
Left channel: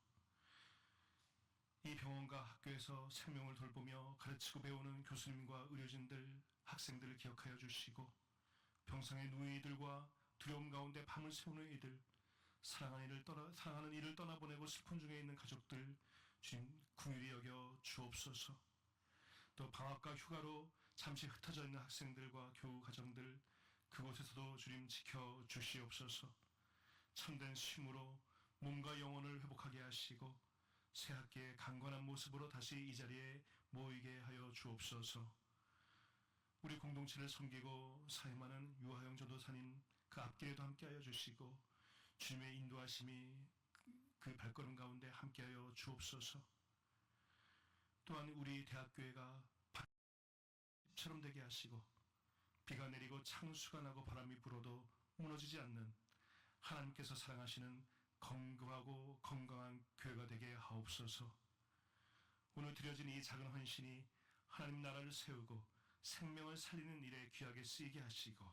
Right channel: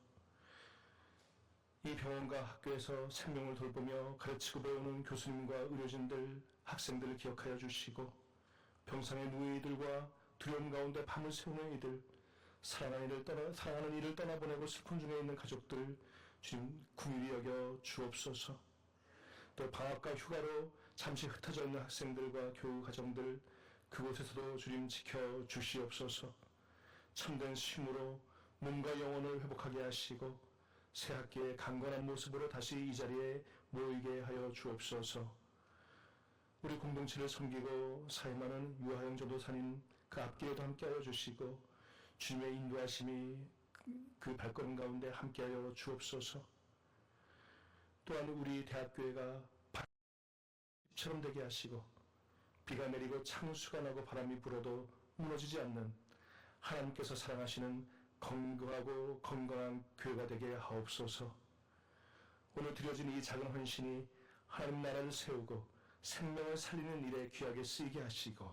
이 병원과 학교에서 생명을 돌보며 가르치고 배우는 교수님과 의료진들, 학생들을 기억하여 주시고 병상의 누이들과 두려움 가운데 밤을 새우는 이들, 사랑하는 이를 떠나보내고 슬픔 중에 있는 가족들 주님 긍휼히 여겨 주옵소서. 또 방학과 휴가로 잠시 흩어져 있는 학생들과 교우 가정들 그곳에서도 주님 지켜 주시옵소서. 참된 쉼으로 몸과 영혼을 회복하게 하시고 새 학기에 강건한 모습으로 다시 이 자리에 모이게 하여 주옵소서. 우리 공동체를 섬기고 사임하는 유하영 전도사님 그 앞길에도 함께하여 주시고 주님의 인도하심이 그 발걸음 가운데 함께하여 주옵소서. 또한 우리 대학교회가 처럼 되게 하시고 비가 내리고 창수가 나고 바람이 불어도 무너지지 않는 하나님께서 사랑하시는 건강하고 건강한 교회가 되게 하옵소서. 오늘 드려진 이 작은 헌신이 하나님 나라를 세우고 생명을 살리는 일에 귀하게 쓰이게 하시고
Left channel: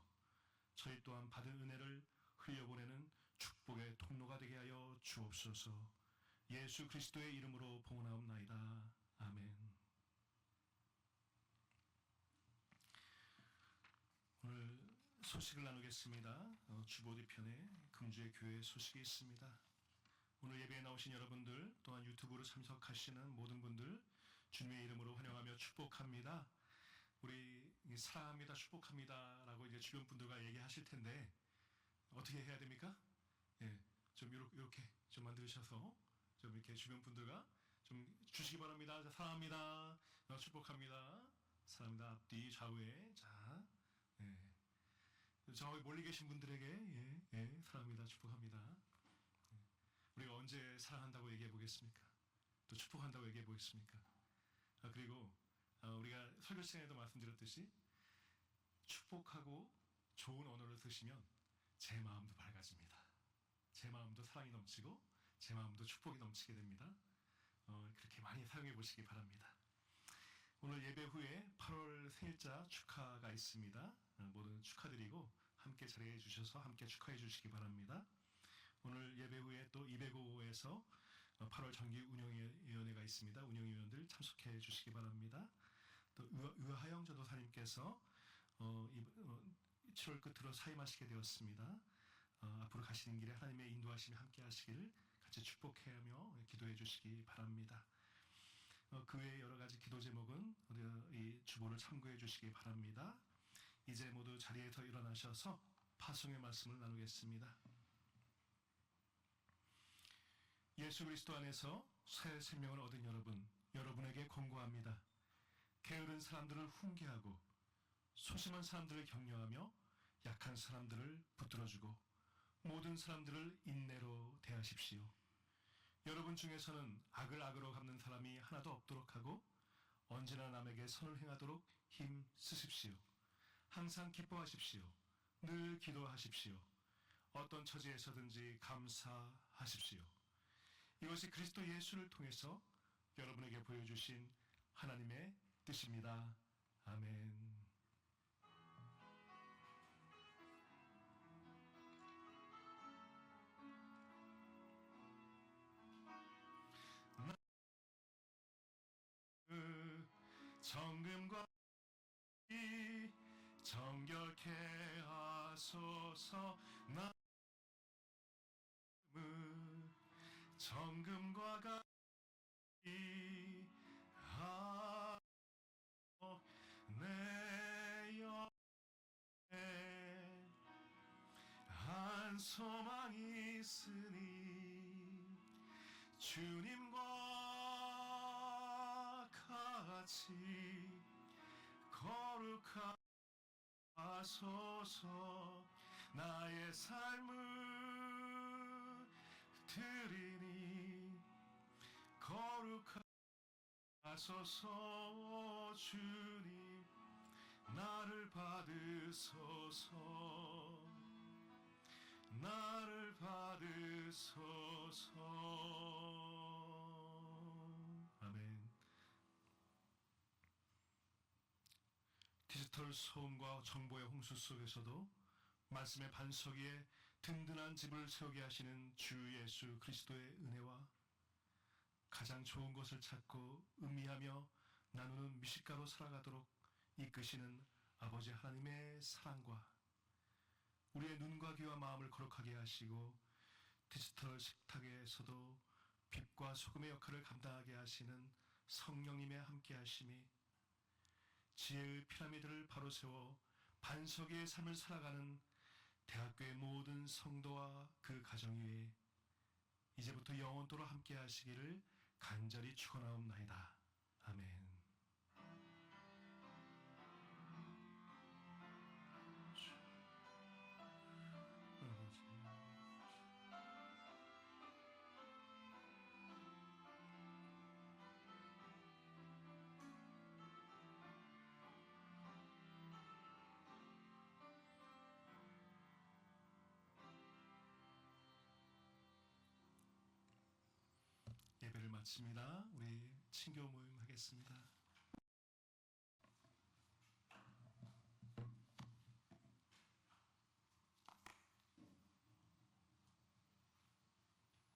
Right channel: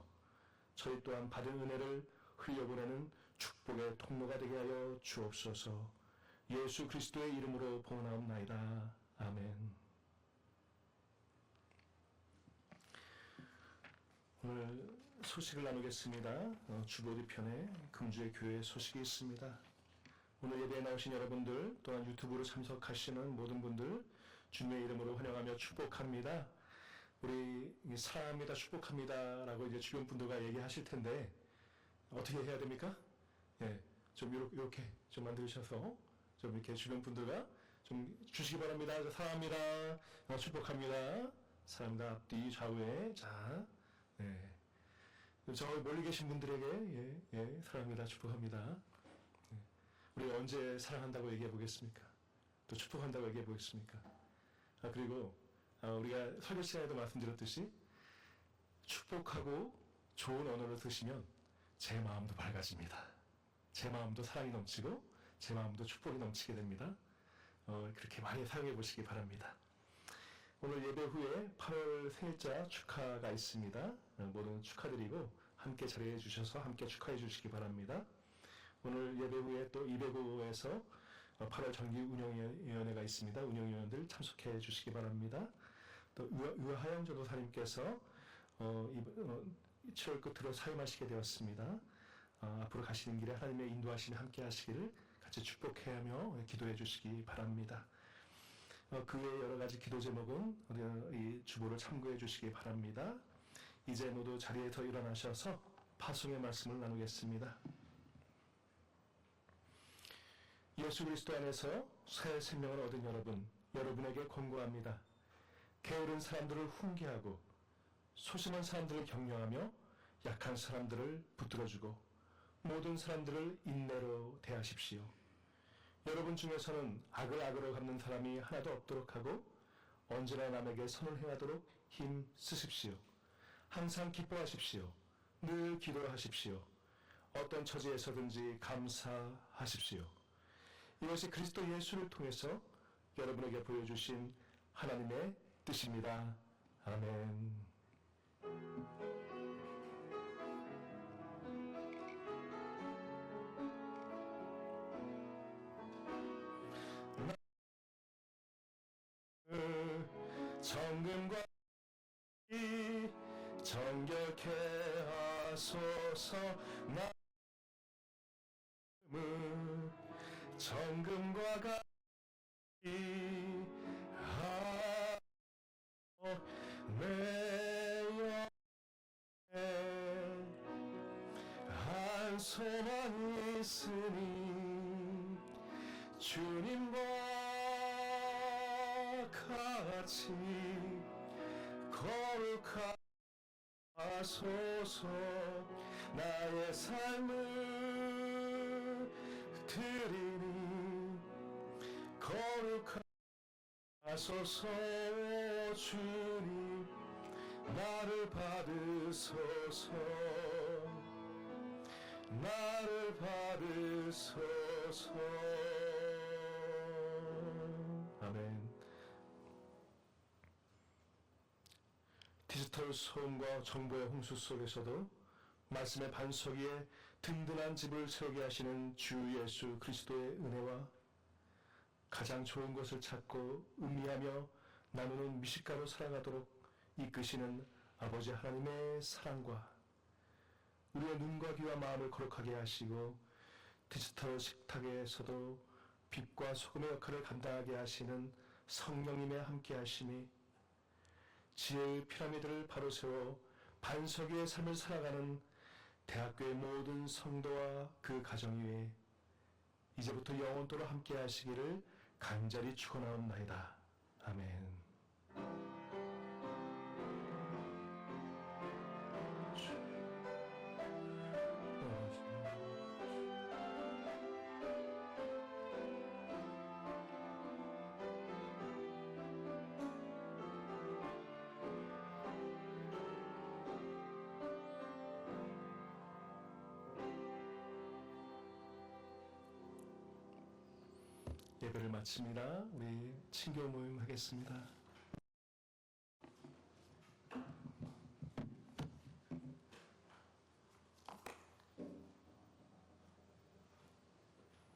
저희 또한 받은 은혜를 흘려보내는 축복의 통로가 되게 하여 주옵소서. 예수 그리스도의 이름으로 봉헌하옵나이다. 아멘. 오늘 소식을 나누겠습니다. 주보디 편에 금주의 교회 소식이 있습니다. 오늘 예배에 나오신 여러분들 또한 유튜브로 참석하시는 모든 분들 주님의 이름으로 환영하며 축복합니다. 우리 사랑합니다, 축복합니다 라고 이제 주변 분들과 얘기하실 텐데 어떻게 해야 됩니까? 예, 좀 이렇게 좀 만드셔서 좀 이렇게 주변 분들과 좀 주시기 바랍니다. 사랑합니다, 축복합니다, 사랑합니다. 앞뒤 좌우에 자, 예. 저 멀리 계신 분들에게 사랑합니다, 축복합니다. 예. 우리 언제 사랑한다고 얘기해 보겠습니까? 또 축복한다고 얘기해 보겠습니까? 그리고 우리가 설교 시간에도 말씀드렸듯이 축복하고 좋은 언어를 쓰시면 제 마음도 밝아집니다. 제 마음도 사랑이 넘치고 제 마음도 축복이 넘치게 됩니다. 그렇게 많이 사용해 보시기 바랍니다. 오늘 예배 후에 8월 생일자 축하가 있습니다. 모든 축하드리고 함께 자리해 주셔서 함께 축하해 주시기 바랍니다. 오늘 예배 후에 또 205에서 8월 정기 운영위원회가 있습니다. 운영위원들 참석해 주시기 바랍니다. 또 유하영 전도사님께서 7월 끝으로 사임하시게 되었습니다. 앞으로 가시는 길에 하나님의 인도하심이 함께 하시기를 같이 축복해하며 기도해 주시기 바랍니다. 그 외에 여러 가지 기도 제목은 이 주보를 참고해 주시기 바랍니다. 이제 모두 자리에서 일어나셔서 파송의 말씀을 나누겠습니다. 예수 그리스도 안에서 새 생명을 얻은 여러분에게 권고합니다. 게으른 사람들을 훈계하고 소심한 사람들을 격려하며 약한 사람들을 붙들어주고 모든 사람들을 인내로 대하십시오. 여러분 중에서는 악을 악으로 갚는 사람이 하나도 없도록 하고 언제나 남에게 선을 행하도록 힘 쓰십시오. 항상 기뻐하십시오. 늘 기도하십시오. 어떤 처지에서든지 감사하십시오. 이것이 그리스도 예수를 통해서 여러분에게 보여주신 하나님의 뜻입니다. 아멘. 정금과 이 정결케 하소서. 나음은 정금과 같이 하오. 내 영에 한 소망이 있으니 주님과 같이 거룩하소서. 나의 삶을 드리니 거룩하소서. 주님 나를 받으소서. 나를 받으소서. 아멘. 디지털 소음과 정보의 홍수 속에서도 말씀의 반석 위에 든든한 집을 세우게 하시는 주 예수 그리스도의 은혜와 가장 좋은 것을 찾고 음미하며 나누는 미식가로 살아가도록 이끄시는 아버지 하나님의 사랑과 우리의 눈과 귀와 마음을 거룩하게 하시고 디지털 식탁에서도 빛과 소금의 역할을 감당하게 하시는 성령님의 함께 하심이 지혜의 피라미드를 바로 세워 반석의 삶을 살아가는 대학교의 모든 성도와 그 가정 위에 이제부터 영원토록 함께 하시기를 간절히 축원하옵나이다. 아멘. 예배를 마칩니다. 우리 친교 모임 하겠습니다.